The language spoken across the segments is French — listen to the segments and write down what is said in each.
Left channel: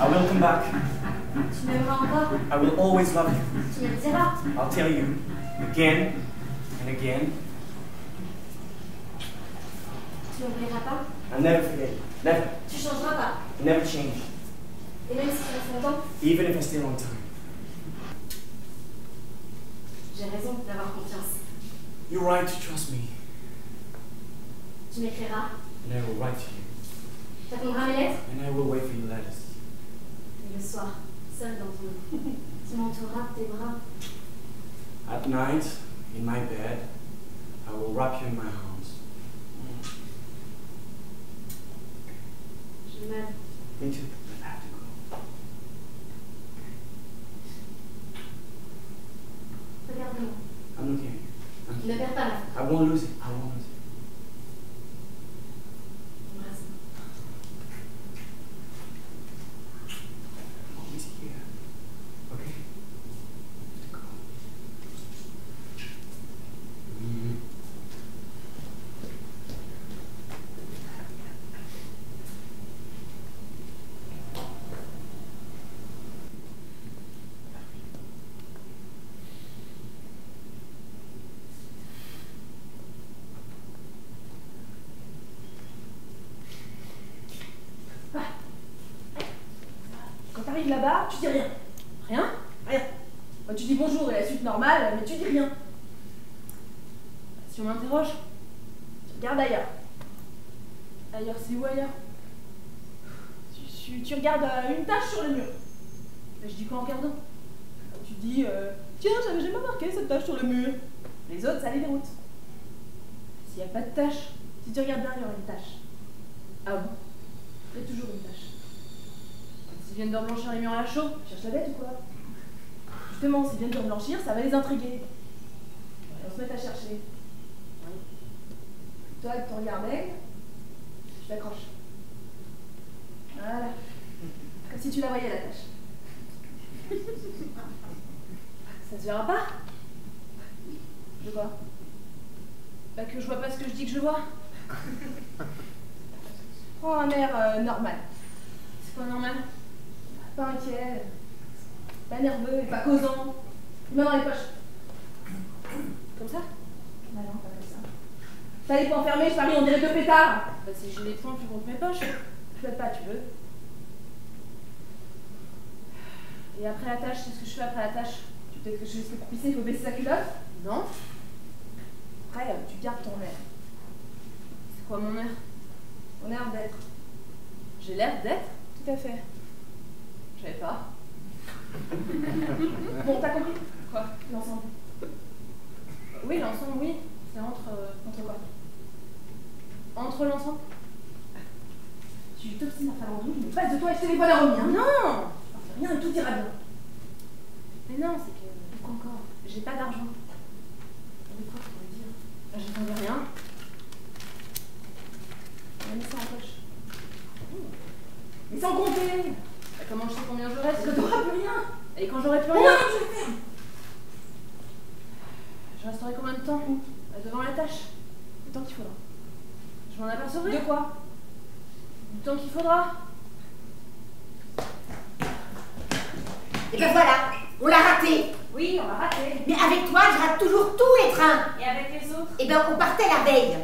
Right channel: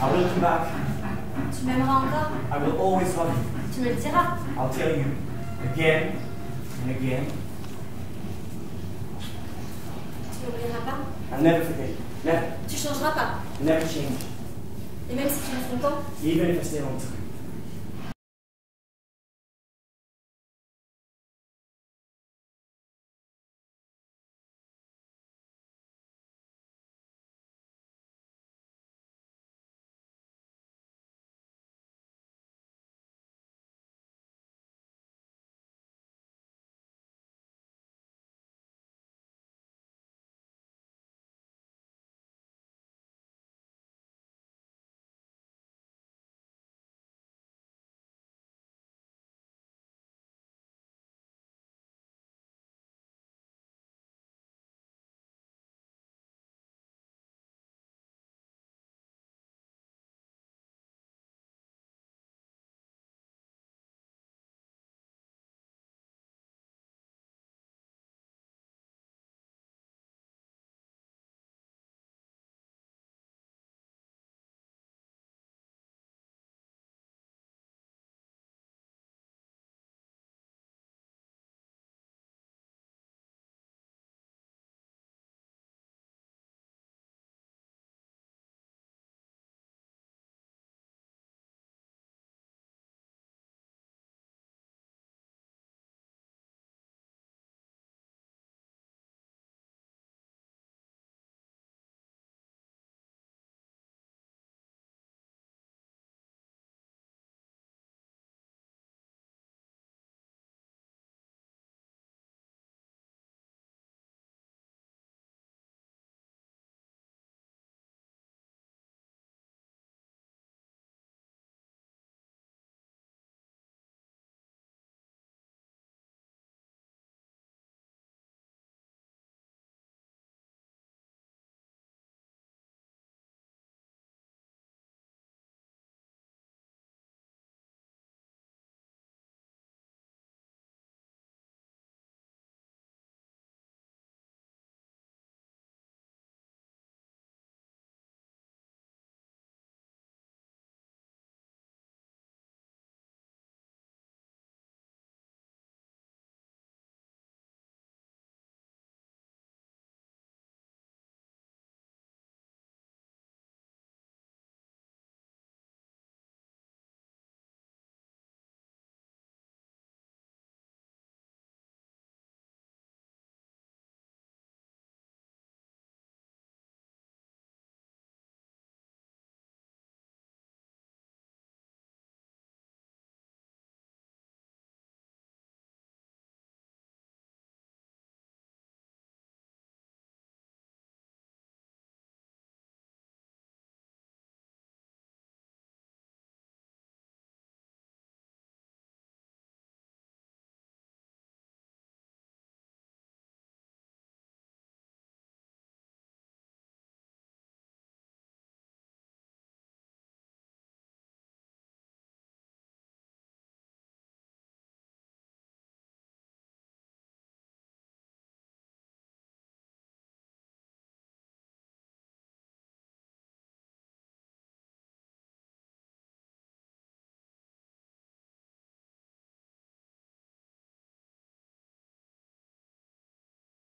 I will come back. Tu m'aimeras encore? I will always love you. Tu me le diras. I'll tell you again and again. Tu m'oublieras pas? I'll never forget you. Never. Tu changeras pas? Never change. Et même si tu restes longtemps? Even if I stay a long time. J'ai raison d'avoir confiance. You're right to trust me. Tu m'écriras? And I will write to you. Tu répondras à mes lettres? And I will wait for your letters. Et le soir, seul dans ton lit, tu m'entoureras de tes bras. At night, in my bed, I will wrap you in my arms. Je m'aime. Me too. I have to go. Regarde-moi. I'm looking at you. Ne perds pas la foi. I won't lose it. I won't lose it. Embrasse-moi. I'm always here. Okay? I have to go. Quand t'arrives là-bas, tu dis rien. Rien? Rien. Bah, tu dis bonjour et la suite normale, mais tu dis rien. Si on m'interroge, tu regardes ailleurs. Ailleurs, c'est où ailleurs? Tu regardes une tache sur le mur. Bah, je dis quoi en regardant? Tu dis, tiens, j'avais jamais remarqué cette tache sur le mur. Les autres, ça les déroute. S'il n'y a pas de tache, si tu regardes bien, il y aura une tache. Ah bon? Il y a toujours une tache. S'ils viennent de reblanchir les murs à la chaux, cherche la bête ou quoi? Justement, s'ils viennent de reblanchir, ça va les intriguer. On se met à chercher. Oui. Toi, avec ton regard d'aigle, je t'accroche. Voilà. Comme si tu la voyais, la tâche. Ça se verra pas? De quoi? Pas que je vois pas ce que je dis que je vois. Prends un air normal. C'est quoi normal? Pas inquiet, pas nerveux et pas causant. Main dans les poches. Comme ça? Bah non, pas comme ça. T'as les poings fermés, je parie, on dirait deux pétards. Bah si j'ai les poings, tu comptes mes poches. Je fais pas, tu veux. Et après la tâche, c'est ce que je fais après la tâche. Tu peut-être que je sais pour pisser, il faut baisser sa culotte? Non. Après, tu gardes ton air. C'est quoi mon air? Mon air d'être. J'ai l'air d'être? Tout à fait. Je savais pas. Bon, t'as compris? Quoi? L'ensemble. Oui, l'ensemble, oui. C'est entre quoi? Entre l'ensemble? Tu t'obstines à faire l'ensemble, je me passe de toi et je téléphone à revenir. Non! Rien et tout ira bien. Mais non, c'est que... Pourquoi encore? J'ai pas d'argent. De quoi tu pourrais dire? Bah, j'attendais rien. On a mis ça en poche. Mais sans compter! Bah, comment je sais combien je reste? Parce que t'auras plus rien! Et quand j'aurai plus rien? Je vais faire! Je resterai combien de temps? Bah, devant la tâche. Le temps qu'il faudra. Je m'en apercevrai. De quoi? Du temps qu'il faudra. Et ben voilà, on l'a raté. Oui, on l'a raté. Mais avec toi, je rate toujours tous les trains. Et avec les autres? Et ben on partait la veille.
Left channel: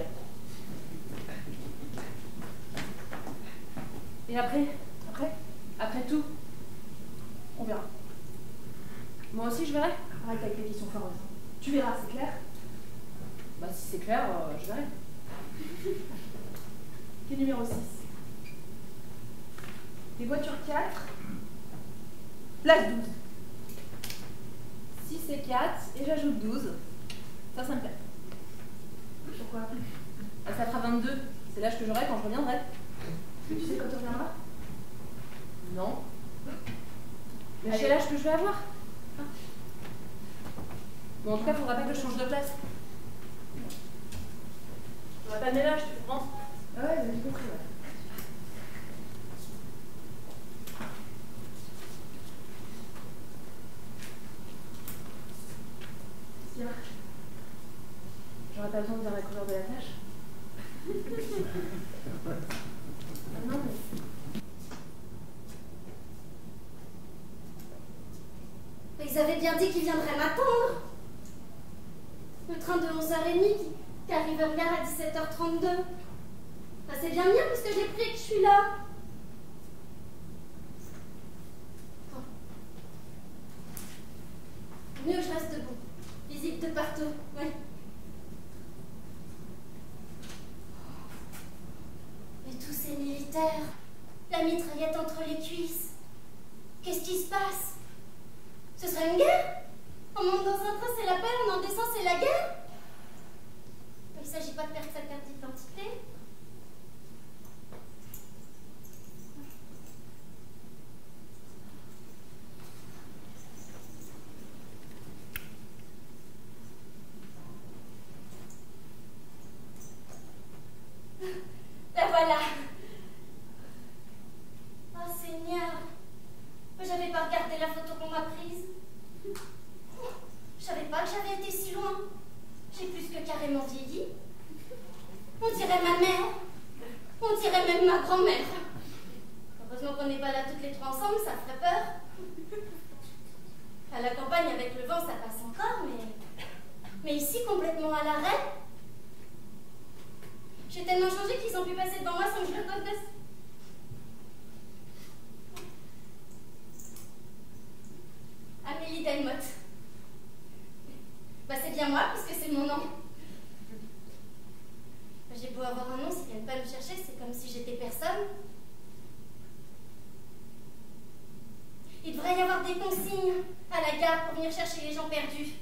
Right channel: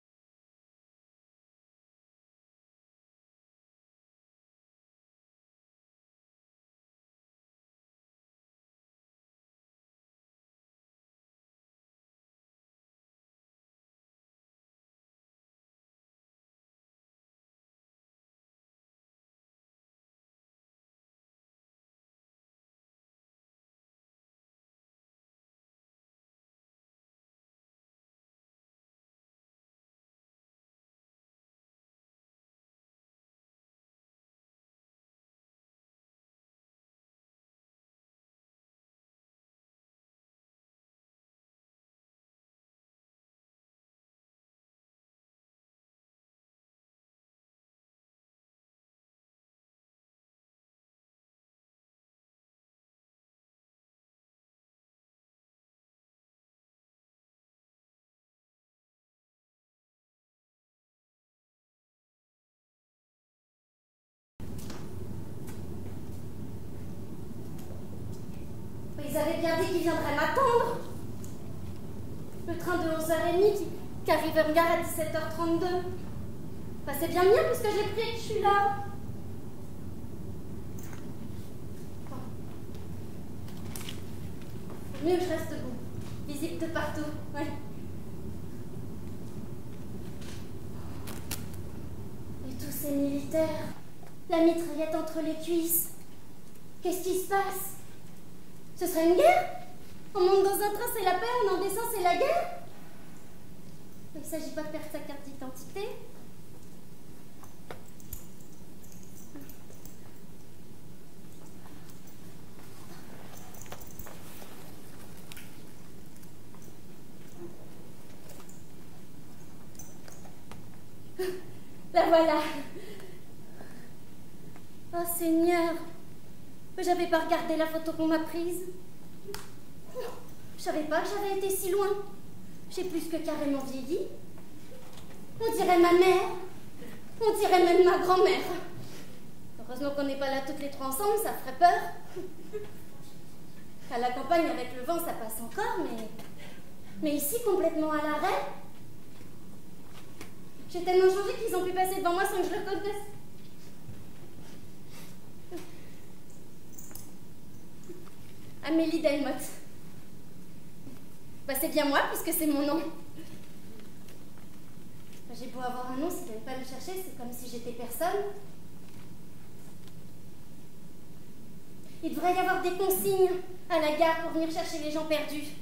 Et après? Après tout? On verra. Moi aussi, je verrai. Arrête avec les questions foireuses. Tu verras, c'est clair? Bah, si c'est clair, je verrai. Quel numéro 6? Des voitures 4. Place 12. 6 et 4, et j'ajoute 12. Ça me plaît. Pourquoi? Bah, ça fera 22. C'est l'âge que j'aurai quand je reviendrai. Tu sais quand tu reviendras? Non. Mais c'est l'âge que je vais avoir. Ah. Bon, en tout cas, faudra pas que je change de place. On va pas de ménage, tu comprends? Ah ouais, j'ai compris, ouais. Tiens. J'aurais pas besoin de dire la couleur de la tâche. qui viendrait m'attendre. Le train de 11h30 qui arrive en gare à 17h32. Bah, c'est bien mieux parce que j'ai pris et que je suis là. Bon. Mieux que je reste debout. Visite de partout, ouais. Et tous ces militaires, la mitraillette entre les cuisses. Qu'est-ce qui se passe? Ce serait une guerre? On monte dans un train, c'est la paix, on en descend, c'est la guerre? Il ne s'agit pas de perdre sa carte d'identité. La voilà. Oh Seigneur, j'avais pas regardé la photo qu'on m'a prise. Je savais pas que j'avais été si loin. J'ai plus que carrément vieilli. On dirait ma mère. On dirait même ma grand-mère. Heureusement qu'on n'est pas là toutes les trois ensemble, ça ferait peur. À la campagne, avec le vent, ça passe encore, mais ici, complètement à l'arrêt. J'ai tellement changé qu'ils ont pu passer devant moi sans que je le connaisse. Amélie Delmotte. Bah, c'est bien moi, puisque c'est mon nom. Bah, j'ai beau avoir un nom, s'ils viennent pas me chercher, c'est comme si j'étais personne. Il devrait y avoir des consignes à la gare pour venir chercher les gens perdus.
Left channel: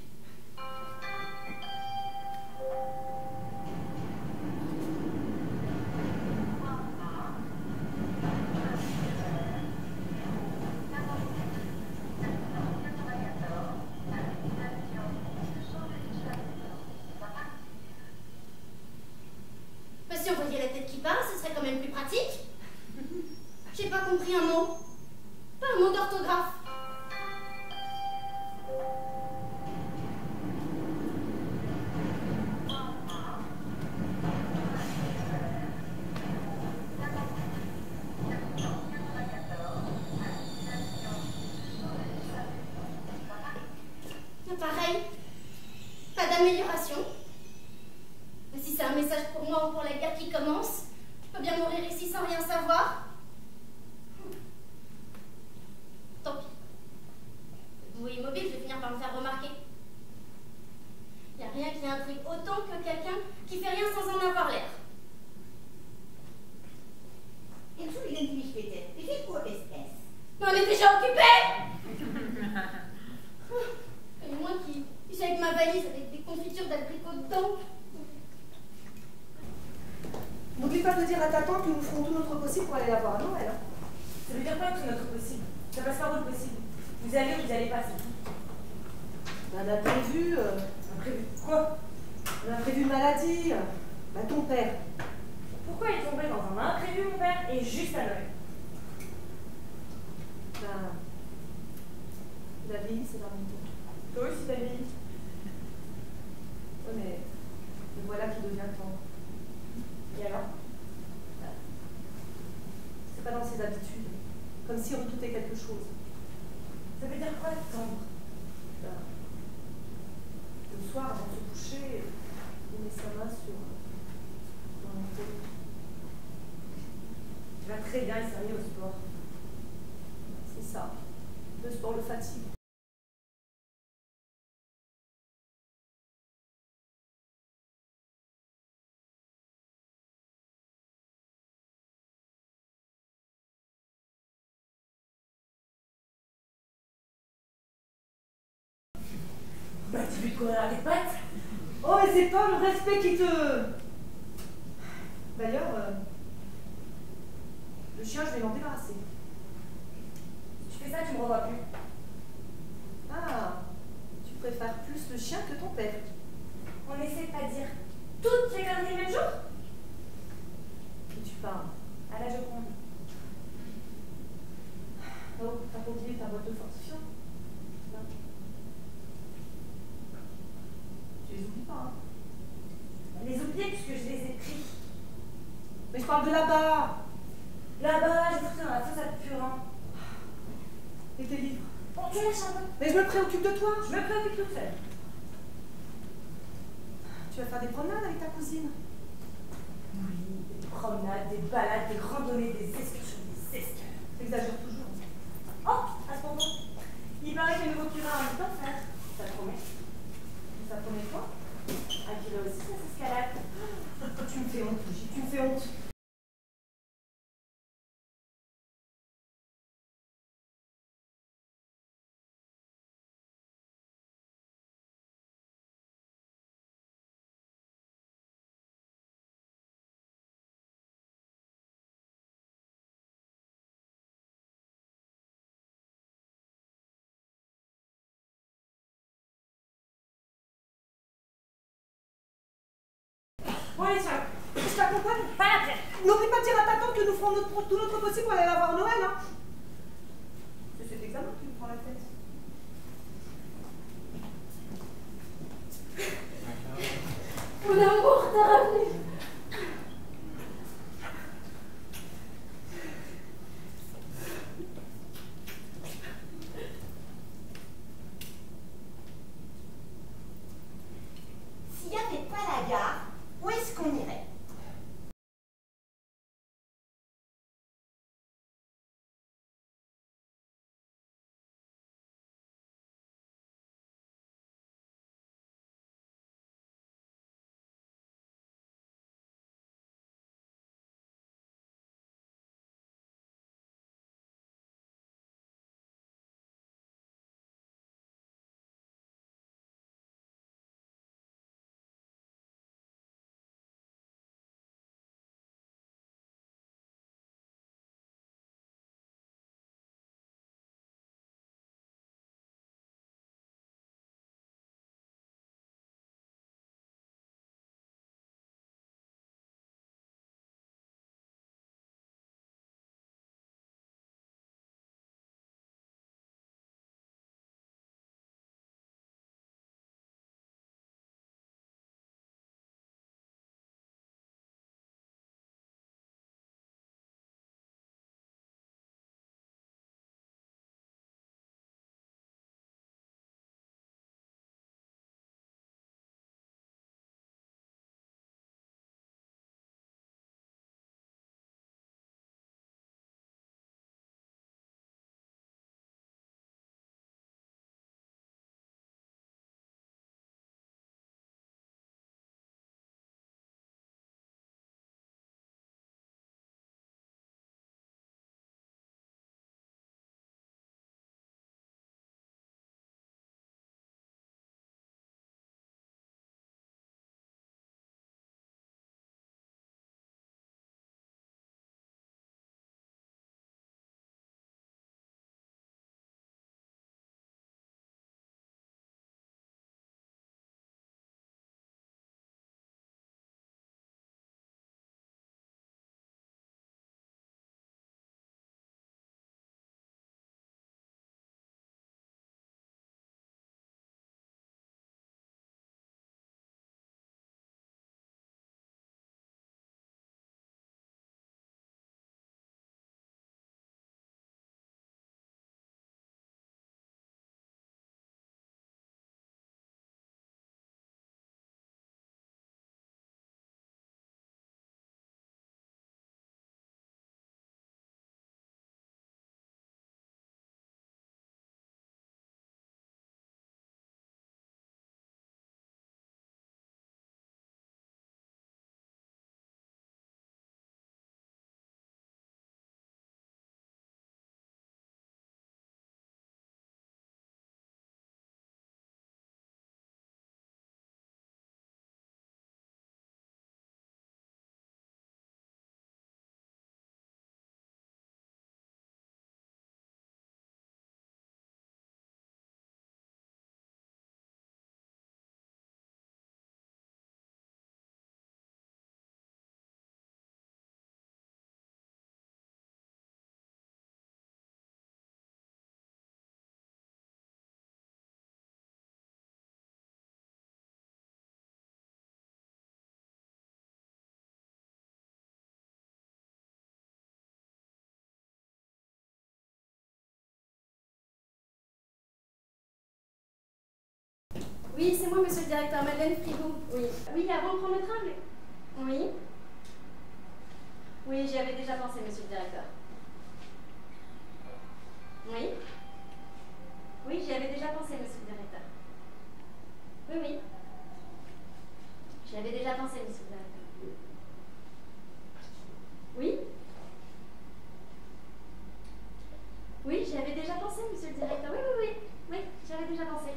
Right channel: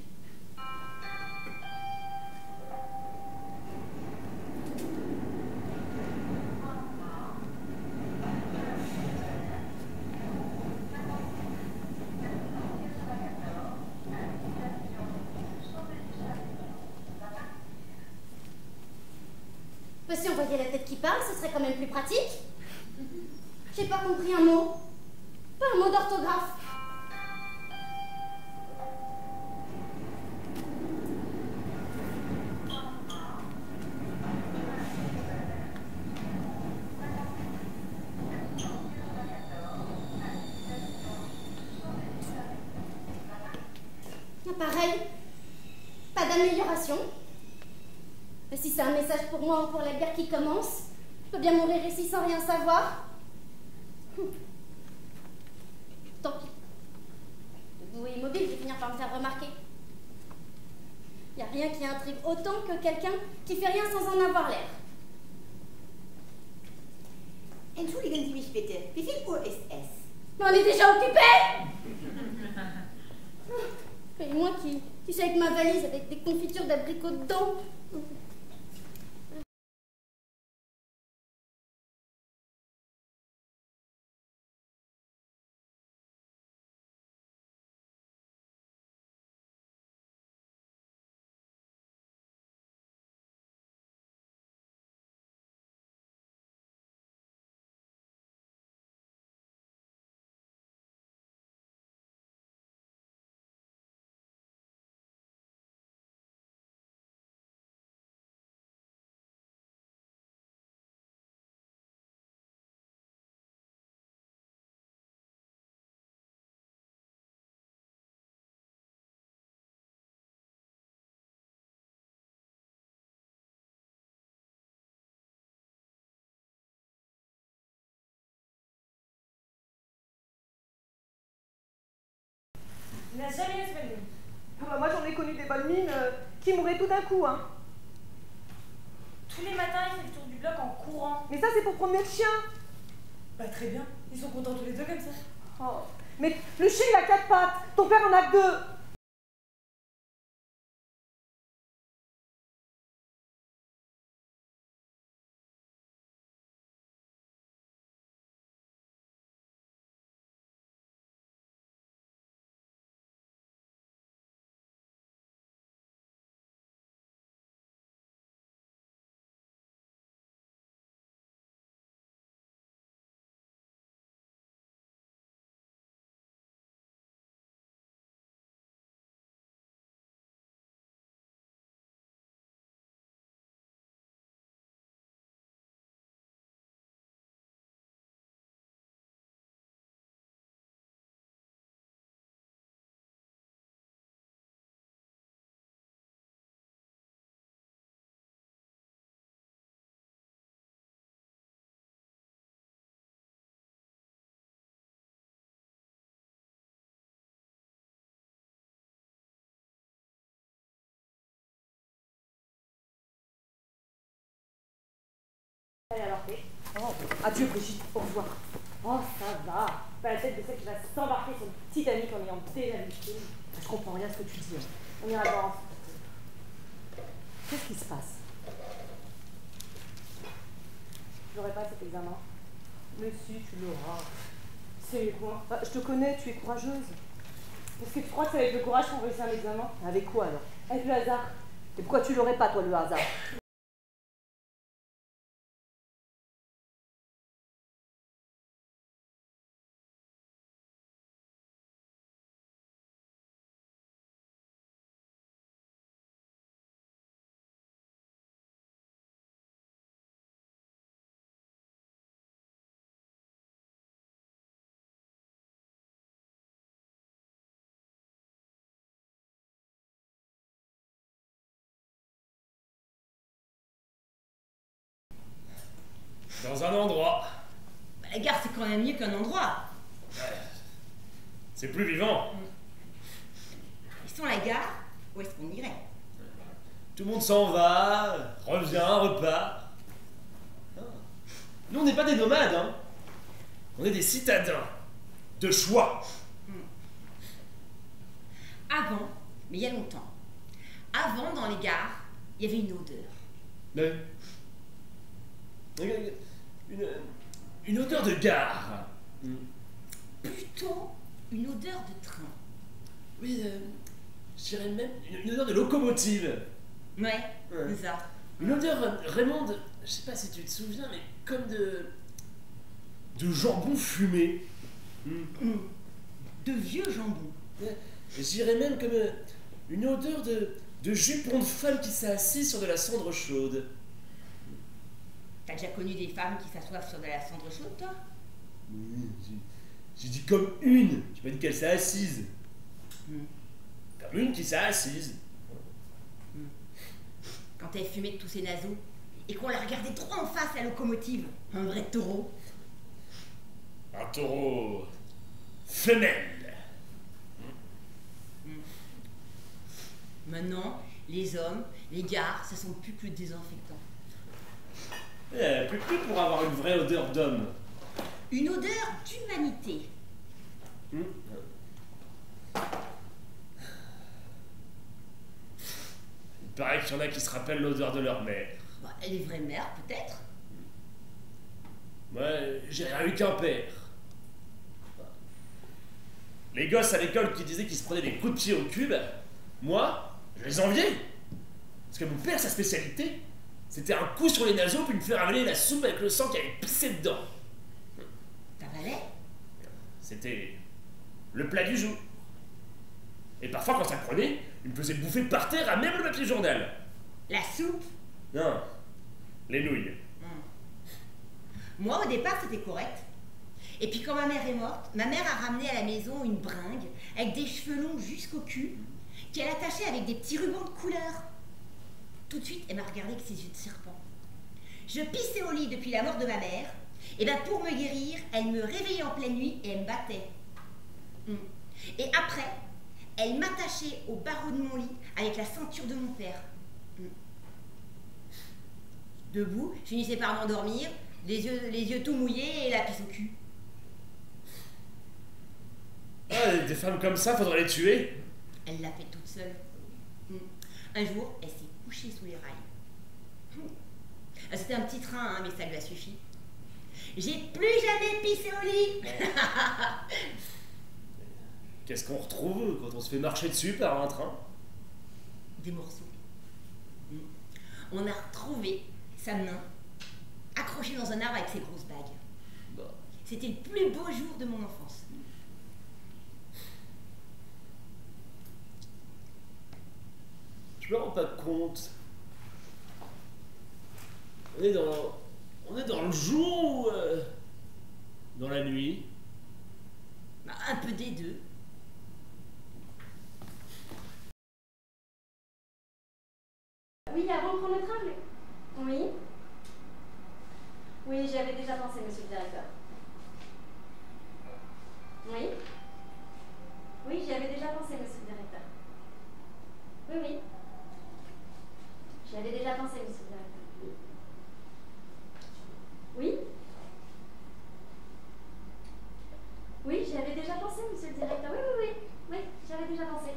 Si on voyait la tête qui parle, ce serait quand même plus pratique. J'ai pas compris un mot. Pas un mot d'orthographe. Pareil. Pas d'amélioration. Si c'est un message pour moi ou pour la guerre qui commence, je peux bien mourir ici sans rien savoir. Tant pis. Debout et immobile, je vais finir par me faire remarquer. Il n'y a rien qui intrigue autant que quelqu'un qui fait rien sans en avoir l'air. Entschuldigen Sie mich bitte, wie viel Uhr ist es? Mais on est déjà occupés. Et moi qui suis avec ma valise avec des confitures d'abricots dedans. N'oublie pas de dire à ta tante que nous ferons tout notre possible pour aller la voir à Noël. Hein. Ça veut dire quoi tout notre possible? Ça passe par votre possible. Vous allez ou vous allez pas, c'est tout. On a prévu. Imprévu quoi? On a prévu une maladie. Bah, ton père. Pourquoi il est tombé dans un imprévu, mon père, et juste à Noël? Ben. Il a vieilli ces derniers temps. Toi aussi, t'as vieilli. Ouais, mais voilà qui devient tendre. Et alors? C'est pas dans ses habitudes. Comme si on redoutait quelque chose. Ça veut dire quoi, tendre? Ben, le soir, avant de se coucher, il met sa main sur mon tête. Tu vas très bien, il s'est remis au sport. C'est ça. Le sport le fatigue. Il n'a jamais eu ce bonne. Ah bah moi j'en ai connu des bonnes mines qui mouraient tout d'un coup, hein. Tous les matins, il fait le tour du bloc en courant. Mais ça c'est pour promener le chien. Bah très bien, ils sont contents tous les deux comme ça. Oh. Mais le chien il a 4 pattes, ton père en a que 2. Bah dis-lui de courir avec pattes. Oh mais c'est pas le respect qui te... D'ailleurs, le chien je vais m'en débarrasser. Si tu fais ça, tu me revois plus. Ah, tu préfères plus le chien que ton père. On essaie de pas dire toutes les conneries le même jour. Et tu parles. À la Joconde. Oh, t'as continué ta boîte de fortifiant. Non. Tu les oublies pas, hein. Les oublier puisque je les ai pris. Mais je parle de là-bas. Là-bas, j'ai foutu dans la fosse à Purin. Et tes livres. Bon, Je la chambre. Mais je me préoccupe de toi. Je me préoccupe toute seule. Tu vas faire des promenades avec ta cousine? Oui, des promenades, des balades, des randonnées, des excursions, des escales. T'exagères toujours. Oh, à ce moment, il paraît que le nouveau curé a un temps de faire. Ça promet. Ça promet quoi? Un curé aussi, ça s'escalade. Tu me fais honte, Brigitte, tu me fais honte. Allez alors, fais. Oh, adieu, Brigitte, au revoir. Oh, ça va. Pas la tête de celle qui va s'embarquer sur le Titanic en ayant déjà vu le film. Je comprends rien à ce que tu dis. Hein. On ira voir ensemble. Qu'est-ce qui se passe? J'aurai pas cet examen. Mais si, tu l'auras. C'est quoi? Je te connais, tu es courageuse. Est-ce que tu crois que c'est avec le courage qu'on réussit un examen? Avec quoi alors? Avec le hasard. Et pourquoi tu l'aurais pas, toi, le hasard? Bon, allez, tiens. Je t'accompagne. Pas la peine. N'oublie pas de dire à ta tante que nous ferons tout notre possible pour aller la voir Noël. Hein. C'est cet examen qui nous prend la tête. Mon amour, t'es revenu. S'il n'y avait pas la gare, où est-ce qu'on irait? Dans un endroit. La gare, c'est quand même mieux qu'un endroit. C'est plus vivant. Et sans la gare, où est-ce qu'on irait? Tout le monde s'en va, revient, repart. Ah. Nous, on n'est pas des nomades, hein. On est des citadins. De choix. Avant, mais il y a longtemps. Avant, dans les gares, il y avait une odeur. Mais... Une odeur de gare. Plutôt une odeur de train. Oui, je dirais même une odeur de locomotive. Ouais, Ouais. c'est ça. Une odeur, Raymond, je sais pas si tu te souviens, mais comme de jambon fumé. De vieux jambon. Je dirais même comme une odeur de jupon de femme qui s'est assise sur de la cendre chaude. T'as déjà connu des femmes qui s'assoivent sur de la cendre chaude, toi? Oui, j'ai dit comme une, j'ai pas dit qu'elle s'est assise. Comme une qui s'est assise. Quand elle fumait de tous ses naseaux et qu'on la regardait trop en face, la locomotive. Un vrai taureau. Un taureau femelle. Maintenant, les hommes, les gares, ça sent plus que le désinfectant. Plus pour avoir une vraie odeur d'homme. Une odeur d'humanité. Il paraît qu'il y en a qui se rappellent l'odeur de leur mère. Bah, les vraies mères, peut-être. Moi, j'ai rien eu qu'un père. Les gosses à l'école qui disaient qu'ils se prenaient des coups de pied au cul, moi, je les enviais. Parce que mon père, sa spécialité, c'était un coup sur les naseaux puis me faire avaler la soupe avec le sang qui avait pissé dedans. T'avalais? C'était le plat du jour. Et parfois, quand ça le prenait, il me faisait bouffer par terre à même le papier journal. La soupe? Non, les nouilles. Moi, au départ, c'était correct. Et puis, quand ma mère est morte, ma mère a ramené à la maison une bringue avec des cheveux longs jusqu'au cul, qu'elle attachait avec des petits rubans de couleur. Tout de suite, elle m'a regardé avec ses yeux de serpent. Je pissais au lit depuis la mort de ma mère, et ben pour me guérir, elle me réveillait en pleine nuit et elle me battait. Et après, elle m'attachait au barreau de mon lit avec la ceinture de mon père. Debout, je finissais par m'endormir, les yeux tout mouillés et la pisse au cul. Ah, des femmes comme ça, faudrait les tuer. Elle l'a fait toute seule. Un jour, elle s'est couchée sous les rails. C'était un petit train, hein, mais ça lui a suffi. J'ai plus jamais pissé au lit. Qu'est-ce qu'on retrouve quand on se fait marcher dessus par un train? Des morceaux. On a retrouvé sa main accrochée dans un arbre avec ses grosses bagues. Bah. C'était le plus beau jour de mon enfance. Je me rends pas compte. On est dans le jour ou dans la nuit? Bah, un peu des deux. Oui, avant de prendre le train, Oui. Oui, j'y avais déjà pensé, monsieur le directeur. Oui. Oui, j'y avais déjà pensé, monsieur le directeur. Oui, oui. J'y avais déjà pensé, monsieur le directeur. Oui. Oui, j'y avais déjà pensé, monsieur le directeur. Oui, oui, oui. Oui, j'y avais déjà pensé.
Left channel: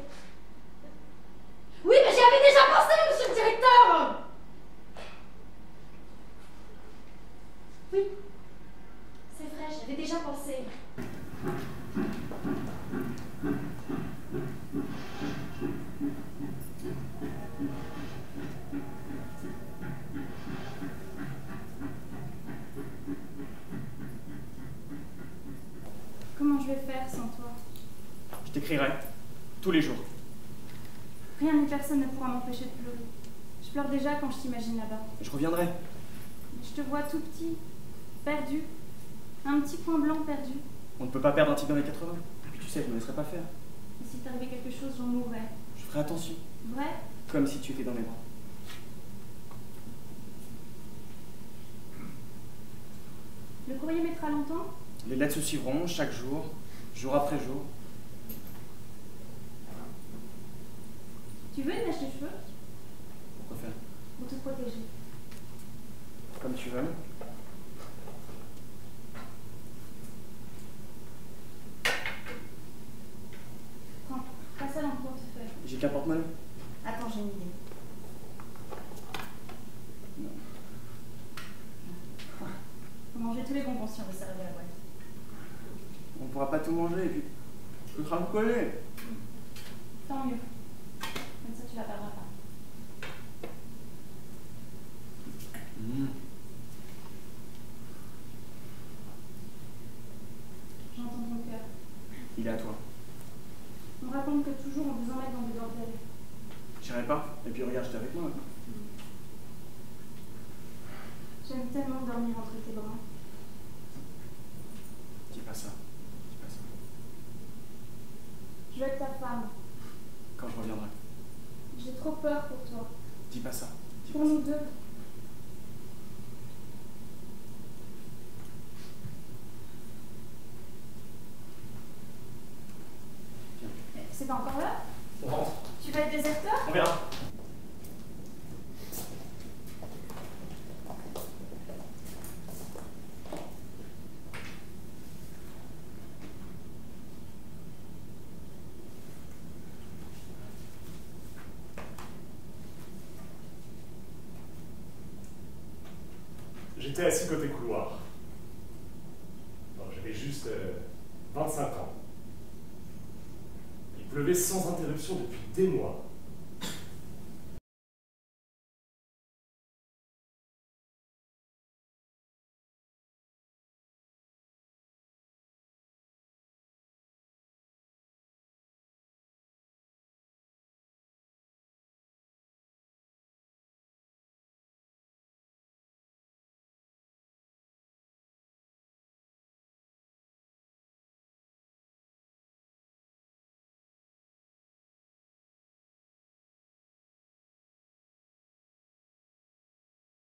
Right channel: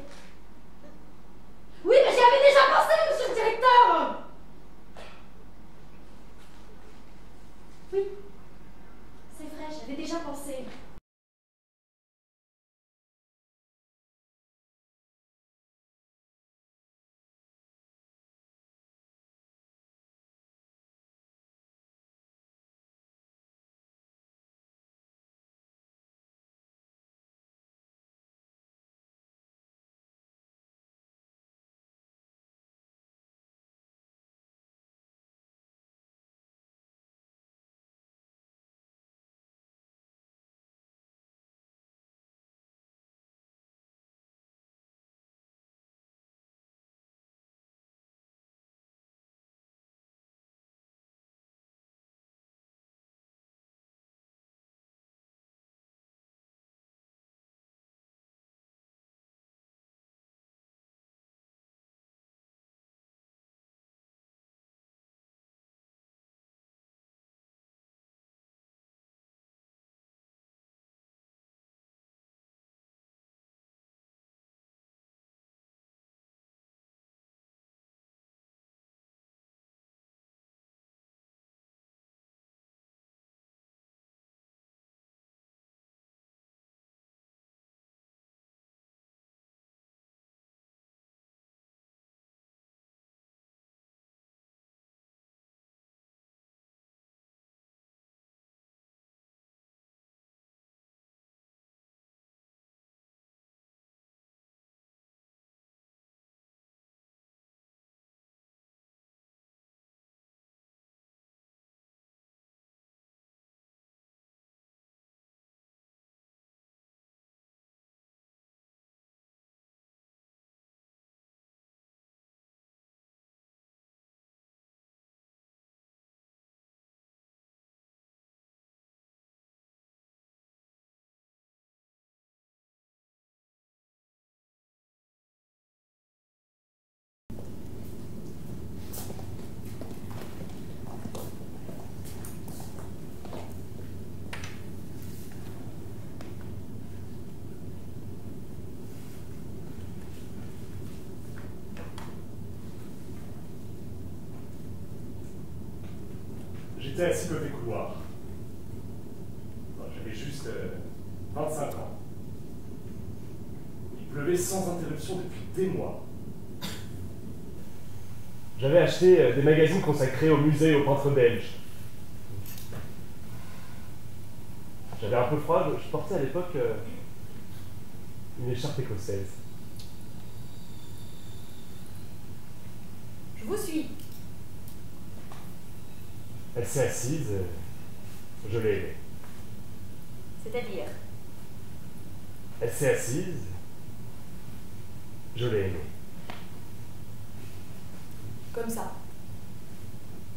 Oui, mais j'y avais déjà pensé, monsieur le directeur! Oui. C'est vrai, j'y avais déjà pensé. Comment je vais faire sans toi? Je t'écrirai. Tous les jours. Rien ni personne ne pourra m'empêcher de pleurer. Je pleure déjà quand je t'imagine là-bas. Je reviendrai. Je te vois tout petit, perdu. Un petit point blanc perdu. On ne peut pas perdre un type dans les 80. Et puis tu sais, je ne me laisserai pas faire. Et si t'arrivait quelque chose, j'en mourrais. Je ferai attention. Vrai? Comme si tu étais dans mes bras. Le courrier mettra longtemps? Les lettres se suivront chaque jour, jour après jour. Tu veux une mèche de cheveux? Pourquoi faire? Pour te protéger. Comme tu veux. Prends, passe ça dans le portefeuille. J'ai qu'un porte-monnaie. Attends, j'ai une idée. Faut manger tous les bonbons si on veut servir la boîte. On ne pourra pas tout manger et puis ce sera me coller. Tant mieux. Comme ça, tu la perdras pas. J'entends ton cœur. Il est à toi. On me raconte que toujours on vous emmène dans des bordels. J'irai pas. Et puis regarde, j'étais avec moi maintenant. J'aime tellement dormir entre tes bras. Dis pas ça. Dis pas ça. Je veux être ta femme. Quand je reviendrai. J'ai trop peur pour toi. Dis pas ça. Dis Pour pas ça. nous deux. C'est pas encore là? On rentre. Tu vas être déserteur? On verra. J'étais assis côté couloir. J'avais juste 25 ans. Il pleuvait sans interruption depuis des mois. J'avais acheté des magazines consacrés aux musées et aux peintres belges. J'avais un peu froid, je portais à l'époque une écharpe écossaise. Je vous suis. Elle s'est assise, je l'ai aimée. C'est-à-dire? Elle s'est assise, je l'ai aimée. Comme ça.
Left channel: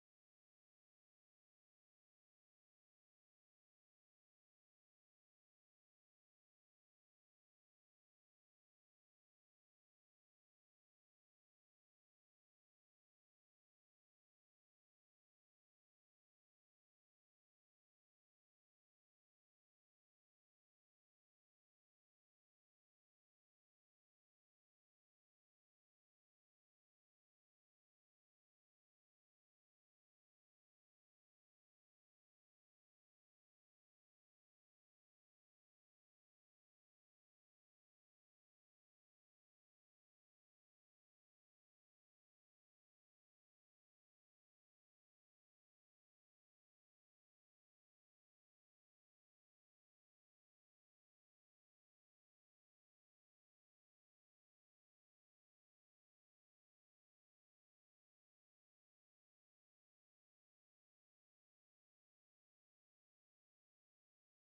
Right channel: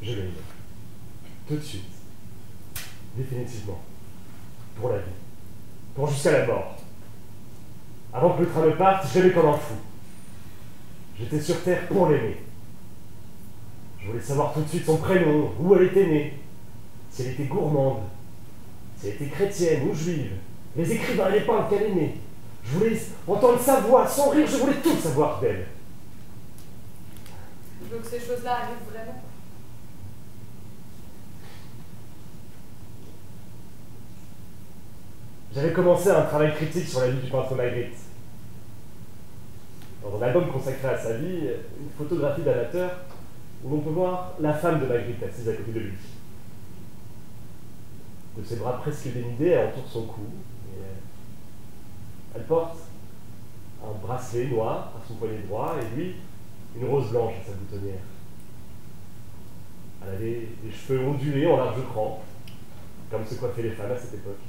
Je l'ai aimée. Tout de suite. Définitivement. Pour la vie. Pour jusqu'à la mort. Avant que le train ne parte, je l'aimais comme un fou. J'étais sur Terre pour l'aimer. Je voulais savoir tout de suite son prénom, où elle était née, si elle était gourmande, si elle était chrétienne ou juive, les écrivains et les peintres qu'elle aimait. Je voulais entendre sa voix, son rire, je voulais tout savoir d'elle. Je veux que ces choses-là arrivent vraiment. J'avais commencé un travail critique sur la vie du peintre Magritte. Dans un album consacré à sa vie, une photographie d'amateur où l'on peut voir la femme de Magritte assise à côté de lui. De ses bras presque dénudés, elle entoure son cou. Et elle porte un bracelet noir à son poignet droit et lui, une rose blanche à sa boutonnière. Elle avait des cheveux ondulés en large cran, comme se coiffaient les femmes à cette époque.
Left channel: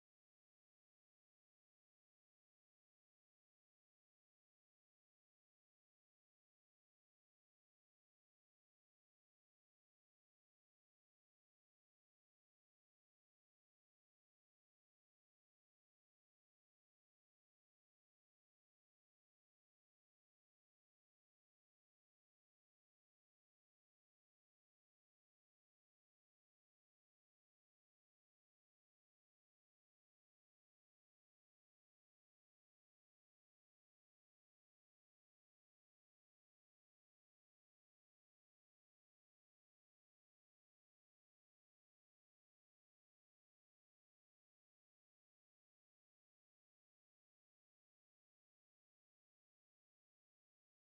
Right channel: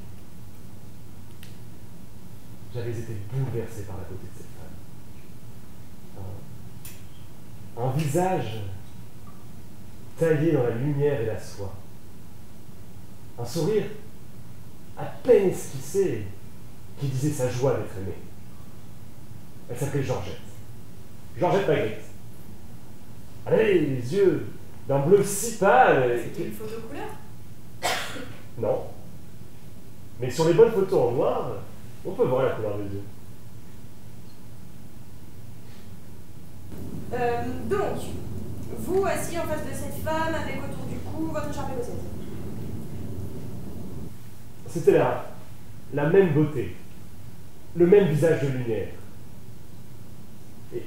J'avais été bouleversé par la beauté de cette femme. Un visage taillé dans la lumière et la soie. Un sourire à peine esquissé qui disait sa joie d'être aimée. Elle s'appelait Georgette. Georgette Magritte. Elle avait les yeux d'un bleu si pâle. C'était une photo couleur? Non. Mais sur les bonnes photos en noir, on peut voir la couleur des yeux. Donc, vous assis en face de cette femme avec autour du cou votre écharpe écossaise. C'était la même beauté, le même visage de lumière. Et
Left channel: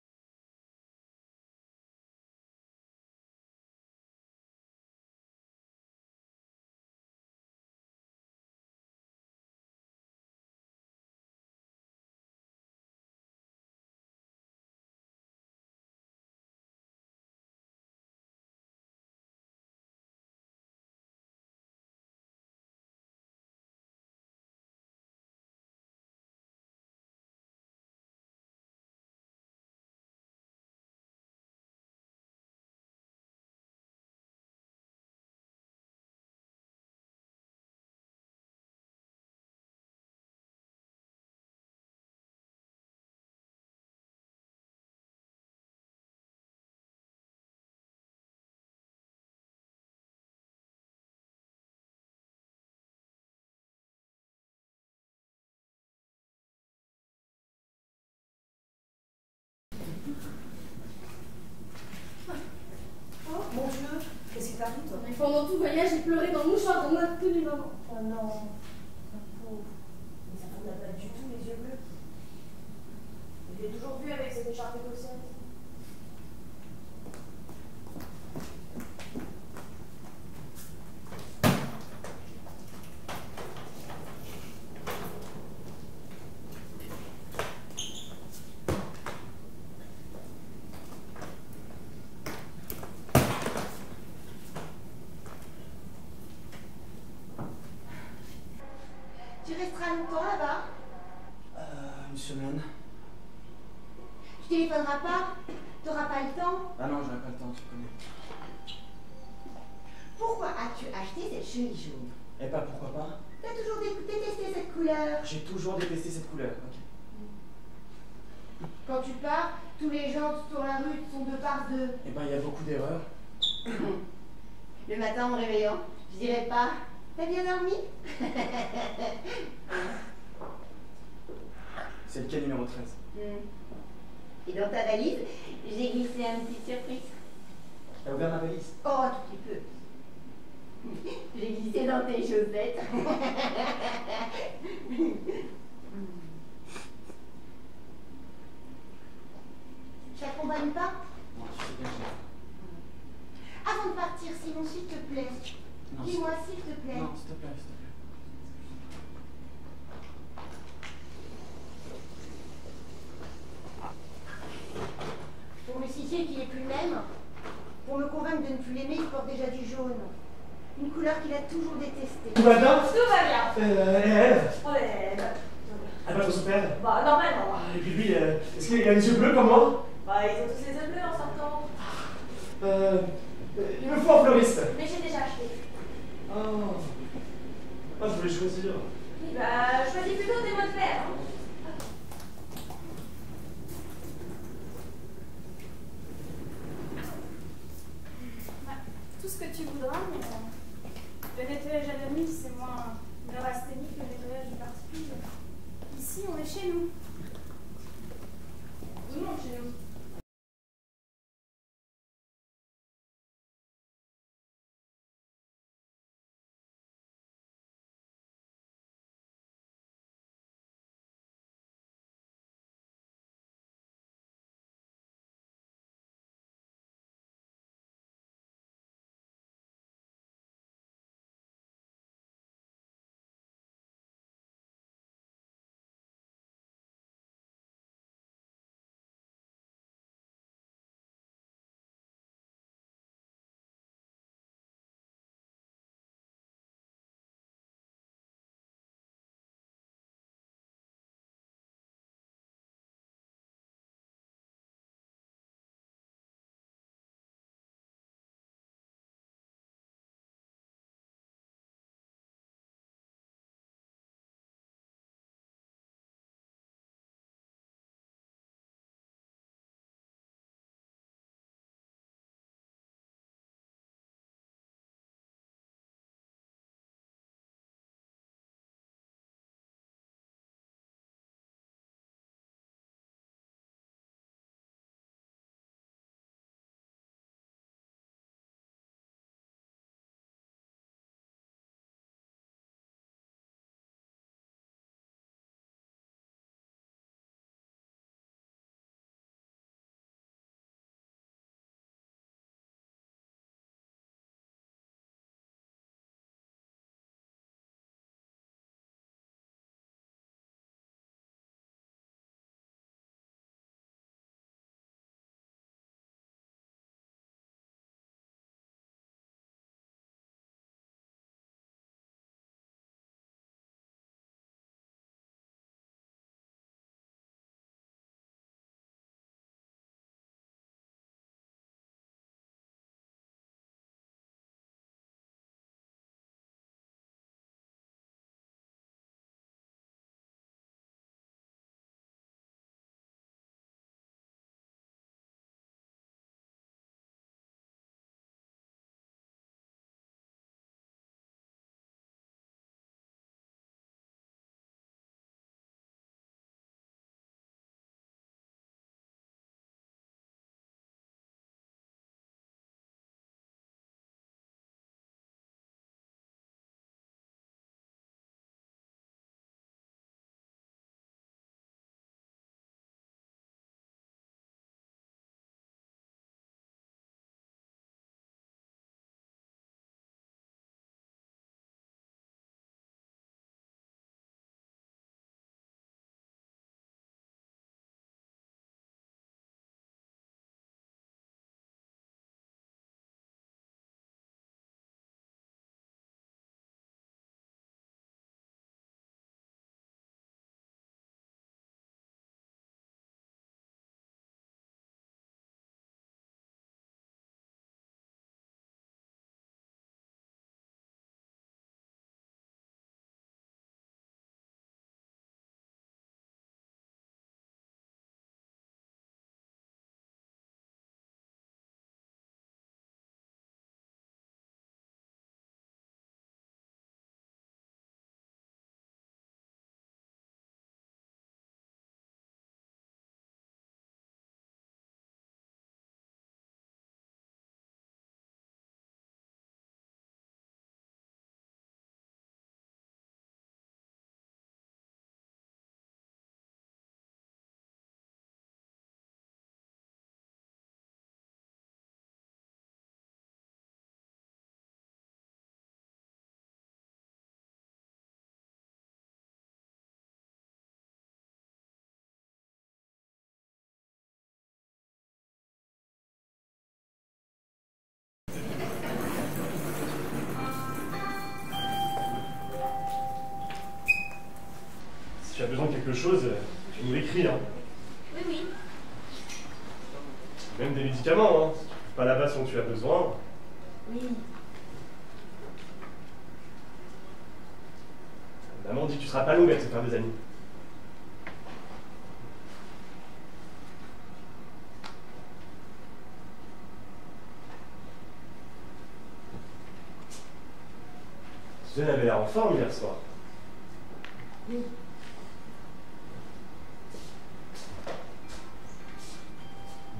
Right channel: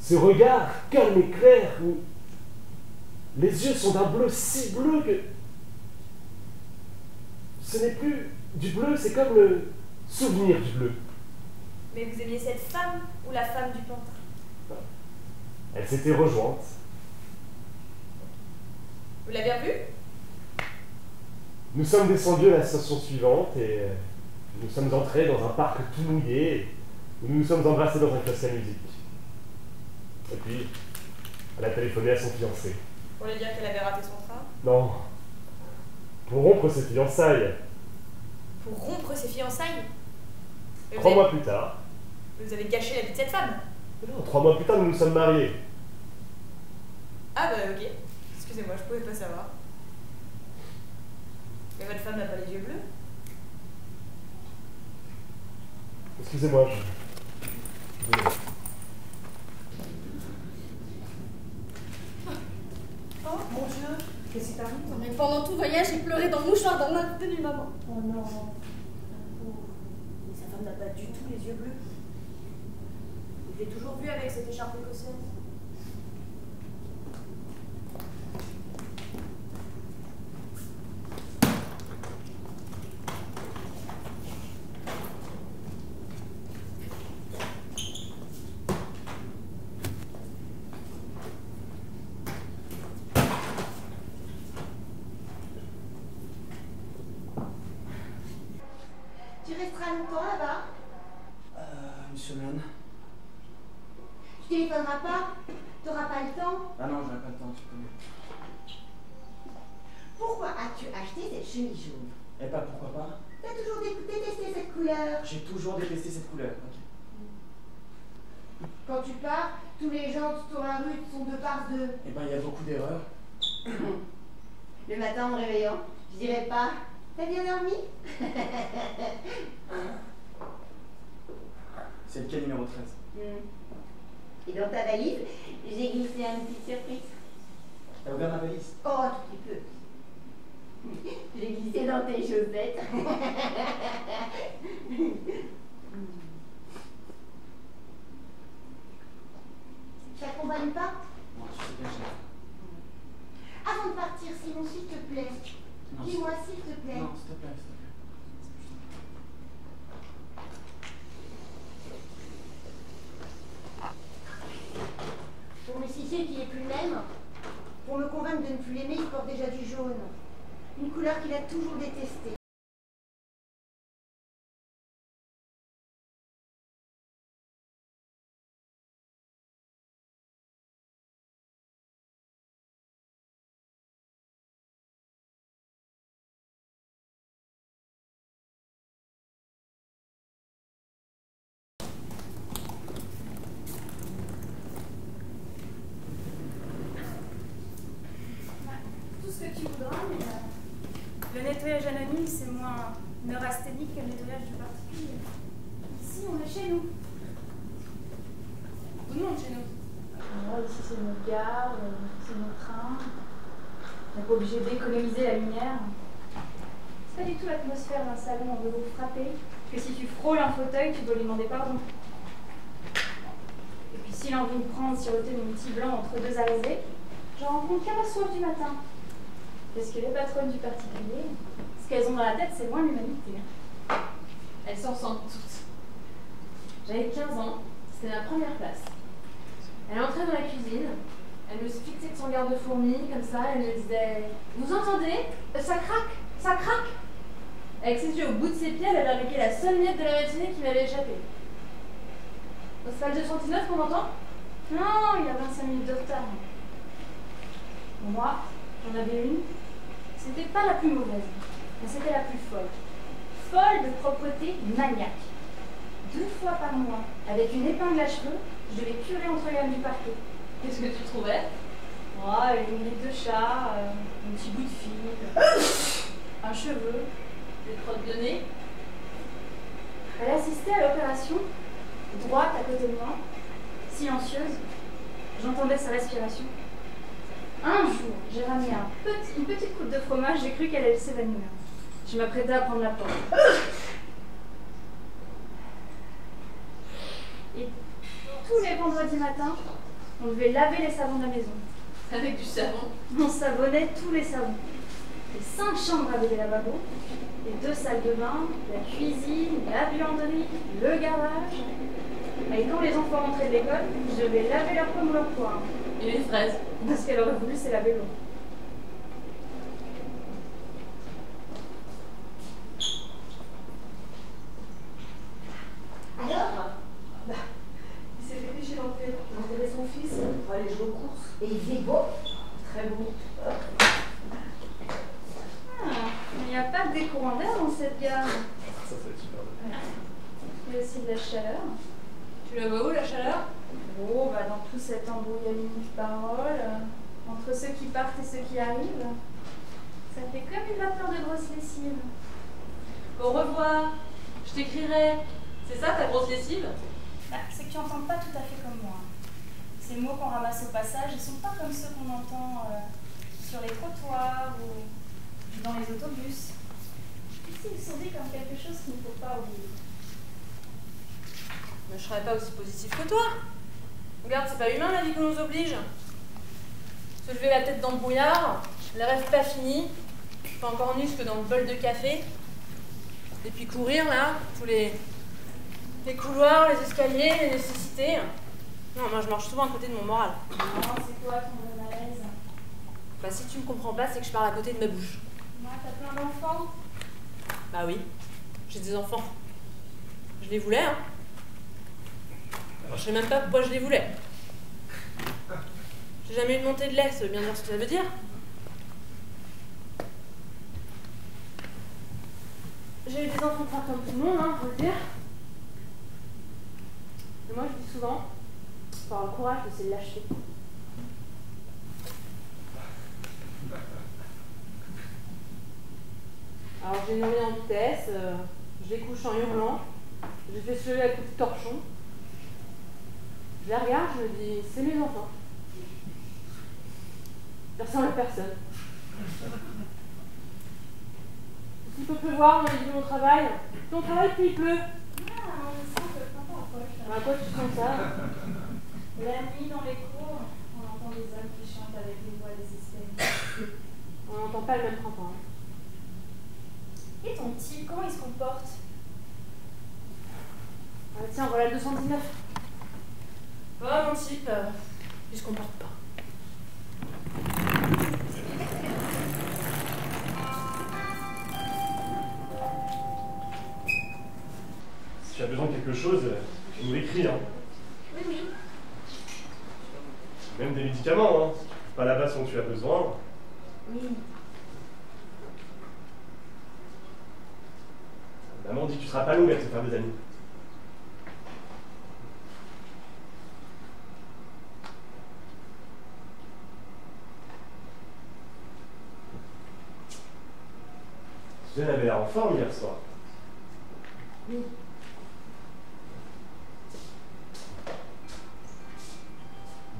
ce regard calme et clair où les yeux sont d'un bleu si bleu que ce n'est plus du bleu, c'est comme le souvenir du bleu. Mais vous aimiez cette femme ou la femme du peintre? Elle s'était rejointe. Vous l'avez revue? Nous sommes descendus à la station suivante et nous sommes entrés dans un parc tout mouillé où nous nous sommes embrassés dans un classe à musique. Et puis, elle a téléphoné à son fiancé. Pour lui dire qu'elle avait raté son train? Non, pour rompre ses fiançailles. Pour rompre ses fiançailles? Et 3 mois plus tard. Vous avez gâché la vie de cette femme? Non, 3 mois plus tard, nous nous sommes mariés. Ah bah ok. Excusez-moi, je pouvais pas savoir. Mais votre femme n'a pas les yeux bleus? Excusez-moi, Oh mon Dieu, qu'est-ce qui t'arrive? Mais pendant tout le voyage, j'ai pleuré dans le mouchoir dans ma tenue maman. Oh non, pauvre. Mais sa femme n'a pas du tout les yeux bleus. Je l'ai toujours vue avec cette écharpe écossaise. Tu resteras longtemps là-bas? Une semaine. Tu téléphoneras pas? T'auras pas le temps? Ah non, j'aurais pas le temps, tu connais. Pourquoi as-tu acheté cette chemise jaune? Eh pas pourquoi pas? T'as toujours détesté cette couleur. J'ai toujours détesté cette couleur, ok. Quand tu pars, tous les gens sur la rue sont de part de... Eh ben, il y a beaucoup d'erreurs. Le matin en me réveillant, je dirais pas... T'as bien dormi? C'est le quai numéro 13. Et dans ta valise, j'ai glissé un petit surprise. T'as ouvert ma valise? Oh, un tout petit peu. J'ai glissé dans tes chaussettes. Je t'accompagne pas? Non, tu sais bien que j'ai... Avant de partir, sinon, s'il te plaît. Non, Dis-moi, s'il te plaît. Non, s'il te plaît, s'il te plaît. Pour me signifier qu'il n'est plus le même, pour me convaincre de ne plus l'aimer, il porte déjà du jaune. Une couleur qu'il a toujours détestée. Tout va bien? Tout va bien. Et elle? Oh, elle Elle va trop se perdre? Bah, normalement. Et puis lui, est-ce qu'il a les yeux bleus comme moi? Bah, ils ont tous les yeux bleus en sortant. Il me faut un fleuriste. Mais j'ai déjà acheté. Oh. Ah, je voulais choisir. Oui, bah, choisis plutôt des mots de fer. Hein. Tout ce que tu voudras, mais le nettoyage à la nuit, c'est moins neurasthénique que le nettoyage du particulier. Ici, on est chez nous. Tout le monde chez nous. Ici, c'est notre gare, c'est notre train. On n'est pas obligé d'économiser la lumière. C'est pas du tout l'atmosphère d'un salon, on veut vous frapper. Que si tu frôles un fauteuil, tu dois lui demander pardon. Et puis s'il a envie de prendre, siroter mon petit blanc entre deux arrivées, j'en rencontre qu'à ma soif du matin. Parce que les patronnes du particulier, ce qu'elles ont dans la tête, c'est moins l'humanité. Elles s'en ressentent toutes. J'avais 15 ans, c'était ma première place. Elle entrait dans la cuisine, elle me fixait de son garde-fourmi, comme ça, elle me disait « Vous entendez? Ça craque, ça craque !» Avec ses yeux au bout de ses pieds, elle avait remarqué la seule miette de la matinée qui m'avait échappé. « C'est pas le 239 qu'on entend? Non, il a 25 minutes de retard. » Moi, j'en avais une. C'était pas la plus mauvaise, mais c'était la plus folle. Folle de propreté maniaque. 2 fois par mois, avec une épingle à cheveux, je devais curer entre les lames du parquet. Qu'est-ce que tu trouvais? Une grille de chat, un petit bout de fil, un cheveu. Des crottes de nez? Elle assistait à l'opération, droite à côté de moi, silencieuse. J'entendais sa respiration. Un jour, j'ai ramené une petite coupe de fromage, j'ai cru qu'elle allait s'évanouir. Je m'apprêtais à prendre la porte. Et tous les vendredis matins, on devait laver les savons de la maison. Avec du savon? On savonnait tous les savons. Les 5 chambres avaient des lavabos, les 2 salles de bain, la cuisine, la buanderie, le garage. Et quand les enfants rentraient de l'école, je devais laver leurs pommes ou leurs poires. Et les fraises? Parce qu'elle aurait voulu, c'est laver l'eau. Alors? Il s'est dépêché d'entrer. Il enterrait son fils pour aller jouer aux courses. Et il faisait beau? Très beau. Mais il n'y a pas de courants d'air dans cette gare. Ça va être super bien. Il y a aussi de la chaleur. Tu la vois où, la chaleur? Oh, dans tout cet embrouillamini de paroles, entre ceux qui partent et ceux qui arrivent, ça fait comme une vapeur de grosse lessive. Au revoir. Je t'écrirai. C'est ça ta grosse lessive? C'est que tu n'entends pas tout à fait comme moi. Ces mots qu'on ramasse au passage, ils sont pas comme ceux qu'on entend sur les trottoirs ou dans les autobus. Ici, ils sont dit comme quelque chose qu'il ne faut pas oublier. Mais je serais pas aussi positif que toi. Regarde, c'est pas humain la vie qu'on nous oblige. Se lever la tête dans le brouillard, les rêves pas finis, pas encore nus que dans le bol de café, et puis courir là, tous les couloirs, les escaliers, les nécessités. Non, moi je marche souvent à côté de mon moral. Non, c'est quoi ton bon malaise? Bah si tu me comprends pas, c'est que je parle à côté de ma bouche. Moi, t'as plein d'enfants? Bah oui, j'ai des enfants. Je les voulais, hein. Alors je sais même pas pourquoi je les voulais. J'ai jamais eu de montée de lait, ça veut bien dire ce que ça veut dire. J'ai eu des enfants pas comme tout le monde, hein, faut le dire. Mais moi je dis souvent, faut avoir le courage de se lâcher. Alors j'ai nourri en vitesse, je les couche en hurlant, je les fais se lever à coups de torchon. Je les regarde, je me dis, c'est mes enfants. Je ressemble à personne. S'il peut pleuvoir, on a dit mon travail. Ton travail, puis il pleut. Ah, on sent que le printemps approche. À quoi tu sens ça? La nuit, dans les cours, on entend des hommes qui chantent avec une voix désespérée. On n'entend pas le même printemps. Hein. Et ton type, comment il se comporte? Ah, tiens, voilà le 219. Oh, mon type, il se comporte pas. Si tu as besoin de quelque chose, tu nous l'écris, hein. Oui, oui. Même des médicaments, hein. Si tu trouves pas là-bas ce dont tu as besoin. Oui. Maman dit que tu seras pas longue à te faire des amis. Suzanne avait l'air en forme hier soir. Oui.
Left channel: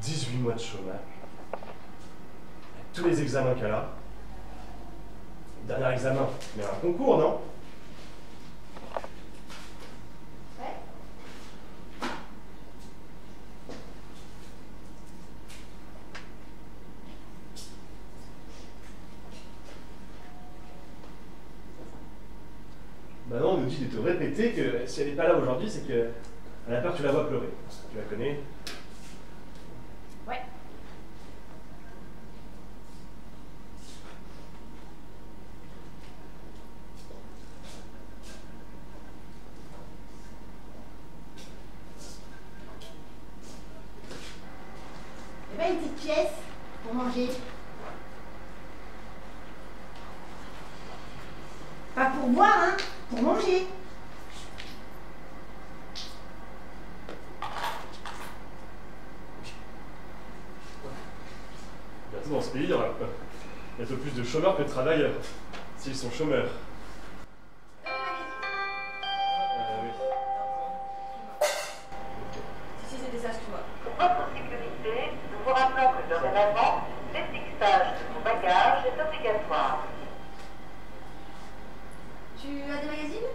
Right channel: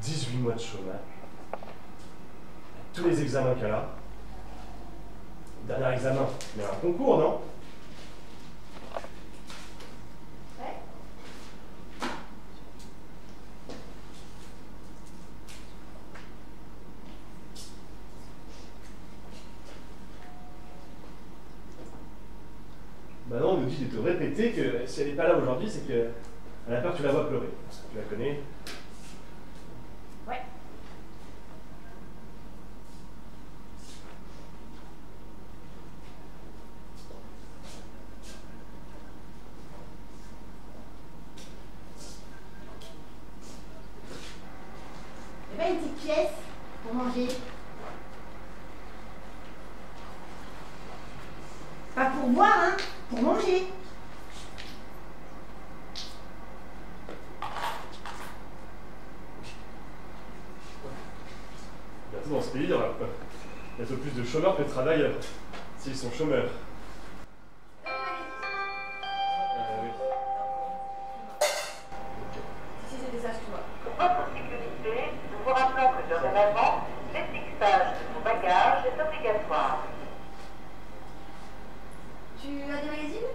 18 mois de chômage. Tous les examens qu'elle a. Dernier examen, mais un concours, non? Ouais. Maintenant, on nous dit de te répéter que si elle n'est pas là aujourd'hui, c'est qu'elle a peur que tu la vois pleurer. Tu la connais? Ouais. Eh ben, une petite pièce pour manger. Pas pour boire, hein, pour manger. Bientôt dans ce pays, il y aura bientôt plus de chômeurs que de travailleurs. S'ils sont chômeurs. Oui. Si c'était ça, excuse-moi. Pour votre sécurité, nous vous rappelons que dorénavant, l'étiquetage de vos bagages est obligatoire. Tu as des magazines?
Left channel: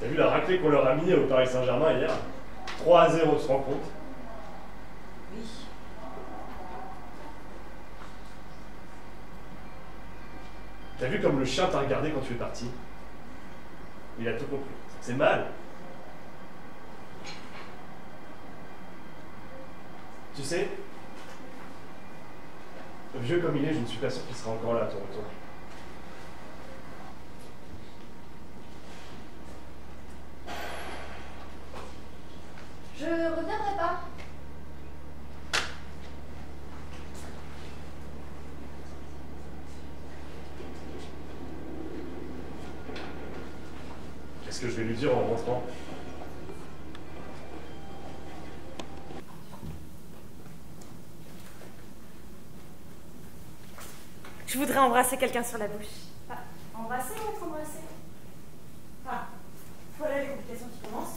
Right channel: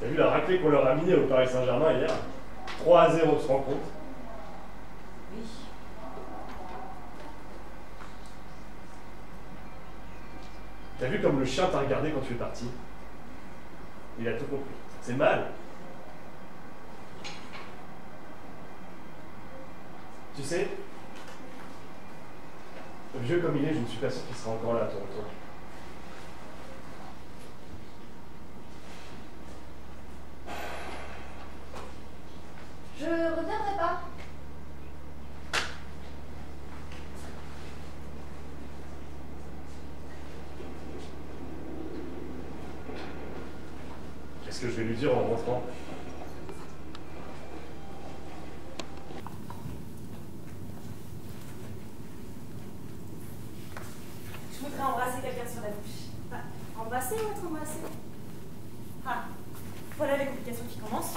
T'as vu la raclée qu'on leur a mis au Paris Saint-Germain hier? 3-0, tu te rends compte? Oui. T'as vu comme le chien t'a regardé quand tu es parti? Il a tout compris. C'est mal. Tu sais, vieux comme il est, je ne suis pas sûr qu'il sera encore là à ton retour. Je reviendrai pas. Qu'est-ce que je vais lui dire en rentrant? Je voudrais embrasser quelqu'un sur la bouche. Ah, embrasser ou être embrassé? Ah, voilà les complications qui commencent.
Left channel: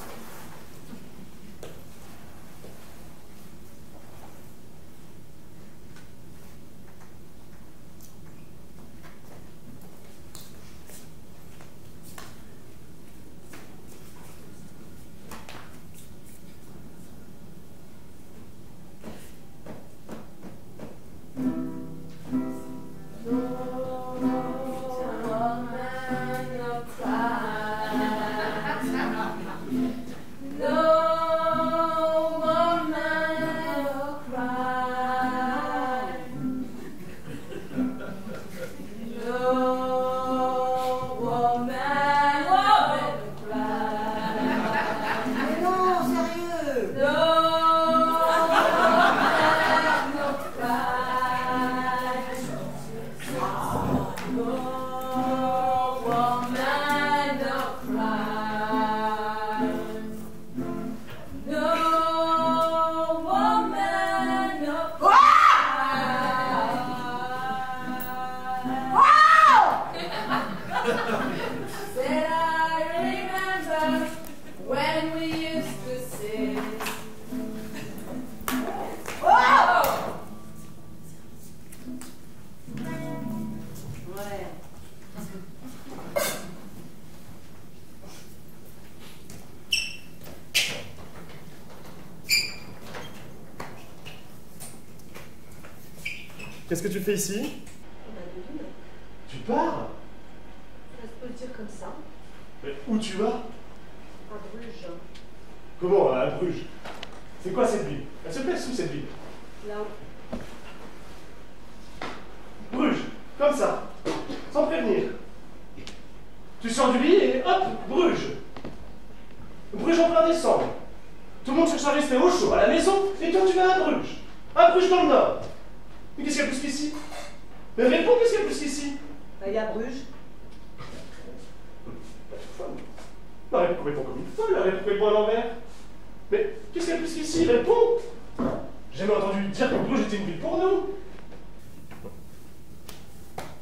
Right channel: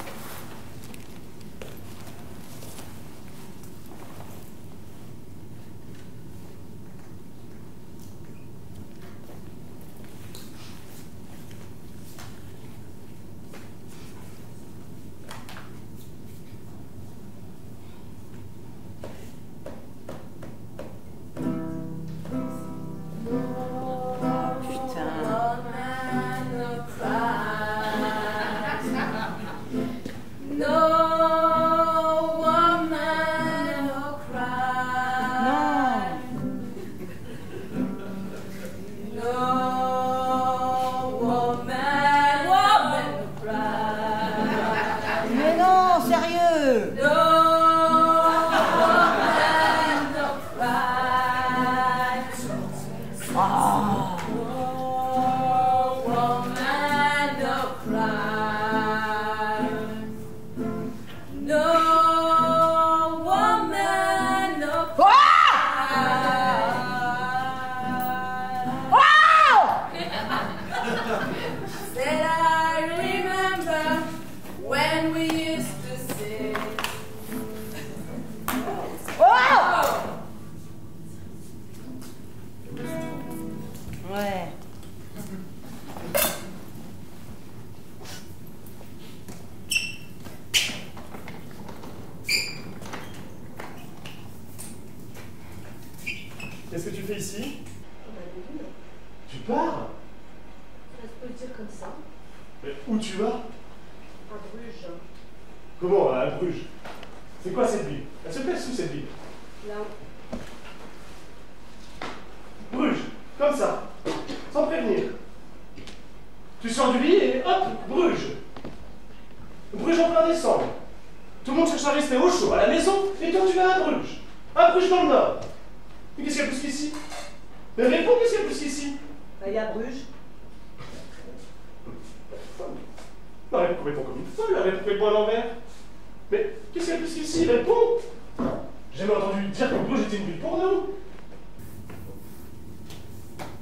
Qu'est-ce que tu fais ici? Devine. Tu pars? Ça se peut dire comme ça. Mais où tu vas? À Bruges. Comment, à Bruges? C'est quoi cette ville? Elle se place où cette ville? Là-haut. Bruges, comme ça, sans prévenir. Tu sors du lit et hop, Bruges. Bruges en plein décembre. Tout le monde cherche à rester au chaud, à la maison, et toi tu vas à Bruges. À Bruges dans le Nord. Mais qu'est-ce qu'il y a plus qu'ici? Mais réponds, qu'est-ce qu'il y a plus qu'ici? Il y a Bruges. Non, réponds complètement comme une folle, réponds complètement à l'envers. Mais qu'est-ce qu'il y a plus qu'ici? Réponds! J'ai jamais entendu dire que Bruges était une ville pour nous.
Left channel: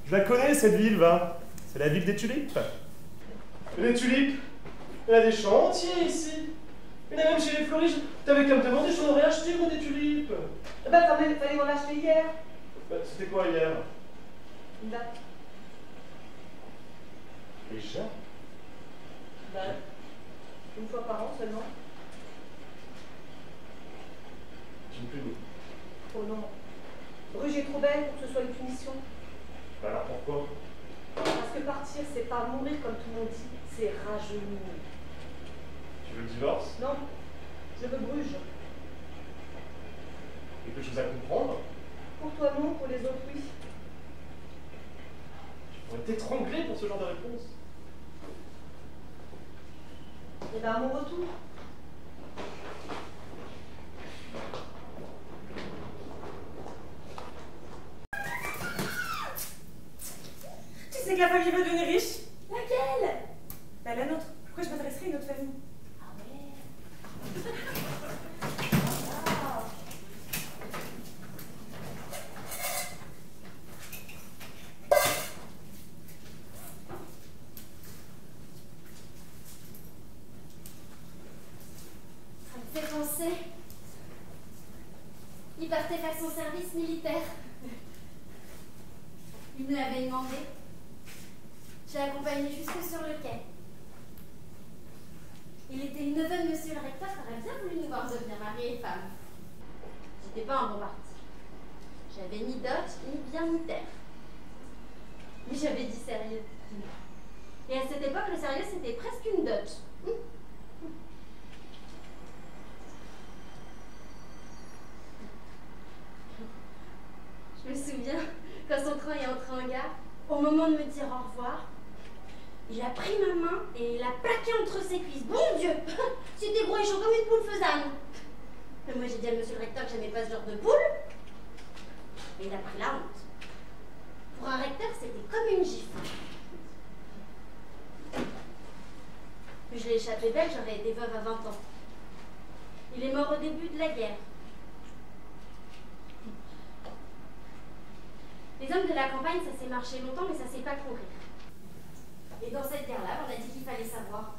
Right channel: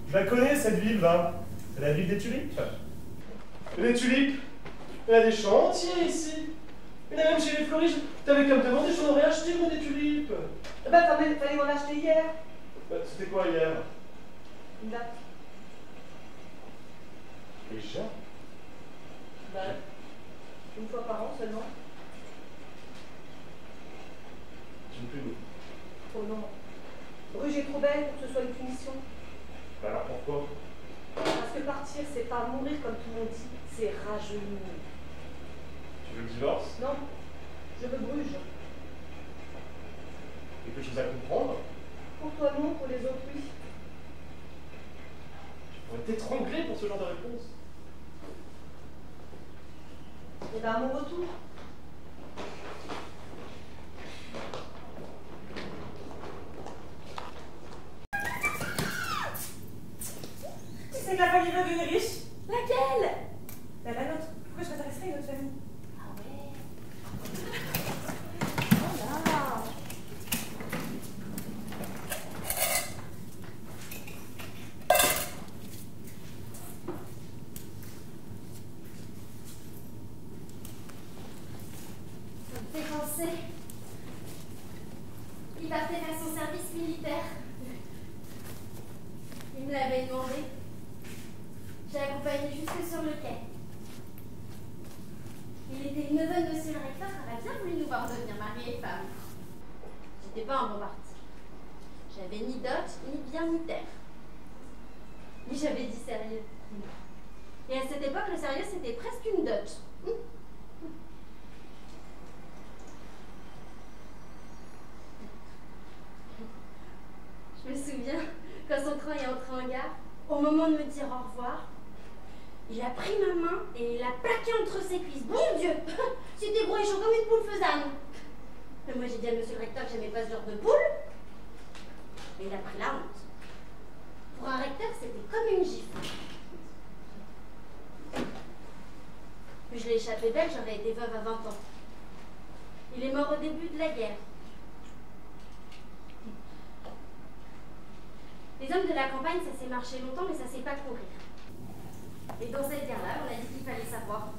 Je la connais cette ville, va. C'est la ville des tulipes. Les tulipes, il y a des champs entiers ici. Il y en a même chez les fleuristes. T'avais qu'à me demander, j'en aurais acheté moi des tulipes. Bah, fallait m'en acheter hier. Bah, c'était quoi hier? Une date. Déjà? Bah, une fois par an seulement. Tu me punis. Oh non. Bruges est trop belle pour que ce soit une punition. Bah alors pourquoi? Parce que partir, c'est pas mourir comme tout le monde dit, c'est rajeunir. Tu veux le divorce? Non, je veux Bruges. Quelque chose à comprendre? Pour toi non, pour les autres oui. Tu pourrais t'étrangler pour ce genre de réponse. Et ben à mon retour. c'est que la famille va devenir riche. Laquelle? Bah la nôtre. Pourquoi je m'intéresserais à une autre famille? Ah ouais. Ça me fait penser. Il partait faire son service militaire. Il me l'avait demandé. J'ai accompagné jusque sur le quai. Il était le neveu de monsieur le recteur, qui aurait bien voulu nous voir devenir mari et femme. J'étais pas un bon parti. J'avais ni dot, ni bien, ni terre. Mais j'avais dit sérieux. Et à cette époque, le sérieux, c'était presque une dot. Je me souviens, quand son train est entré en gare, au moment de me dire au revoir, il a pris ma main et il l'a plaqué entre ses cuisses. Bon Dieu, c'était gros et chaud comme une poule faisane. Mais moi j'ai dit à monsieur le recteur que j'aimais pas ce genre de poule. Mais il a pris la honte. Pour un recteur, c'était comme une gifle. Mais je l'ai échappé belle, j'aurais été veuve à 20 ans. Il est mort au début de la guerre. Les hommes de la campagne, ça s'est marché longtemps, mais ça s'est pas courir. Et dans cette guerre-là, on a dit qu'il fallait savoir.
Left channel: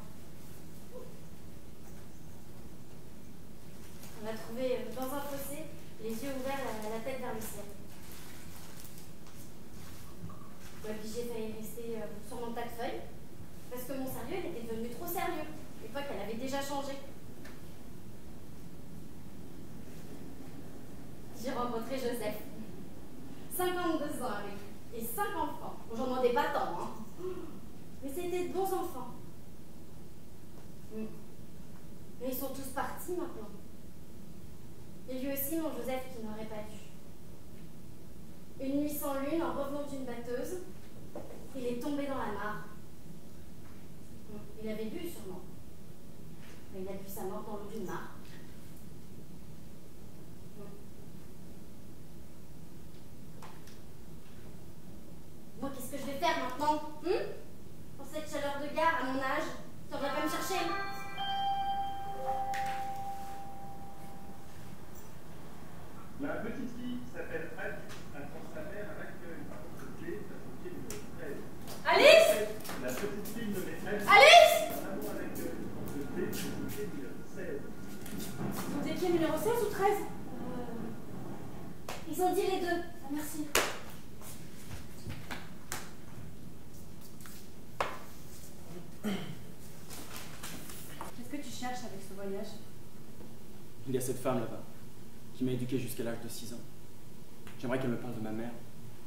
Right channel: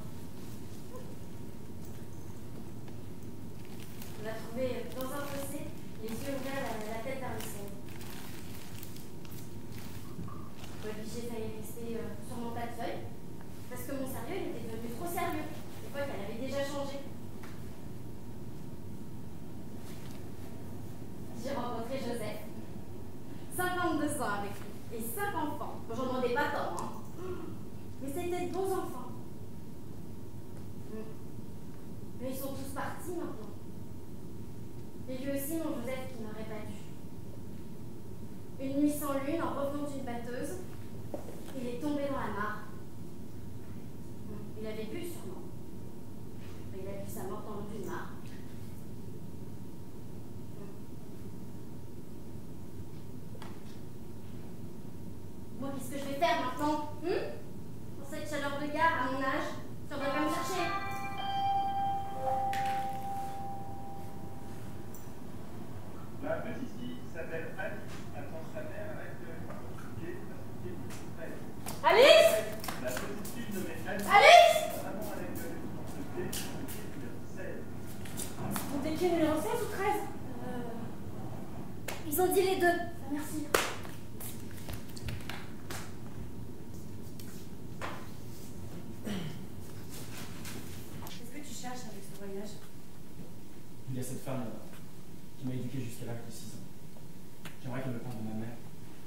On l'a trouvé dans un fossé, les yeux ouverts, la tête vers le ciel. Moi, puis j'ai failli rester sur mon tas de feuilles, parce que mon sérieux était devenu trop sérieux. L'époque, elle avait déjà changé. J'ai rencontré Joseph. 52 ans avec lui, et 5 enfants. J'en demandais pas tant, hein. Mais c'était de bons enfants. Mais ils sont tous partis maintenant. Et lui aussi, mon Joseph, qui n'aurait pas dû. Une nuit sans lune, en revenant d'une batteuse, il est tombé dans la mare. Il avait bu sûrement. Mais il a bu sa mort dans l'eau d'une mare. Moi, qu'est-ce que je vais faire maintenant? Pour cette chaleur de gare, à mon âge, tu reviens pas me chercher? La petite fille s'appelle Alice, attend sa mère avec la société numéro 13. Alice! La petite fille nommée Alice. Alice! Amour avec la société numéro 16. Vous étiez numéro 16 ou 13? Ils ont dit les deux. Merci. Qu'est-ce que tu cherches avec ce voyage? Il y a cette femme là-bas, qui m'a éduqué jusqu'à l'âge de 6 ans. J'aimerais qu'elle me parle de ma mère.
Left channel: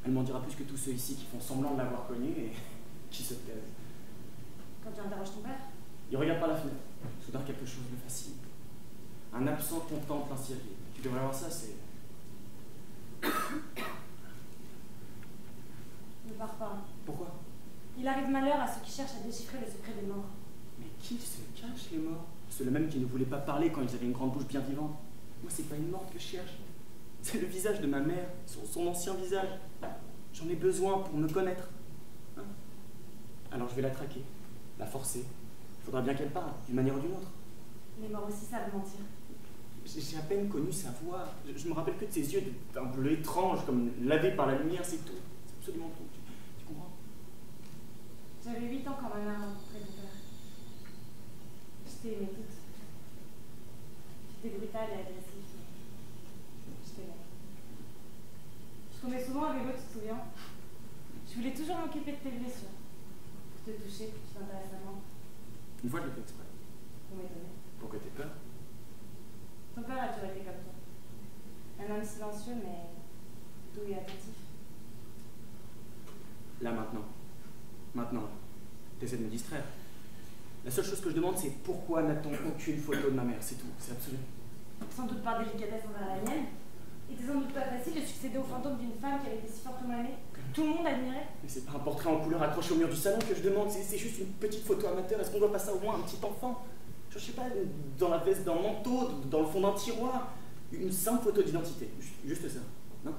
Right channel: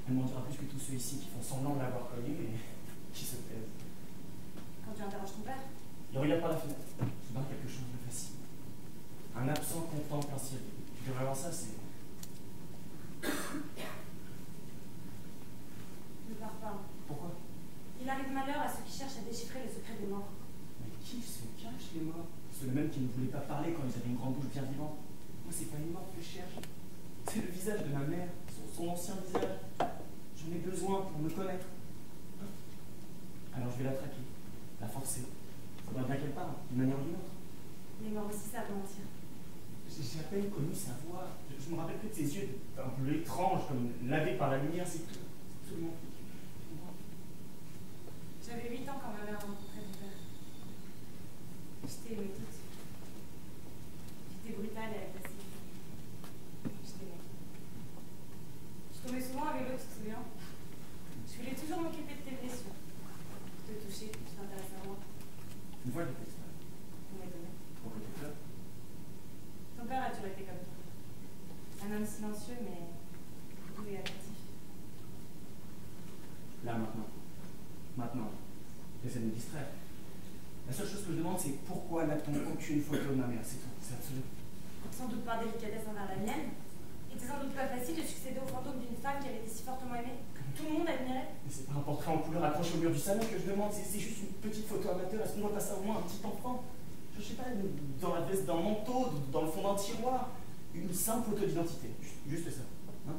Elle m'en dira plus que tous ceux ici qui font semblant de l'avoir connue et qui se plaisent. Quand tu interroges ton père? Il regarde par la fenêtre. Soudain, quelque chose le fascine. Un absent contemple un cirque. Tu devrais voir ça, c'est... Ne pars pas. Pourquoi? Il arrive malheur à ceux qui cherchent à déchiffrer le secret des morts. Mais qui se cache, les morts? C'est le même qui ne voulait pas parler quand ils avaient une grande bouche bien vivante. Moi, c'est pas une morte que je cherche. C'est le visage de ma mère, son ancien visage. J'en ai besoin pour me connaître. Hein? Alors je vais la traquer, la forcer. Il faudra bien qu'elle parle, d'une manière ou d'une autre. Les morts aussi savent mentir. J'ai à peine connu sa voix. Je me rappelle que de ses yeux d'un bleu étrange, comme lavés par la lumière, c'est tout. C'est absolument tout. Tu comprends? J'avais 8 ans quand ma mère a rencontré mon père. Je t'ai aimé toute. J'étais brutale et agressive. Je t'aimais. Je tombais souvent avec eux, tu te souviens? Je voulais toujours m'occuper de tes blessures. Te toucher, pour que tu t'intéresses à moi. Une fois, je l'ai fait exprès. Pour m'étonner. Pour que t'aies peur. Ton père a toujours été comme toi. Un homme silencieux, mais doux et attentif. Là, maintenant. Maintenant. T'essaies de me distraire. La seule chose que je demande, c'est pourquoi n'a-t-on aucune photo de ma mère? C'est tout. C'est absolu. Sans doute par délicatesse envers la mienne. Il était sans doute pas facile de succéder au fantôme d'une femme qui avait été si fortement aimée, que tout le monde admirait. Mais c'est pas un portrait en couleur accroché au mur du salon que je demande, c'est juste une petite photo amateur. Est-ce qu'on doit passer au moins un petit enfant? Je sais pas, dans la veste d'un manteau, dans le fond d'un tiroir. Une simple photo d'identité. Juste ça. Non?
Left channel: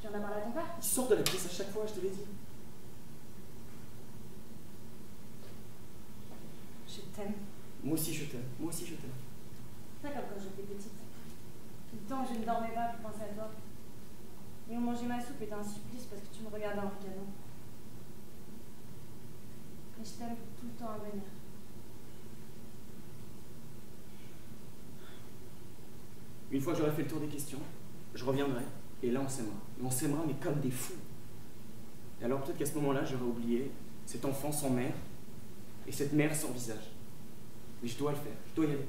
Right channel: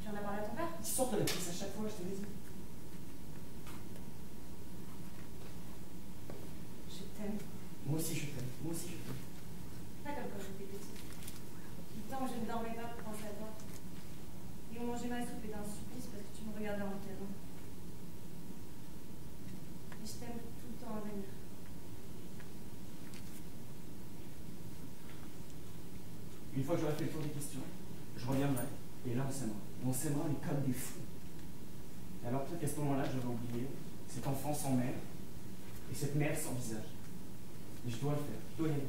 Tu en as parlé à ton père? Il sort de la pièce à chaque fois, je te l'ai dit. temps que je ne dormais pas pour penser à toi. Et on mangeait ma soupe était un supplice parce que tu me regardais en regardant. Mais je t'aime tout le temps à venir. Une fois que j'aurai fait le tour des questions, je reviendrai, et là on s'aimera. Et on s'aimera, mais comme des fous. Et alors peut-être qu'à ce moment-là, j'aurai oublié cet enfant sans mère, et cette mère sans visage. Mais je dois le faire, je dois y aller.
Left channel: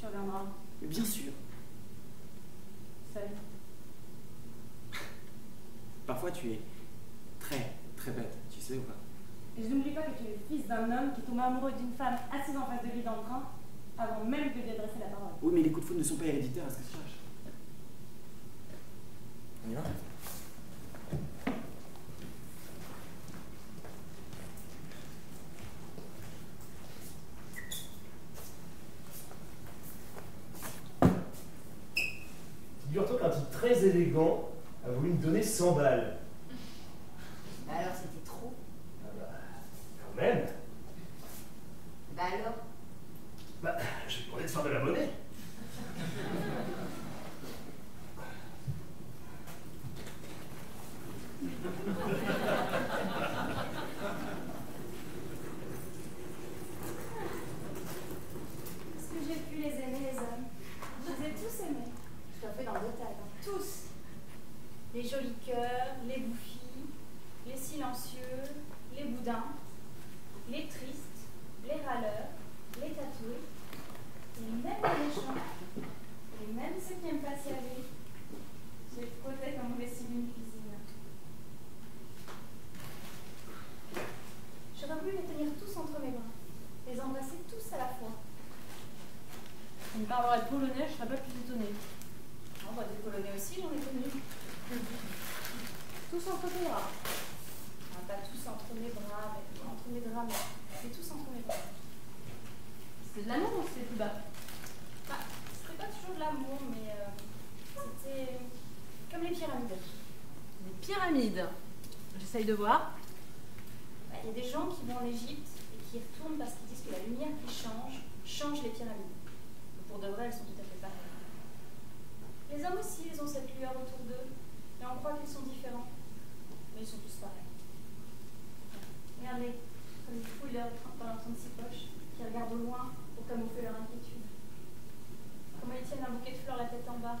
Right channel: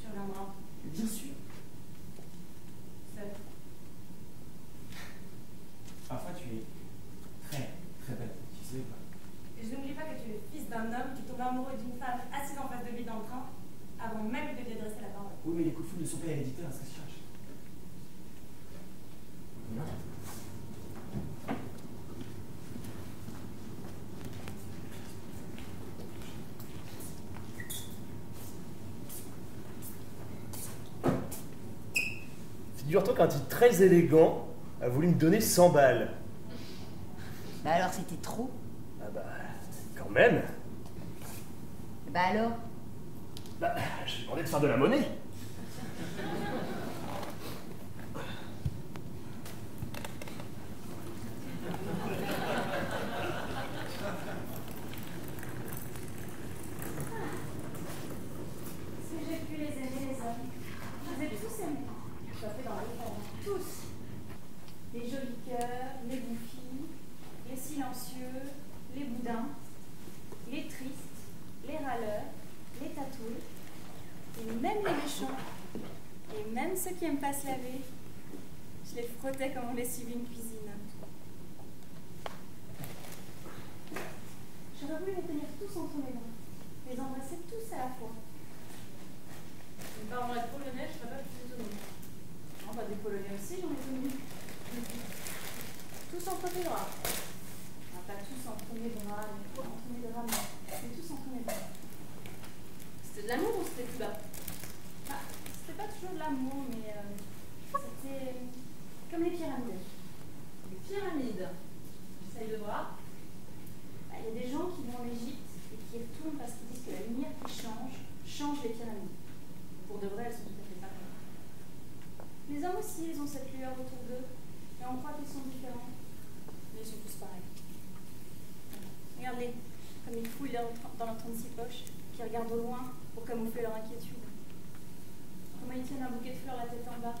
Tu reviendras. Mais bien sûr. Seul. Parfois tu es très, très bête, tu sais ou pas? Et je n'oublie pas que tu es le fils d'un homme qui tombe amoureux d'une femme assise en face de lui dans le train, avant même de lui adresser la parole. Oui, mais les coups de foudre ne sont pas héréditaires à ce que je cherche. On y va? Figure-toi qu'un type très élégant a voulu me donner 100 balles. Bah alors c'était trop. Ah bah, quand même. Bah alors? Bah, je lui demandais de faire de la monnaie. Est-ce que j'ai pu les aimer, les hommes? Je les ai tous aimés. Tu as fait dans le temps. Tous. Les jolis cœurs, les bouffis, les silencieux, les boudins, les tristes, les râleurs, les tatoués, et même les méchants, et même ceux qui aiment pas se laver. Je les frottais comme on lessive une cuisine. J'aurais voulu les tenir tous entre mes bras, les embrasser tous à la fois. On me parlerait de polonais, je serais pas plus étonnée. Oh, bah, des Polonais aussi, j'en ai connus. Tous entre tes bras. Ah, pas tous entre mes bras, mais entre mes draps, mais tous entre mes bras. C'était de l'amour ou c'était plus bas? Bah, c'était pas toujours de l'amour, mais c'était comme les pyramides. Les pyramides. J'essaye de voir. Bah, y a des gens qui vont en Égypte et qui y retournent parce qu'ils disent que la lumière qui change les pyramides. Pour de vrai, elles sont tout à fait pareilles. Les hommes aussi, ils ont cette lueur autour d'eux, et on croit qu'ils sont différents. Mais ils sont tous pareils. Regardez, comme ils fouillent dans leurs 36 poches, qui regardent au loin pour camoufler leur inquiétude. Comment ils tiennent un bouquet de fleurs la tête en bas.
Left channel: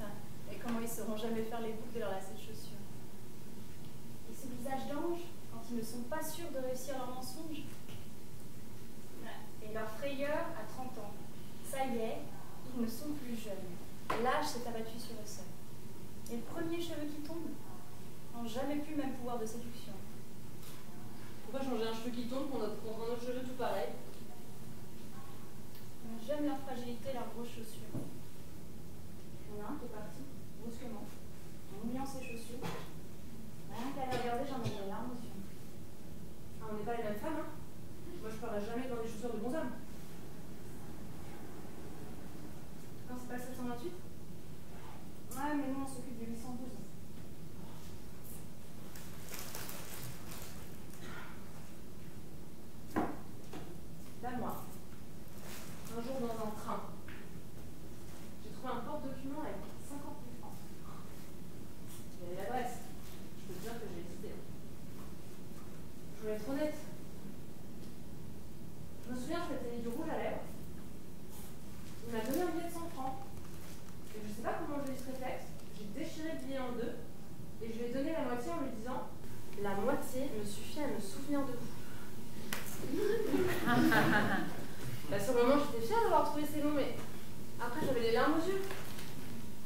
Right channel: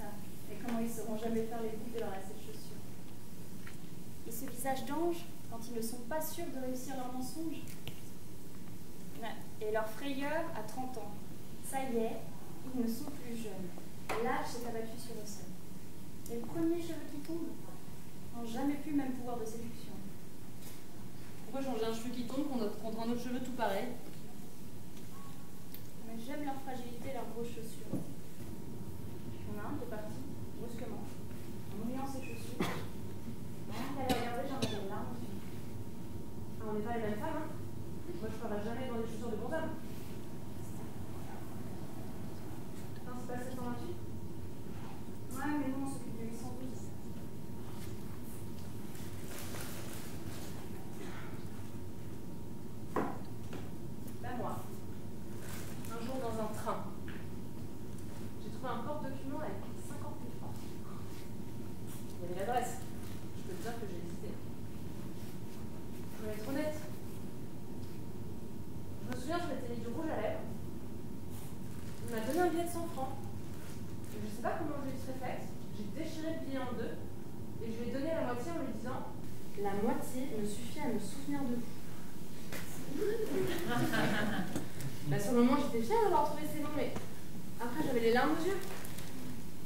Ah, et comment ils sauront jamais faire les boucles de leurs lacets de chaussures. Et ce visage d'ange, quand ils ne sont pas sûrs de réussir leur mensonge. Et leur frayeur à 30 ans. Ça y est, ils ne sont plus jeunes. L'âge s'est abattu sur le sol. Et le premier cheveu qui tombe n'ont jamais plus le même pouvoir de séduction. Pourquoi changer un cheveu qui tombe contre un autre cheveu tout pareil? Mais j'aime leur fragilité, leurs grosses chaussures. Il y en a un qui est parti, brusquement, en oubliant ses chaussures. Rien qu'à les regarder, j'en avais une larme aux yeux. Ah, on n'est pas les mêmes femmes, hein? Moi, je ferai jamais dans des chaussures de bons hommes. Non, c'est pas 728? Ouais, mais nous, on s'occupe de 812. Là, moi, un jour dans un train, j'ai trouvé un porte-document avec 50 000 francs. Il y avait l'adresse. Je peux te dire que j'ai hésité. Je vais être honnête. Je me souviens, je m'étais mis du rouge à lèvres. Il m'a donné un billet de 100 francs. Et je sais pas comment j'ai eu ce réflexe. J'ai déchiré le billet en deux et je lui ai donné la moitié en lui disant la moitié me suffit à me souvenir de vous. Là, sur le moment, j'étais fière d'avoir trouvé ces mots, mais après, j'avais les larmes aux yeux.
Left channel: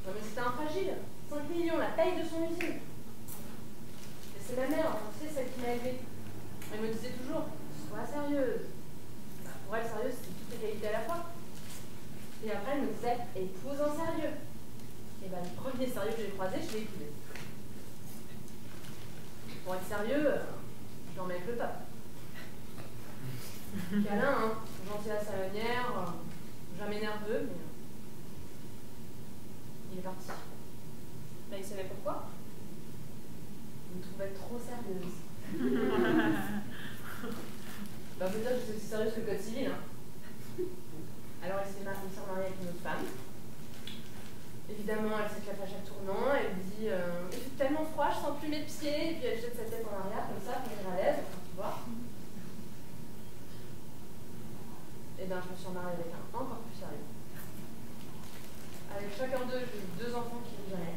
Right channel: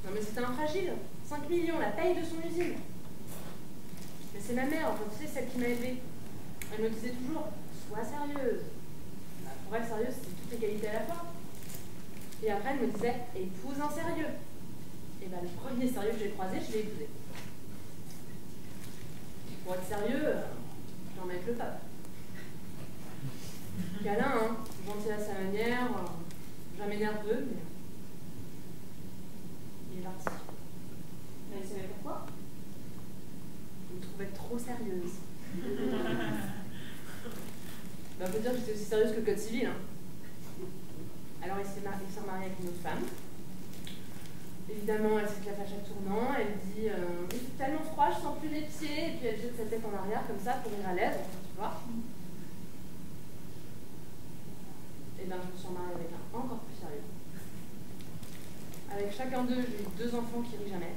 Non, mais c'était un fragile. 5 millions, la taille de son usine. Mais c'est ma mère, tu sais, celle qui m'a élevée. Elle me disait toujours, sois sérieuse. Bah, pour elle, sérieuse, c'était toute égalité à la fois. Et après, elle me disait, épouse un sérieux. Et ben, le premier sérieux que j'ai croisé, je l'ai épousé. Pour être sérieux, je n'en mets plus pas. Câlin, hein, gentil à sa manière, jamais nerveux, mais il est parti. Mais il savait pourquoi? Il me trouvait trop sérieuse. On peut dire que j'étais aussi sérieuse que le code civil. Hein. Alors il s'est mariée avec une autre femme. Évidemment, elle s'éclate à chaque tournant, elle dit il fait tellement froid, je sens plus mes pieds, et puis elle jette sa tête en arrière comme ça pour venir à l'aise, tu vois. Et bien, je me suis mariée avec un encore plus sérieux. Avec chacun d'eux, j'ai eu 2 enfants qui rient jamais.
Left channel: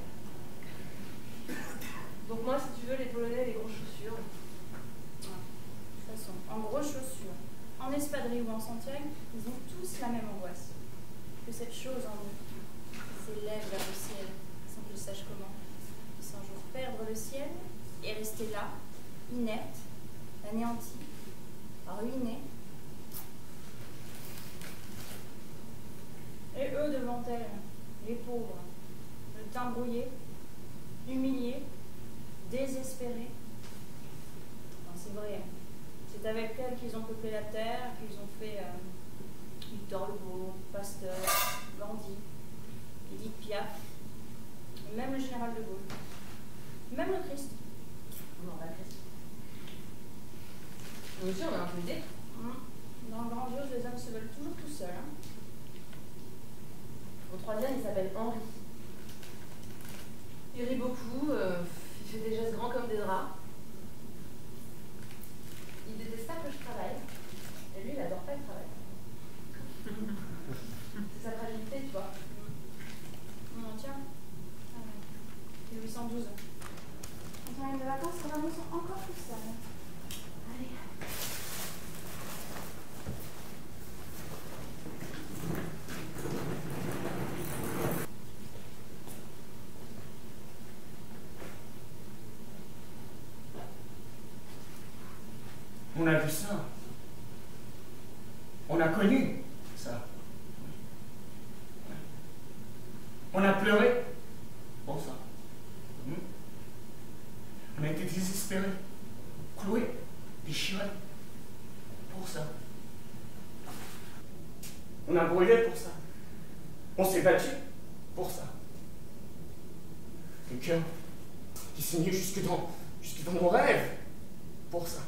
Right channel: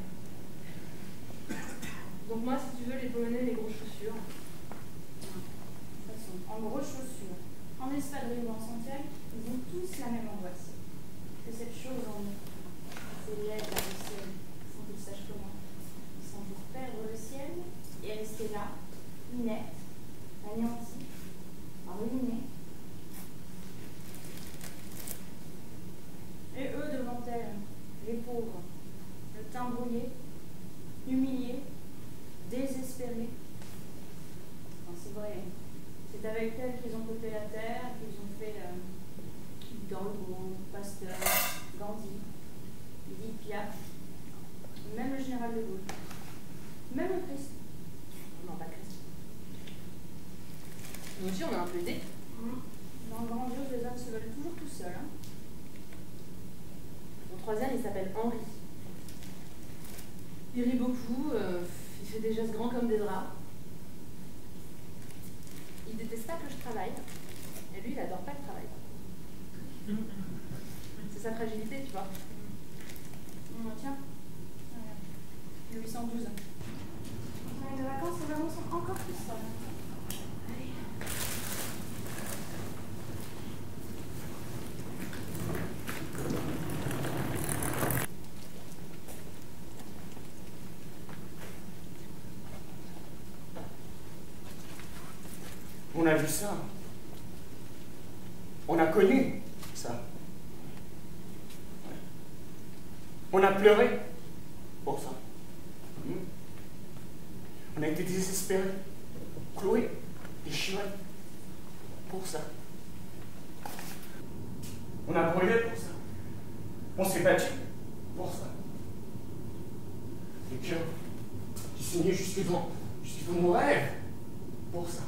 Donc moi, si tu veux, les promener les grosses chaussures. De toute façon, en grosses chaussures, en espadrille ou en Santiago, ils ont tous la même angoisse. Que cette chose en eux s'élève vers le ciel, sans qu'ils sachent comment. Sans jour perdre le ciel et rester là, inerte, anéantie, ruinée. Et eux devant elles, les pauvres, le teint brouillé, humiliés, désespérés. Enfin, c'est vrai, c'est avec elles qu'ils ont peuplé la terre, qu'ils ont fait Victor Hugo, Pasteur, Gandhi, Edith Piaf, même le général de Gaulle, même le Christ. Non, pas Christ. Nous aussi, on a un peu aidé. Dans le grandiose, les hommes se veulent toujours tout seuls. Hein. Mon troisième, il s'appelle Henri. Il rit beaucoup, il fait des gestes grands comme des draps. Il déteste pas que je travaille. Et lui, il adore pas le travail. C'est sa fragilité, tu vois. Tiens, 1812. On a de vacances, et là on sont encore plus seuls. Allez. On a vu ça. On a connu ça. On a pleuré pour ça. On a été désespérés, cloués, déchirés pour ça. On a brûlé pour ça. On s'est battu pour ça. Les cœurs qui saignaient jusque dans nos rêves pour ça.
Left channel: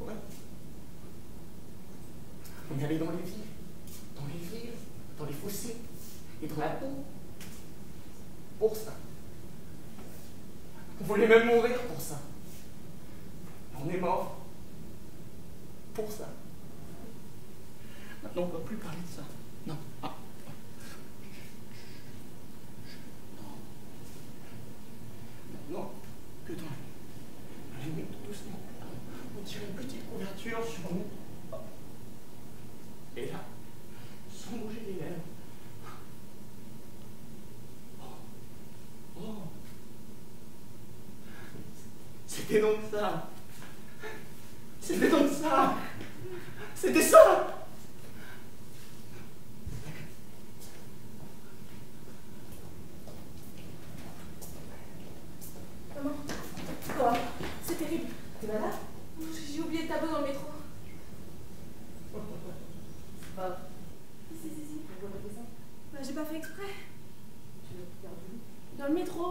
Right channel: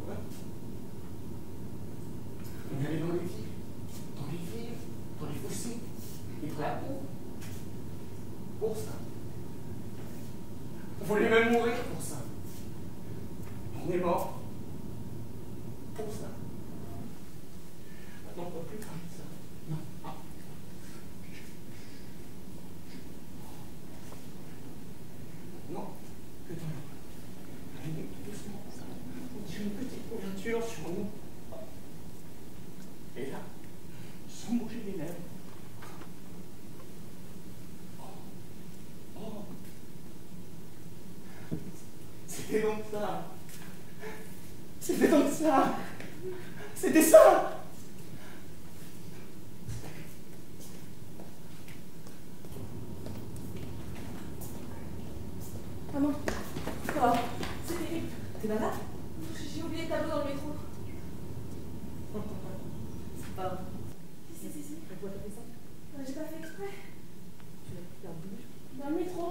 Ouais. On est allé dans les villes, dans les fossés, et dans la peau. Pour ça. On voulait même mourir pour ça. On est mort pour ça. Maintenant, on ne va plus parler de ça. Non. Ah. Non. Que toi. Allez, doucement. On tire une petite couverture sur nous. Et là, sans bouger les lèvres. Oh. C'était donc ça. C'était donc ça. C'était ça. Maman, quoi? C'est terrible. T'es malade? J'ai oublié le tableau dans le métro. C'est pas vrai. Si. Pourquoi t'as fait ça? J'ai pas fait exprès. Tu l'as perdu? Dans le métro.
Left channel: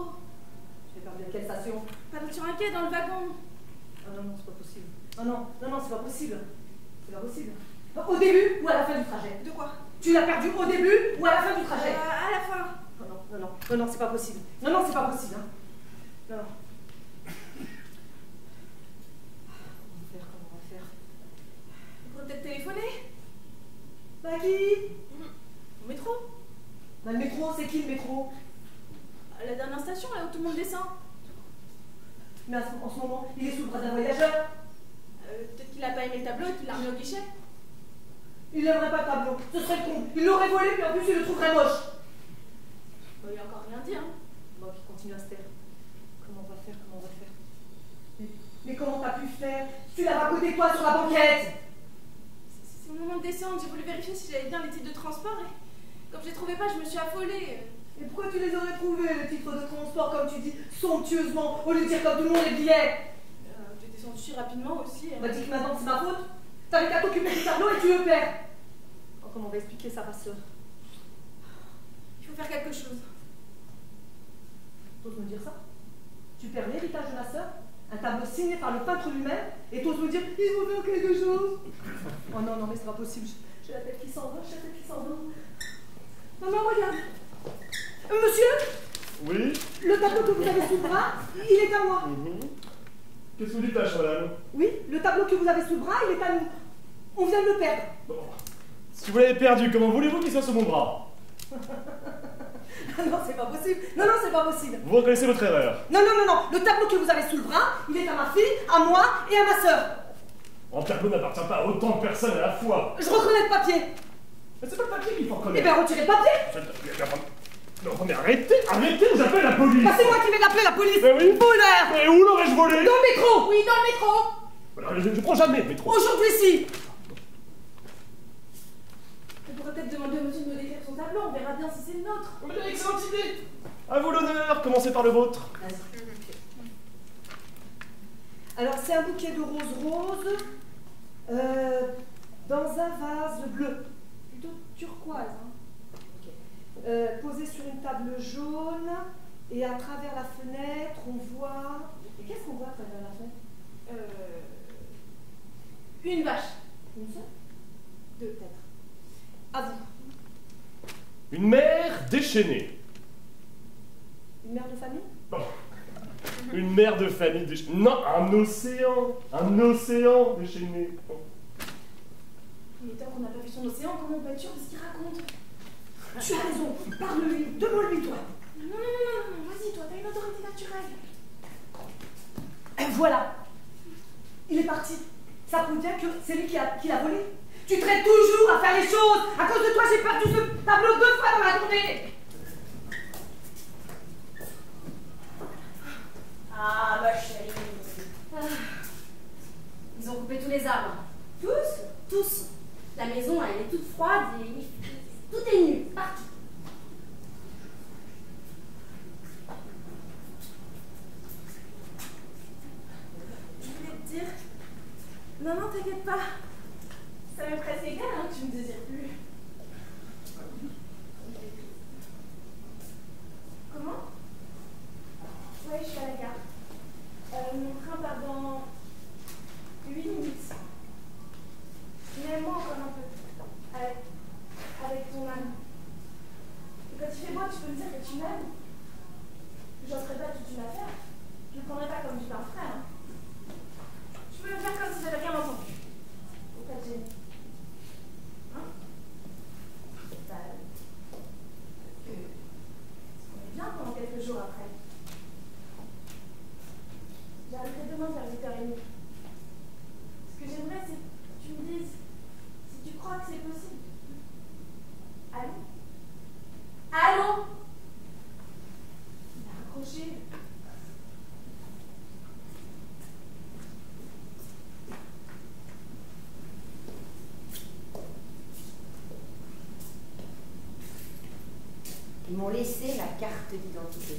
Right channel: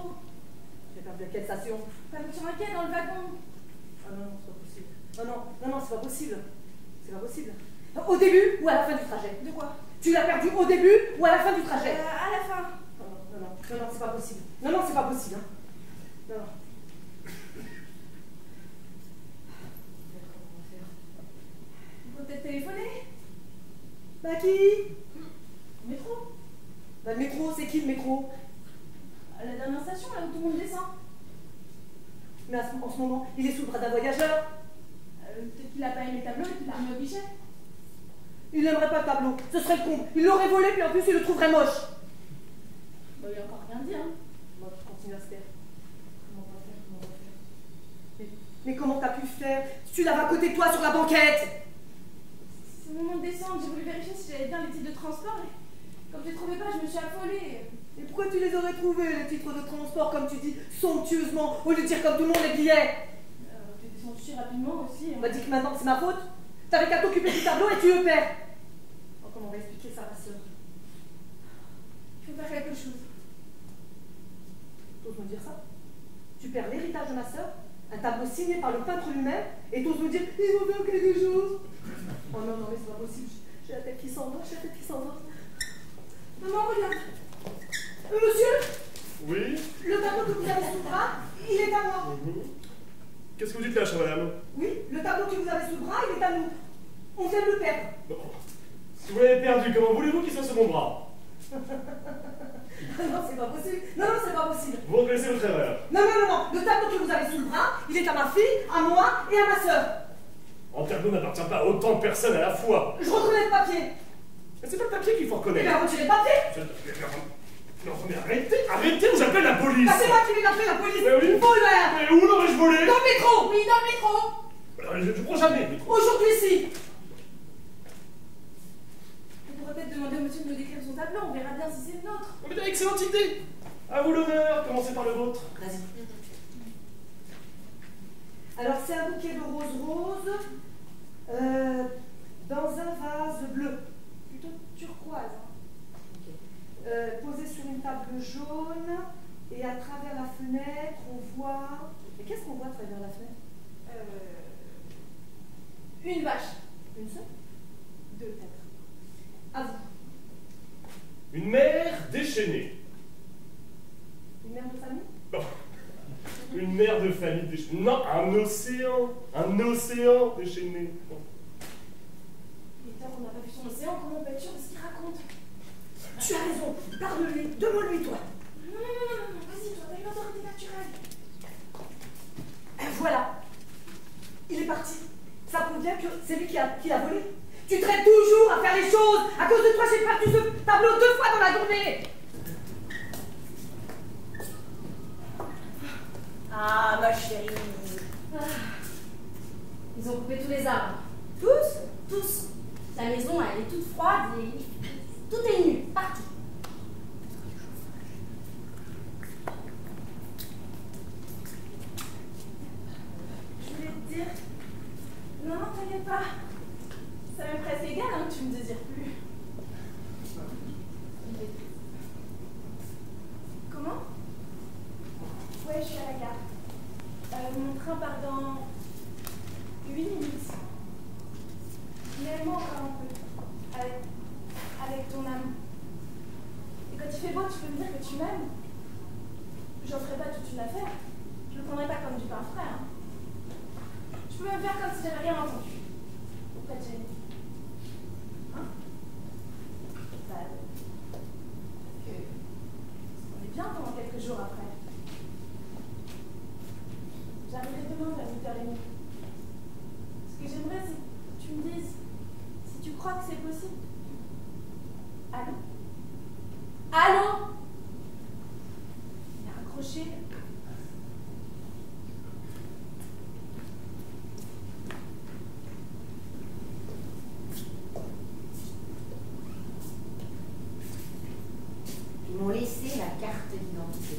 Tu l'as perdu à quelle station? Sur un quai dans le wagon. Oh non, c'est pas possible. Oh non, c'est pas possible. C'est pas possible. Au début ou à la fin du trajet? De quoi? Tu l'as perdu au début ou à la fin du trajet? À la fin. Non, c'est pas possible. Non, c'est pas possible. Hein. Non. Comment on va faire? On pourrait peut-être téléphoner. Bah qui? Au métro. Bah le métro, c'est qui le métro? À la dernière station, là où tout le monde descend. Mais en ce moment, il est sous le bras d'un voyageur. Peut-être qu'il a pas aimé le tableau et qu'il l'a remis au guichet. Il n'aimerait pas le tableau, ce serait con. Il l'aurait volé, puis en plus il le trouverait moche. Il a encore rien dit, hein. Bon, je continue à se taire. Comment on va faire? Mais comment t'as pu faire? Tu l'avais à côté de toi sur la banquette. C'est au moment de descendre, j'ai voulu vérifier si j'avais bien les titres de transport et comme je les trouvais pas, je me suis affolée. Et pourquoi tu les aurais trouvés, les titres de transport, comme tu dis, somptueusement, au lieu de dire comme tout le monde les billets? T'es descendu si rapidement aussi. On m'a dit que maintenant c'est ma faute. T'avais qu'à t'occuper du tableau et tu le perds. Comment on va expliquer ça à ma soeur? Il faut faire quelque chose. T'oses me dire ça? Tu perds l'héritage de ma soeur, un tableau signé par le peintre lui-même, Et t'oses me dire, ils vont faire quelque chose. Oh non, non, mais c'est pas possible. J'ai la tête qui s'en va, j'ai la tête qui s'en va. Non, non, regarde. Monsieur, Oui. le tableau que vous avez sous le bras, il est à moi. Qu'est-ce que vous dites là, madame? Oui, le tableau que vous avez sous le bras, il est à nous. On vient de le perdre. Bon. Si vous l'avez perdu, comment voulez-vous qu'il soit sur mon bras? Non, c'est pas possible. Non, non, c'est pas possible. Vous reconnaissez votre erreur. Non, non, non, non. Le tableau que vous avez sous le bras, il est à ma fille, à moi et à ma sœur. Un tableau n'appartient pas à autant de personnes à la fois. Je reconnais le papier. Mais c'est pas le papier qu'il faut Eh reconnaître. bien, retirez le papier. Non, mais arrêtez, vous appelez la police. Bah, c'est moi qui vais l'appeler, la police. Mais oui. Voleur. Mais où l'aurais-je volé? Dans le métro. Oui, dans le métro. Alors, je prends jamais le métro. Aujourd'hui, si. On pourrait peut-être demander au monsieur de nous décrire son tableau. On verra bien si c'est le nôtre. Oh, mais excellente idée. À vous l'honneur, commencez par le vôtre. Vas-y. Alors, c'est un bouquet de roses dans un vase bleu. Plutôt turquoise. Hein. Posé sur une table jaune, et à travers la fenêtre, on voit... Et qu'est-ce qu'on voit à travers la fenêtre? Une vache. Une seule? Deux, peut-être. À vous. Une mère déchaînée. Une mère de famille? Bon. Une mère de famille déchaînée. Non, un océan déchaîné. Il est temps qu'on n'a pas vu son océan, comment on peut être sûr de ce qu'il raconte? Tu as raison, parle-lui, demande-lui toi. Non, non, non, vas-y toi, t'as une autorité naturelle. Et voilà, il est parti. Ça prouve bien que c'est lui qui l'a volé. Tu traînes toujours à faire les choses. À cause de toi, j'ai perdu ce tableau 2 fois dans la journée. Ah, ma chérie. Ah. Ils ont coupé tous les arbres. Tous? Tous. La maison, elle est toute froide et tout est nu. Parti. Je voulais te dire... Non, non, t'inquiète pas. Ça m'est presque égal, hein, que tu me désires plus. Comment? Oui, je suis à la gare. Mon train part dans 8 minutes. Mais moi encore un peu. Avec ton âme. Et quand il fait beau, tu peux me dire que tu m'aimes. Je n'en ferai pas toute une affaire. Je ne le prendrai pas comme du pain frais. Hein. Je peux même faire comme si j'avais rien entendu. Auprès de Jenny. Hein? On est bien pendant quelques jours après. J'arriverai demain vers 8h30. Ce que j'aimerais, c'est que tu me dises si tu crois que c'est possible. Allô? Allô? Il a raccroché. Ils m'ont laissé la carte d'identité.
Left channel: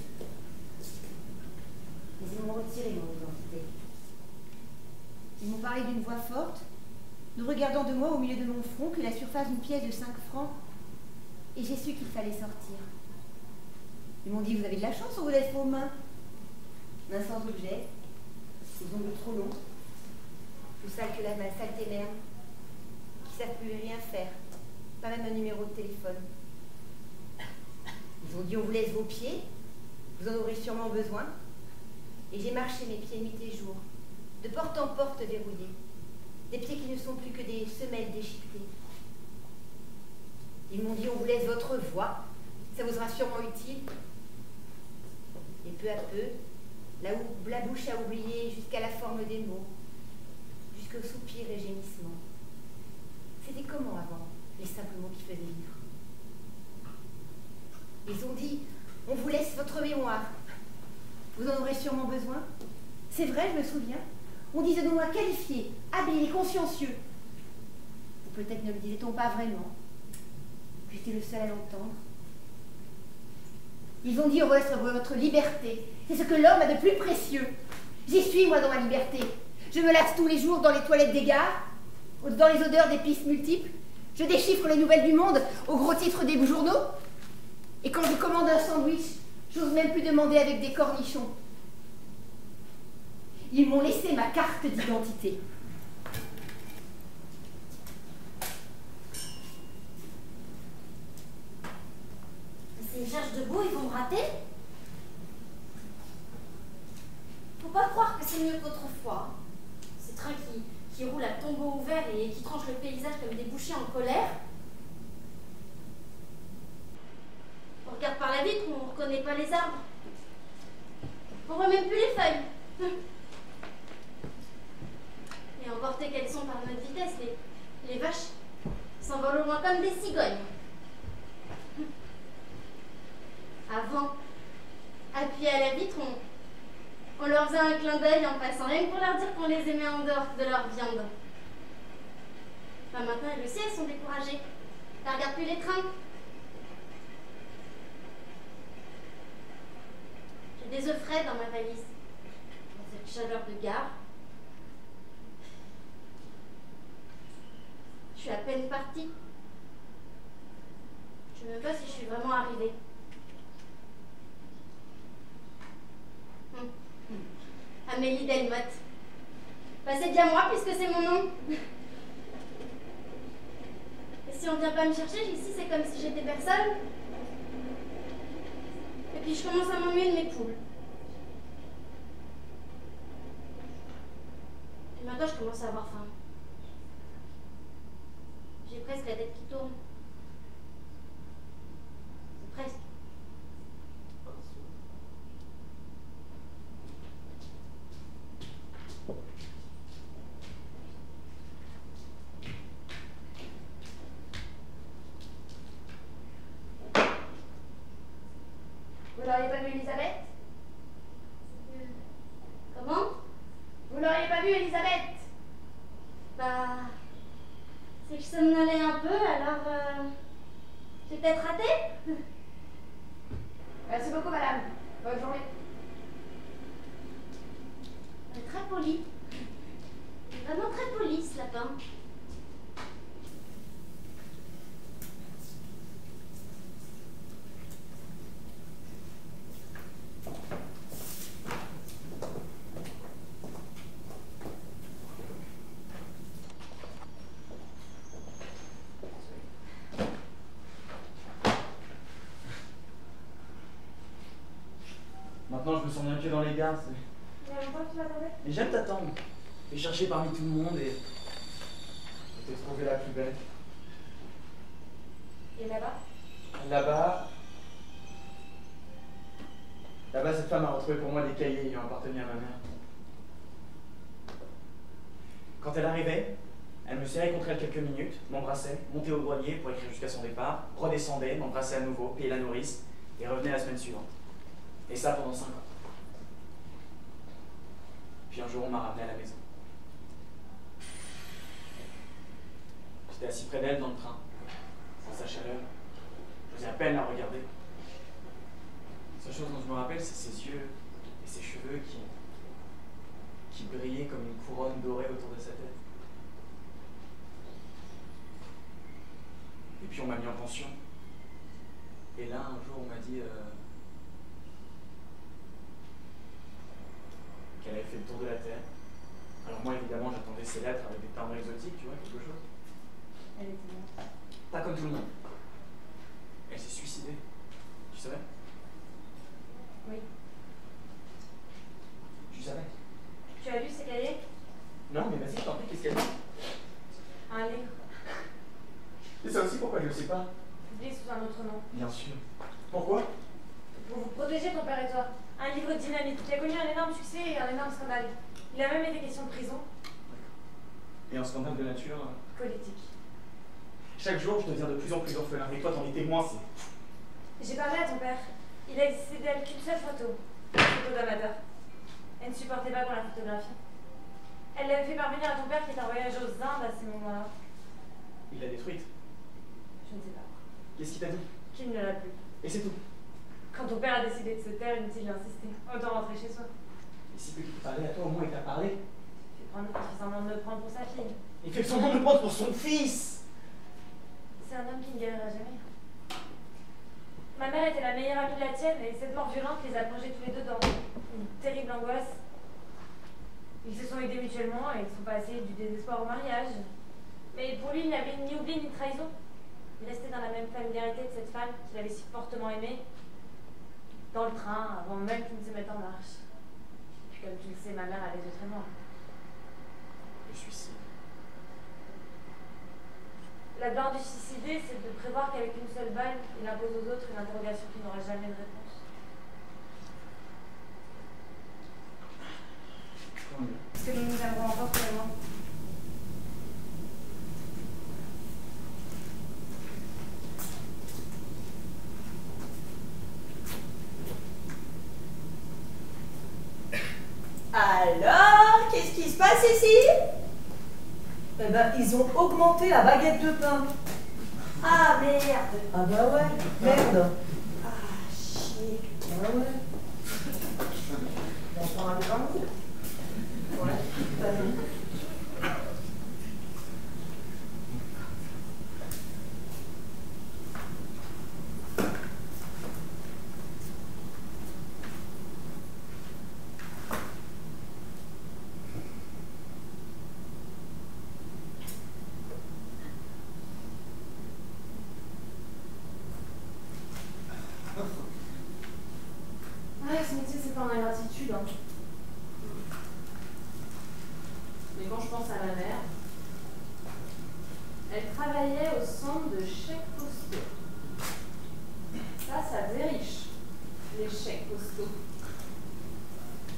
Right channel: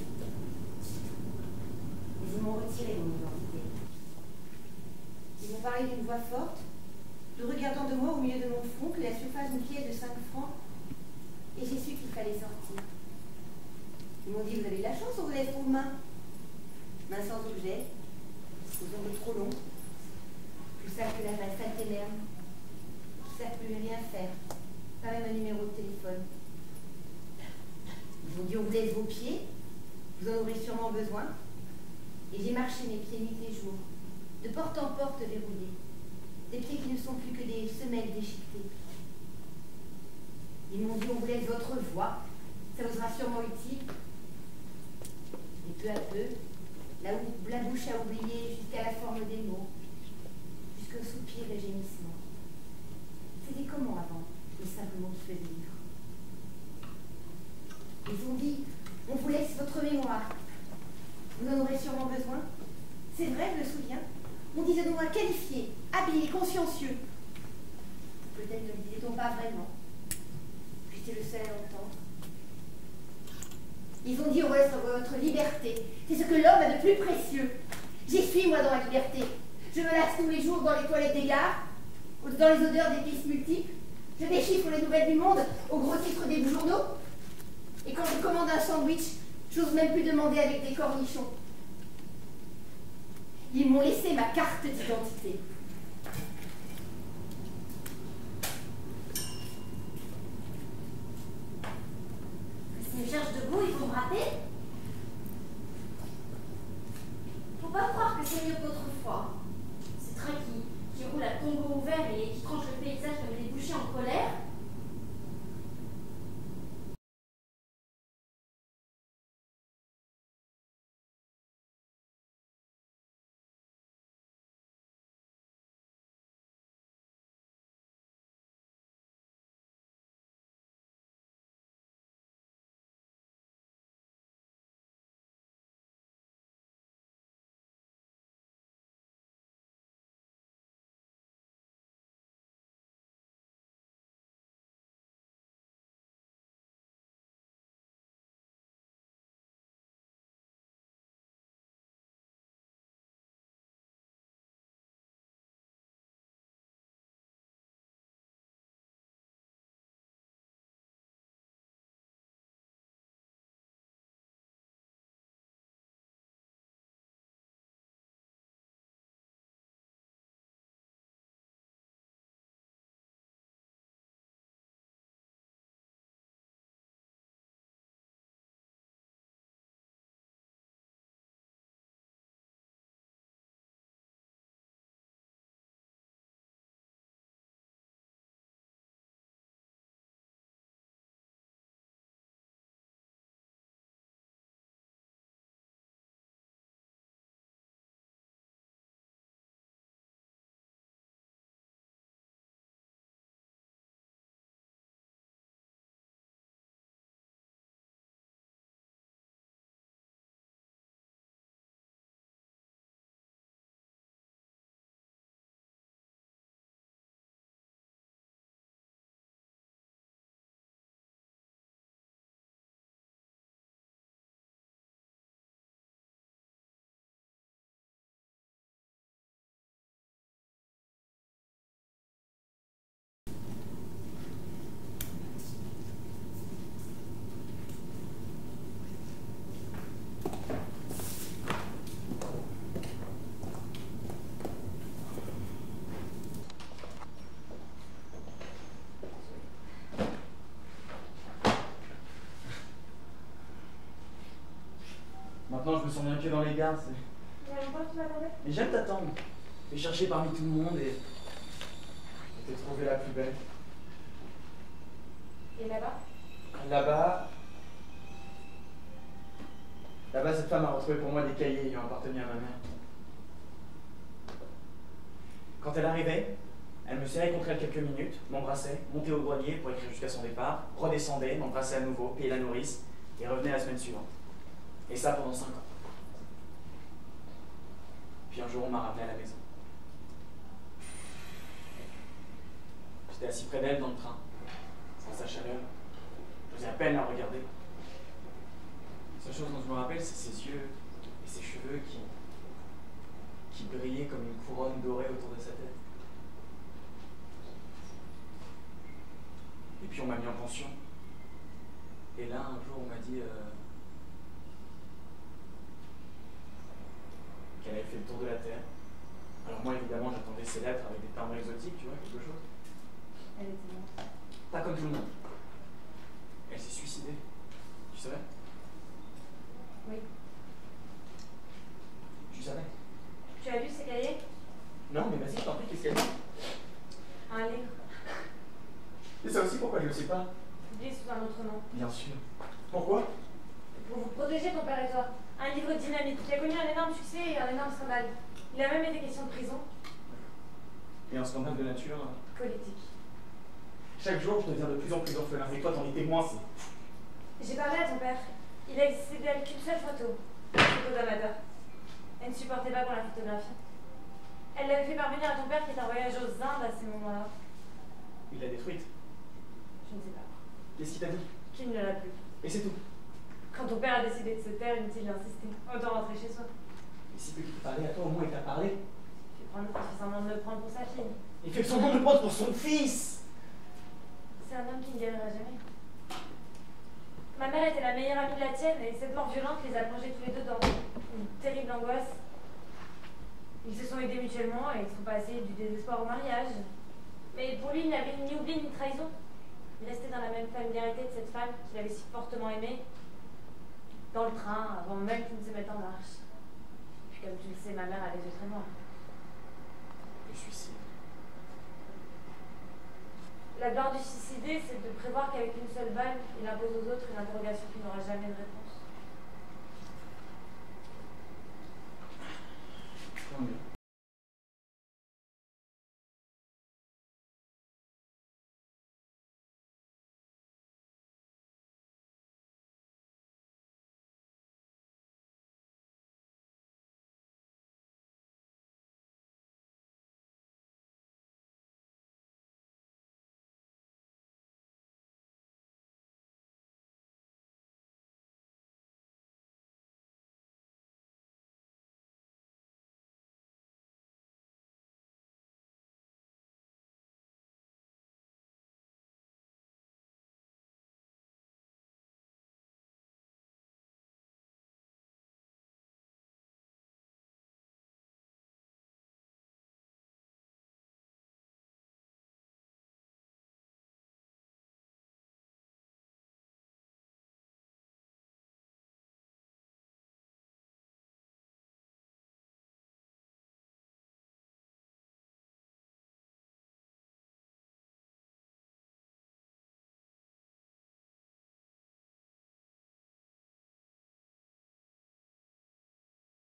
Ils m'ont retiré mon identité. Ils m'ont parlé d'une voix forte, nous regardant de moi au milieu de mon front, que la surface d'une pièce de 5 francs, et j'ai su qu'il fallait sortir. Ils m'ont dit, vous avez de la chance ou vous êtes aux mains? Main sans objet, aux ongles trop longs, plus sale que la saleté merde, qui ne savent plus rien faire, pas même un numéro de téléphone. Ils m'ont dit, on vous laisse vos pieds, vous en aurez sûrement besoin. Et j'ai marché mes pieds nuit et jour, de porte en porte verrouillés, des pieds qui ne sont plus que des semelles déchiquetées. Ils m'ont dit, on vous laisse votre voix, ça vous sera sûrement utile. Et peu à peu, la bouche a oublié jusqu'à la forme des mots, jusqu'au soupir et gémissement. C'était comment avant, les simples mots qui faisaient vivre? Ils ont dit, on vous laisse votre mémoire. Vous en aurez sûrement besoin. C'est vrai, je me souviens. On disait de moi qualifié, habillé, consciencieux. Peut-être ne le disait-on pas vraiment. J'étais le seul à l'entendre. Ils ont dit, on vous laisse votre liberté. C'est ce que l'homme a de plus précieux. J'y suis, moi, dans ma liberté. Je me lasse tous les jours dans les toilettes des gares, dans les odeurs des pistes multiples. Je déchiffre les nouvelles du monde au gros titre des journaux. Et quand je commande un sandwich, j'ose même plus demander avec des cornichons. Ils m'ont laissé ma carte d'identité. S'ils me cherchent debout, ils vont me rater. Faut pas croire que c'est mieux qu'autrefois. Ces trains qui roulent à tombeau ouvert et qui tranchent le paysage comme des bouchers en colère. On regarde par la vitre, on ne reconnaît pas les arbres. On voit même plus les feuilles. Et emportées qu'elles sont par notre vitesse, les vaches s'envolent au loin comme des cigognes. Avant, appuyés à la vitre, on leur faisait un clin d'œil en passant, rien que pour leur dire qu'on les aimait en dehors de leur viande. Enfin, maintenant, elles aussi, elles sont découragées. Elles ne regardent plus les trains. J'ai des œufs frais dans ma valise. Dans cette chaleur de gare. Je suis à peine partie. Je ne sais même pas si je suis vraiment arrivée. Amélie Delmotte. Bah, c'est bien moi puisque c'est mon nom. Et si on vient pas me chercher ici, c'est comme si j'étais personne. Et puis je commence à m'ennuyer de mes poules. Et maintenant je commence à avoir faim. J'ai presque la tête qui tourne. C'est presque. Vous l'auriez pas vu, Elisabeth? Comment? Vous l'auriez pas vu, Elisabeth? Bah... c'est que je somnolais un peu, alors... j'ai peut-être raté? Merci beaucoup, madame. Bonne journée. Elle est très polie. Vraiment très polie, ce lapin. Maintenant, je me sens bien pied dans les gares. Il y a longtemps que tu m'attendais? Mais j'aime t'attendre. Et chercher parmi tout le monde et t'ai trouvé la plus belle. Et là-bas? Là-bas, cette femme a retrouvé pour moi des cahiers ayant appartenu à ma mère. Quand elle arrivait, elle me serrait contre elle quelques minutes, m'embrassait, montait au grenier pour écrire jusqu'à son départ, redescendait, m'embrassait à nouveau, payait la nourrice et revenait la semaine suivante. Et ça pendant 5 ans. Puis un jour, on m'a ramené à la maison. J'étais assis près d'elle dans le train, sans sa chaleur. J'osais à peine la regarder. La seule chose dont je me rappelle, c'est ses yeux et ses cheveux qui brillaient comme une couronne dorée autour de sa tête. Et puis on m'a mis en pension. Et là, un jour, on m'a dit qu'elle avait fait le tour de la Terre. Alors moi, évidemment, j'attendais ses lettres avec des timbres exotiques, tu vois, quelque chose. Elle était morte. Pas comme tout le monde. Elle s'est suicidée. Tu savais? Oui. Tu savais? Tu as lu ces cahiers? Non, mais vas-y, je t'en prie, qu'est-ce qu'elle dit? Un livre. Et ça aussi, pourquoi je le sais pas? Publié sous un autre nom. Bien sûr. Pourquoi? Pour vous protéger, ton père et toi. Un livre dynamique qui a connu un énorme succès et un énorme scandale. Il a même été question de prison. Et un scandale de nature? Politique. Chaque jour, je deviens de plus en plus orphelin. Et toi, t'en es témoin, c'est... J'ai parlé à ton père. Il a existé d'elle qu'une seule photo. Une photo d'amateur. Elle ne supportait pas qu'on la photographie. Elle l'avait fait parvenir à ton père qui est en voyage aux Indes à ces moments-là. Il l'a détruite. Je ne sais pas. Qu'est-ce qu'il t'a dit? Qu'il ne l'a plus. Et c'est tout. Quand ton père a décidé de se taire, inutile d'insister. Autant rentrer chez soi. Mais si petit parlait à toi, au moins il t'a parlé. Il fait semblant de me prendre pour sa fille. Il fait semblant de me prendre pour son fils. C'est un homme qui ne guérira jamais. Ma mère était la meilleure amie de la tienne et cette mort violente les a plongés tous les deux dans une terrible angoisse. Ils se sont aidés mutuellement et ils sont passés du désespoir au mariage. Mais pour lui, il n'y avait ni oubli ni trahison. Il restait dans la même familiarité de cette femme qu'il avait si fortement aimée. Dans le train, avant même qu'il ne se mette en marche. Puis comme tu le sais, ma mère a les yeux très noirs. Le suicide. La gloire du suicidé, c'est de prévoir qu'avec une seule balle, il impose aux autres une interrogation qui n'aura jamais de réponse. Tant mieux. Est-ce que nous nous aimerons encore pour le moment? Alors, qu'est-ce qui se passe ici? Eh ben, ils ont augmenté la baguette de pain. Ah, merde. Ah bah ouais, merde. Ah, chier. Ah ouais. On s'en rappelle pas. Ouais, pas bien. Ce métier, c'est pas en ingratitude. Hein. Mais quand je pense à ma mère, elle travaillait au centre de chèques postaux. Ça faisait riche, les chèques postaux.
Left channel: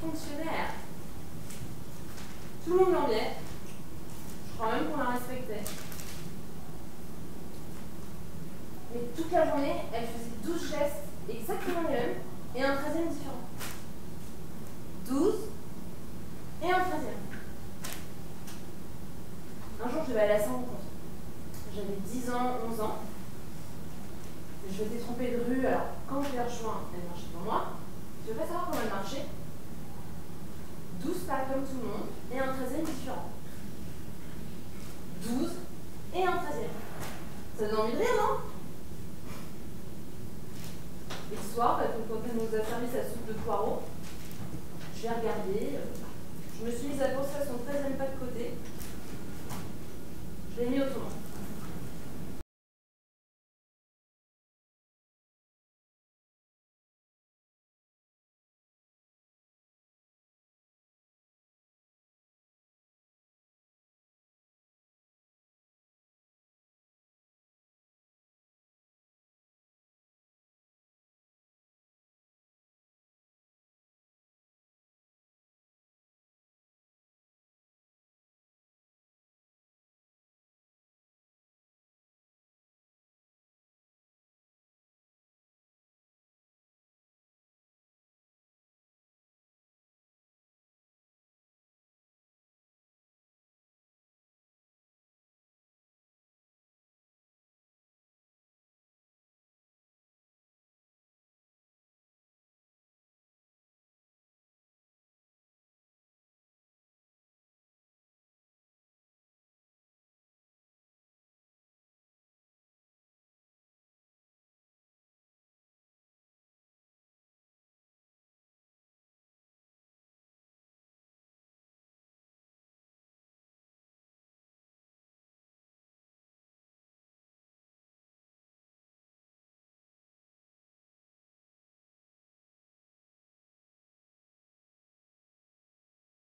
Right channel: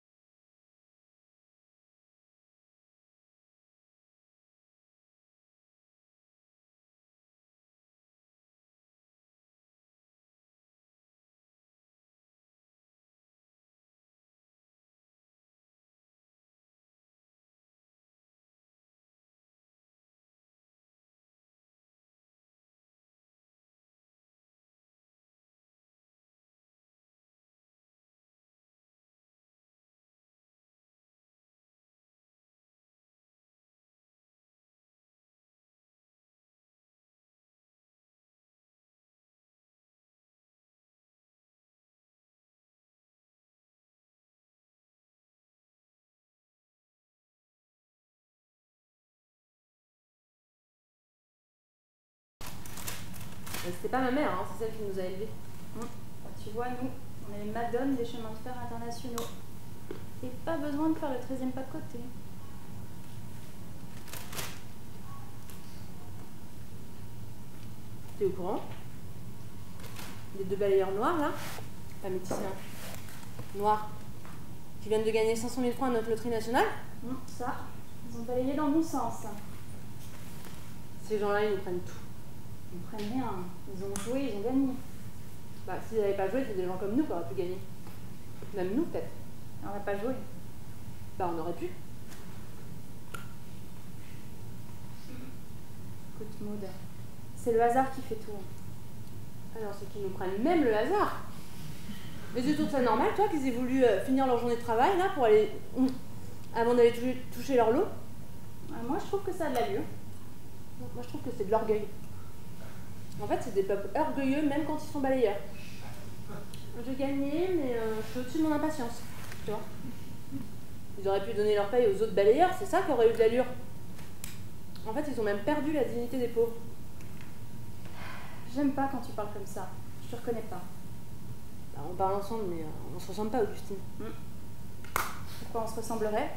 Fonctionnaire. Tout le monde l'enviait. Je crois même qu'on la respectait. Mais toute la journée, elle faisait 12 gestes exactement les mêmes. Et un 13e différent. 12 et un 13e. Un jour, je devais aller à Saint-Rencontre. J'avais 10 ans, 11 ans. Je m'étais trompée de rue, alors quand je l'ai rejoint, elle marchait devant moi. Je ne veux pas savoir comment elle marchait. 12 pas comme tout le monde et un 13e différent. 12 et un 13e. Ça donne envie de rire, non? Et le soir, quand elle nous a servi sa soupe de poireaux, je l'ai regardée, je me suis mise à penser à son 13e pas de côté. Je l'ai mis au tournant. C'était pas ma mère, hein, c'est celle qui nous a élevés. Tu vois, nous, on est les madones des chemins de fer internationaux. Et pas besoin de faire le 13e pas de côté. T'es au courant? Les 2 balayeurs noirs, là, pas métissés, noirs, qui viennent de gagner 500 000 francs à notre loterie nationale? Ça, ils ont balayé dans le bon sens. Ces gens-là, ils nous prennent tout. Ils ne prennent rien. Ils ont joué, ils ont gagné. Bah, s'ils n'avaient pas joué, c'est des gens comme nous qui auraient pu gagner. Même nous, peut-être. On n'a pas joué. Bah, on aurait pu. Écoute, Maud, c'est le hasard qui fait tout. Alors, c'est qu'ils nous prennent même le hasard. Mais tu trouves ça normal, toi, qu'ils aient voulu finir leur journée de travail, là, pour aller... avant d'aller toucher leur lot? Moi, je trouve que ça a de l'allure. Moi, je trouve que c'est de l'orgueil. En fait, c'est des peuples orgueilleux, même quand ils sont balayeurs. J'ai gagné, mais je suis au-dessus de mon impatience, tu vois. Ils auraient pu donner leur paye aux autres balayeurs, c'est ça qui aurait eu de l'allure. En fait, ils ont même perdu la dignité des pauvres. J'aime pas quand tu parles comme ça. Je te reconnais pas. Bah, on parle ensemble, mais on se ressemble pas, Augustine. Pourquoi on se ressemblerait?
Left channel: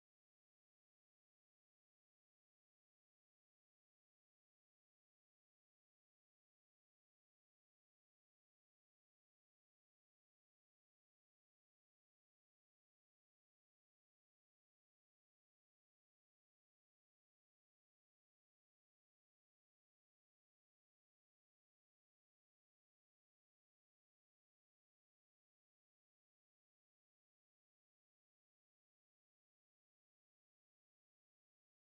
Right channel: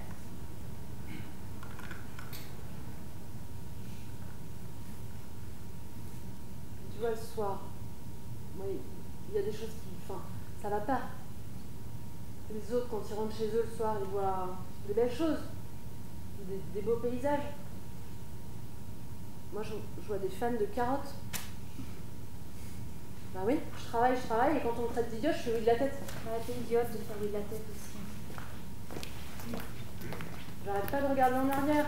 Tu vois, le soir, il y a des choses qui... Enfin, ça va pas. Les autres, quand ils rentrent chez eux le soir, ils voient des belles choses, des beaux paysages. Moi, je vois des fans de carottes. Bah oui, je travaille, et quand on me traite d'idiote, je suis oui de la tête. Ouais, t'es idiote de faire oui de la tête aussi. J'arrête pas de regarder en arrière.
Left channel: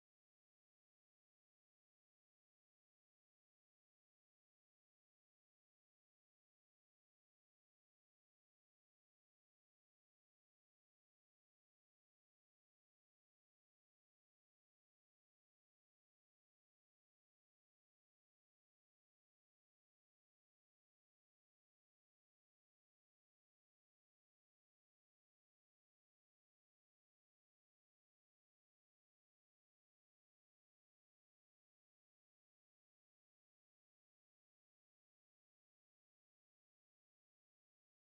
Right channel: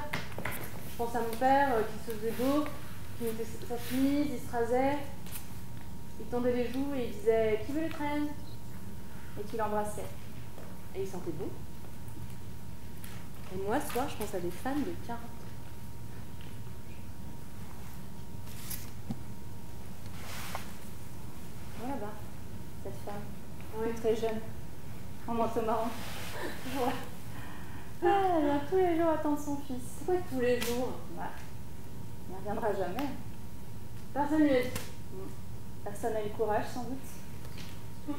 Je pense à mon père qui se faisait beau, qui mettait sa chemise, il se rasait, il tendait les joues et il disait « Qui veut les traînes ?» Et tu l'embrassais. Et il sentait bon. Et moi, ce soir, je pense à des fans de carottes. Là-bas, cette femme, très jeune, en manteau marron. Ouais. Ah, elle vient tous les jours attendre son fils. Pourquoi tous les jours? Bah, il ne reviendra jamais. Personne ne lui a dit. Personne n'a eu le courage, sans doute.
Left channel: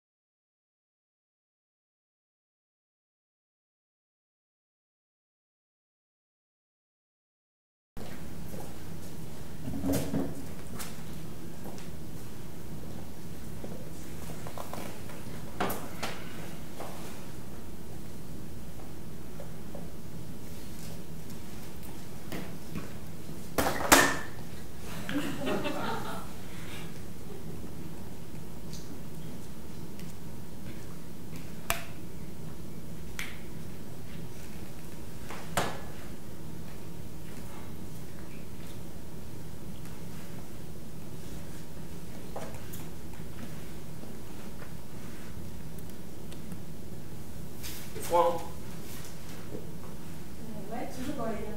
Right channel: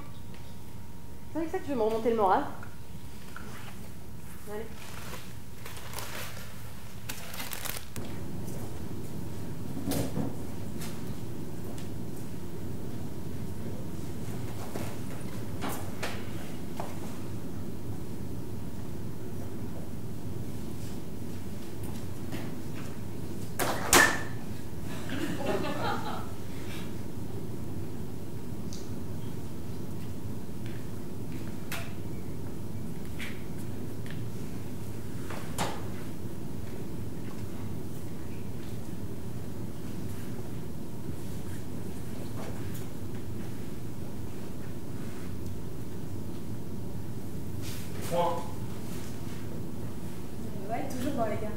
C'est avec ça que tu veux me remonter le moral? Allez. Franck, Ouais, toujours dans les gars.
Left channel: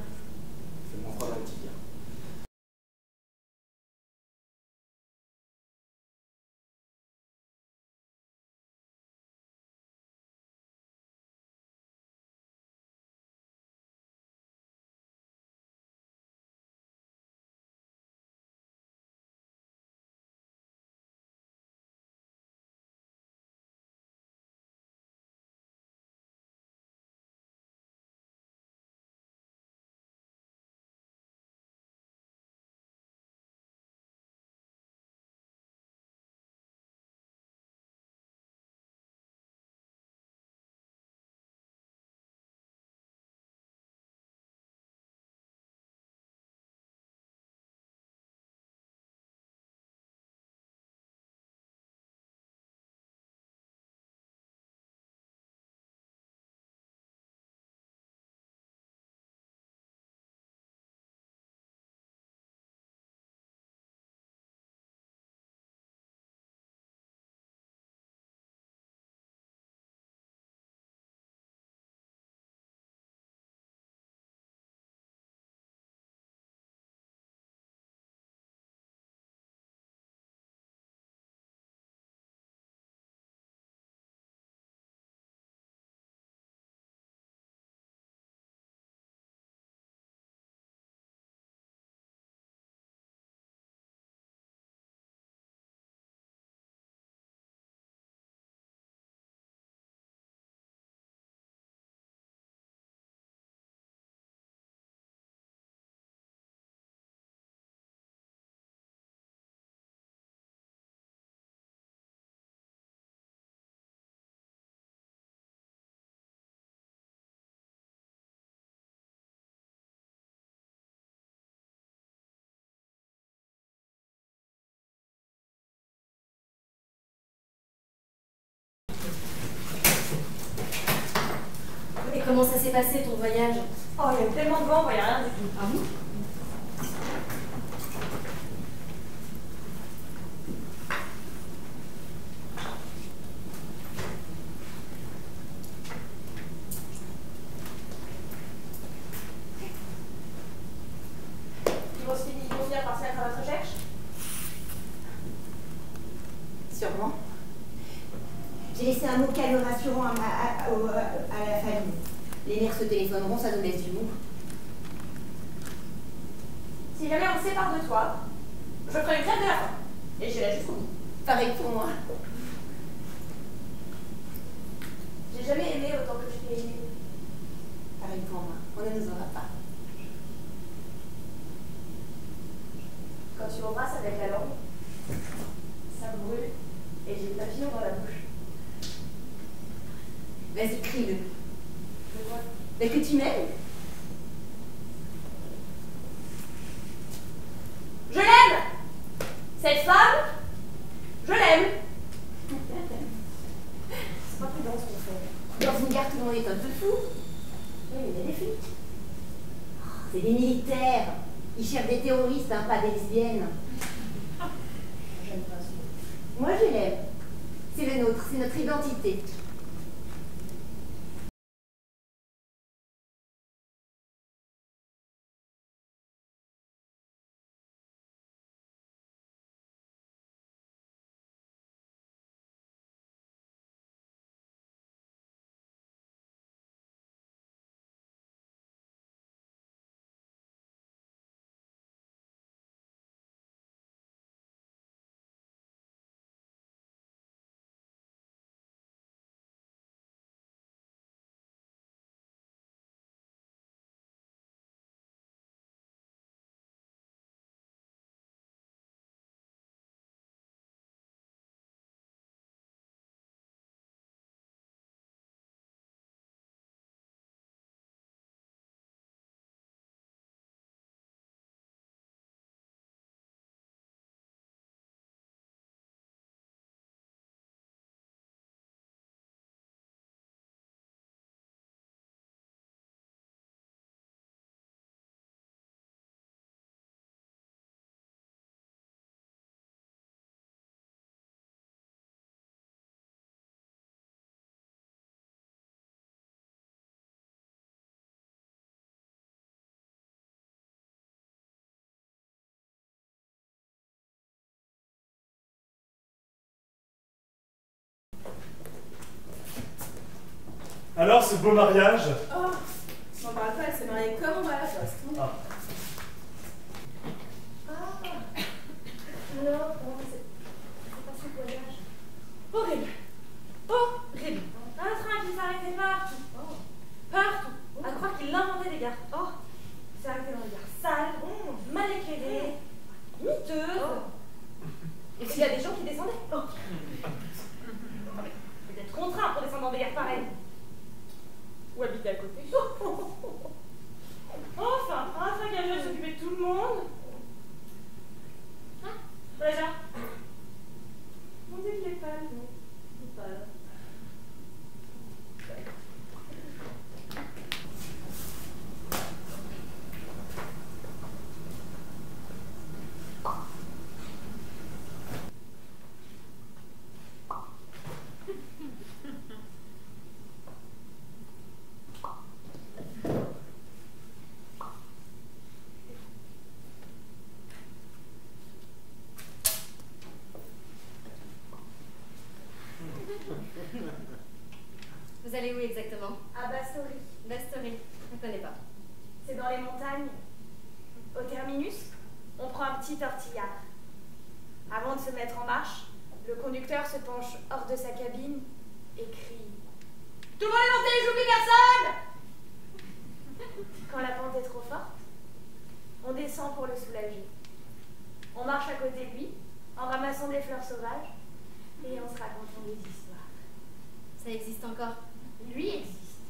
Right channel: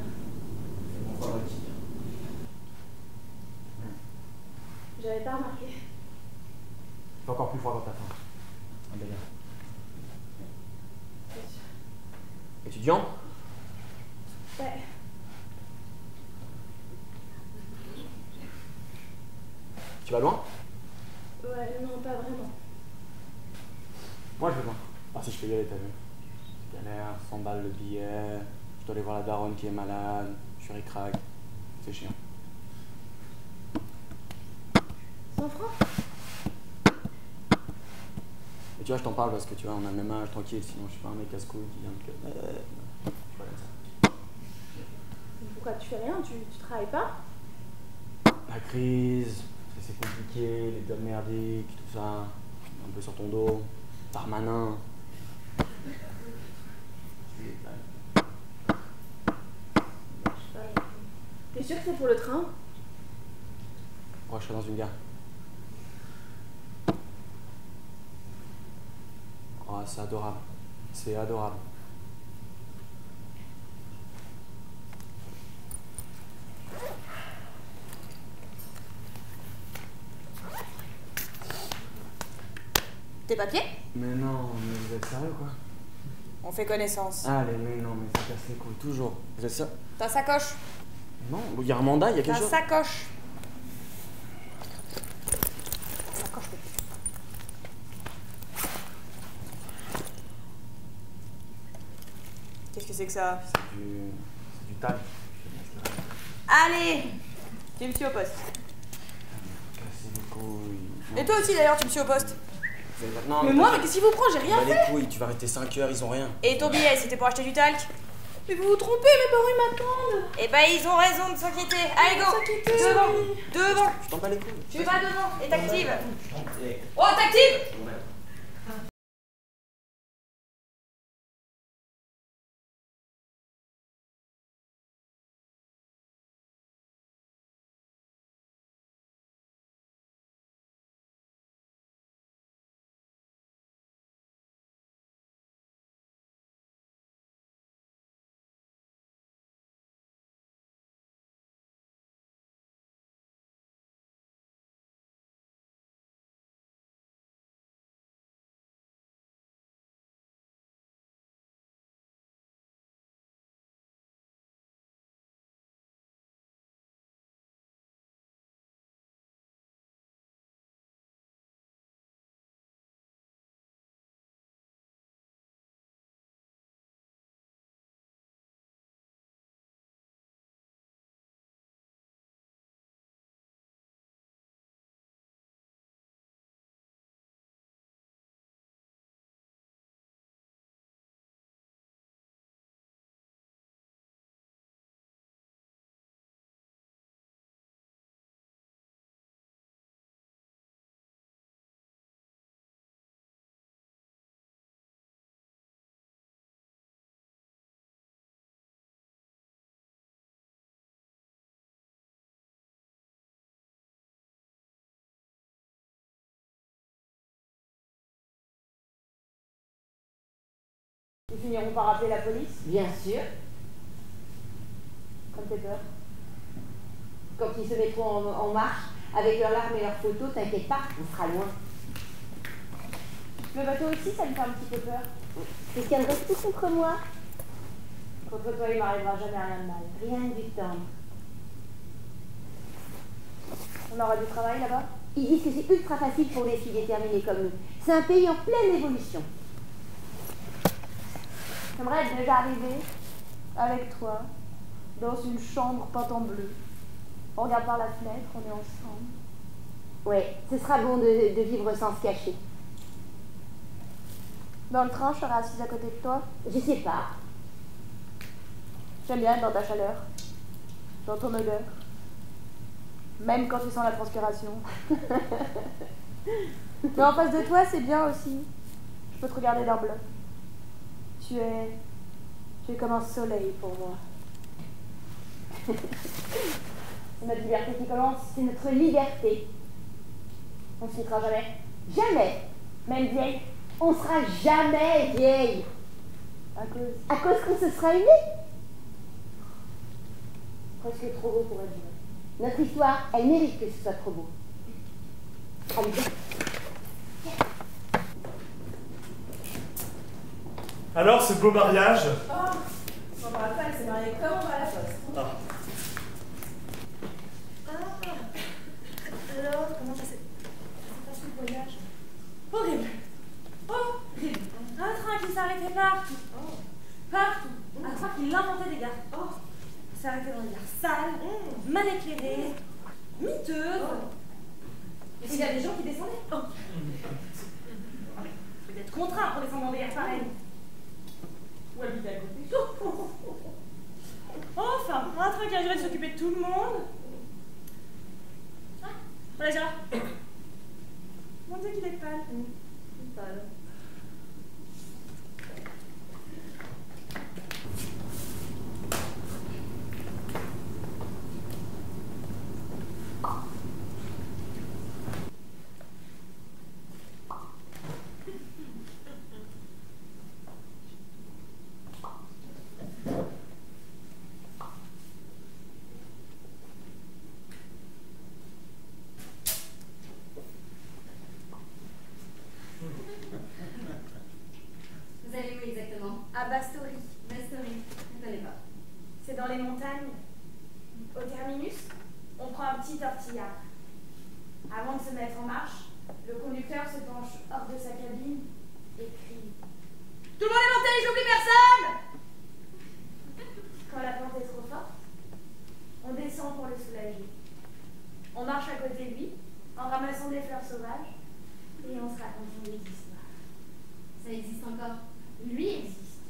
fais-moi froid dans le petit. J'avais pas remarqué. Il fait encore plus froid dans ta fin. Ah ben bien. C'est sûr. Étudiant? Ouais. Tu vas loin? Ouais, non, pas vraiment. Moi, je veux loin. Ah si je peux y aller, t'as vu. Galère, 100 balles le billet, je dois aller voir la daronne qui est malade, je suis ric-rac, c'est chiant. 100 francs? Et tu vois, je t'en parle parce que tu vois, on a le même âge, tranquille, sinon je suis pas un mec casse-couille qui vient de... Je suis pas comme ça. Pourquoi tu fais rien? Tu travailles pas? La crise, c'est compliqué, les jobs merdiques, tout ça, un peu sur ton dos, Darmanin. T'es sûr que c'est pour le train? Moi, je serai dans une gare. Oh, c'est adorable. C'est adorable. Tes papiers? Mais non, mais vous êtes sérieux quoi? On fait connaissance. Allez, mais non, mais ça casse les couilles, toujours. Vous êtes ça? Ta sacoche. Non, il y a un mandat, il y a quelque Ta chose. sacoche. Sacoche. Qu'est-ce que c'est que ça? C'est du tal. Allez! Tu me suis au poste. Cassez les couilles. Et toi aussi d'ailleurs, tu me suis au poste. Non, Mais moi, mais qu'est-ce qui vous prend? J'ai rien bah, fait. les couilles, tu vas rester 5 heures, ils ont rien. Et ton billet, c'était pour acheter du talc? Mais vous vous trompez, mes parents ils m'attendent! Eh ben, ils ont raison de s'inquiéter. Allez, go! S'inquiéter, Devant! oui. Devant! Je t'en bats les couilles. Tu vas devant et t'actives. Eh, Oh, t'actives! Et comment ça s'est passé ton voyage? Oh, il y a eu tellement de vent, on voyait rien du tout. Ah bon? Ils vont finir par se mettre à votre recherche? Sûrement. J'ai laissé un mot calme rassurant à la famille. Les mères se téléphoneront, ça nous laisse du mou. Si jamais on se sépare de toi, je ferai une grève de la faim. Et j'irai jusqu'au bout. Pareil pour moi. J'ai jamais aimé autant que je t'ai aimé. Pareil pour moi. On ne nous aura pas. Quand tu m'embrasses avec la langue, ça brûle et j'ai le papillon dans la bouche. Vas-y, crie-le. De quoi? Mais que tu m'aimes? Je l'aime! Cette femme, je l'aime! C'est pas prudent ce qu'on fait. Dans une gare, tout le monde est un peu fou. Oui, mais il y a des flics. Oh, c'est des militaires. Ils cherchent des terroristes, hein, pas des lesbiennes. J'aime pas ça. Moi, je l'aime. C'est le nôtre, c'est notre identité. Ils finiront par appeler la police? Bien sûr. Comme t'es peur. Quand ils se mettront en marche, avec leurs larmes et leurs photos, t'inquiète pas, on sera loin. Le bateau aussi, ça me fait un petit peu peur. Quelqu'un de reste contre moi? Contre toi, il m'arrivera jamais rien de mal. Rien du temps. On aura du travail là-bas? Ils disent que c'est ultra facile pour des filles déterminées comme nous. C'est un pays en pleine évolution. J'aimerais être déjà arrivée avec toi dans une chambre peinte en bleu. On regarde par la fenêtre, on est ensemble. Ouais, ce sera bon de vivre sans se cacher. Dans le train, je serai assise à côté de toi. Je sais pas. J'aime bien être dans ta chaleur, dans ton odeur. Même quand tu sens la transpiration. Mais en face de toi, c'est bien aussi. Je peux te regarder d'un bleu. Tu es comme un soleil pour moi. C'est notre liberté qui commence, c'est notre liberté. On se quittera jamais. Jamais. Même vieille, on sera jamais vieille. À cause qu'on se sera unis. Presque trop beau pour être vrai. Notre histoire, elle mérite que ce soit trop beau. Allez, viens. Alors, ce beau mariage? Oh, on me rappelle, elle s'est mariée comme on va à la poste. Ah. Alors, comment ça s'est passé le voyage? Horrible. Horrible. Un train qui s'arrêtait partout. Partout. À croire qu'il inventait des gares. Il s'est arrêté dans des gares sales, mal éclairées, miteuses. Et puis il y a des gens qui descendaient. Vous êtes contraints pour descendre dans des gares pareilles. Ou habiter à côté. Enfin, un truc à jouer, s'occuper de tout le monde. Déjà. Mon Dieu, il est pâle. Il est pâle. Vous allez où exactement? À Bastory. Bastory, je ne connais pas. C'est dans les montagnes. Au terminus, on prend un petit tortillard. Avant de se mettre en marche, le conducteur se penche hors de sa cabine et crie « Tout le monde est monté, j'oublie personne !» Quand la pente est trop forte, on descend pour le soulager. On marche à côté de lui, en ramassant des fleurs sauvages, et on se raconte des histoires. Ça existe encore? Lui existe.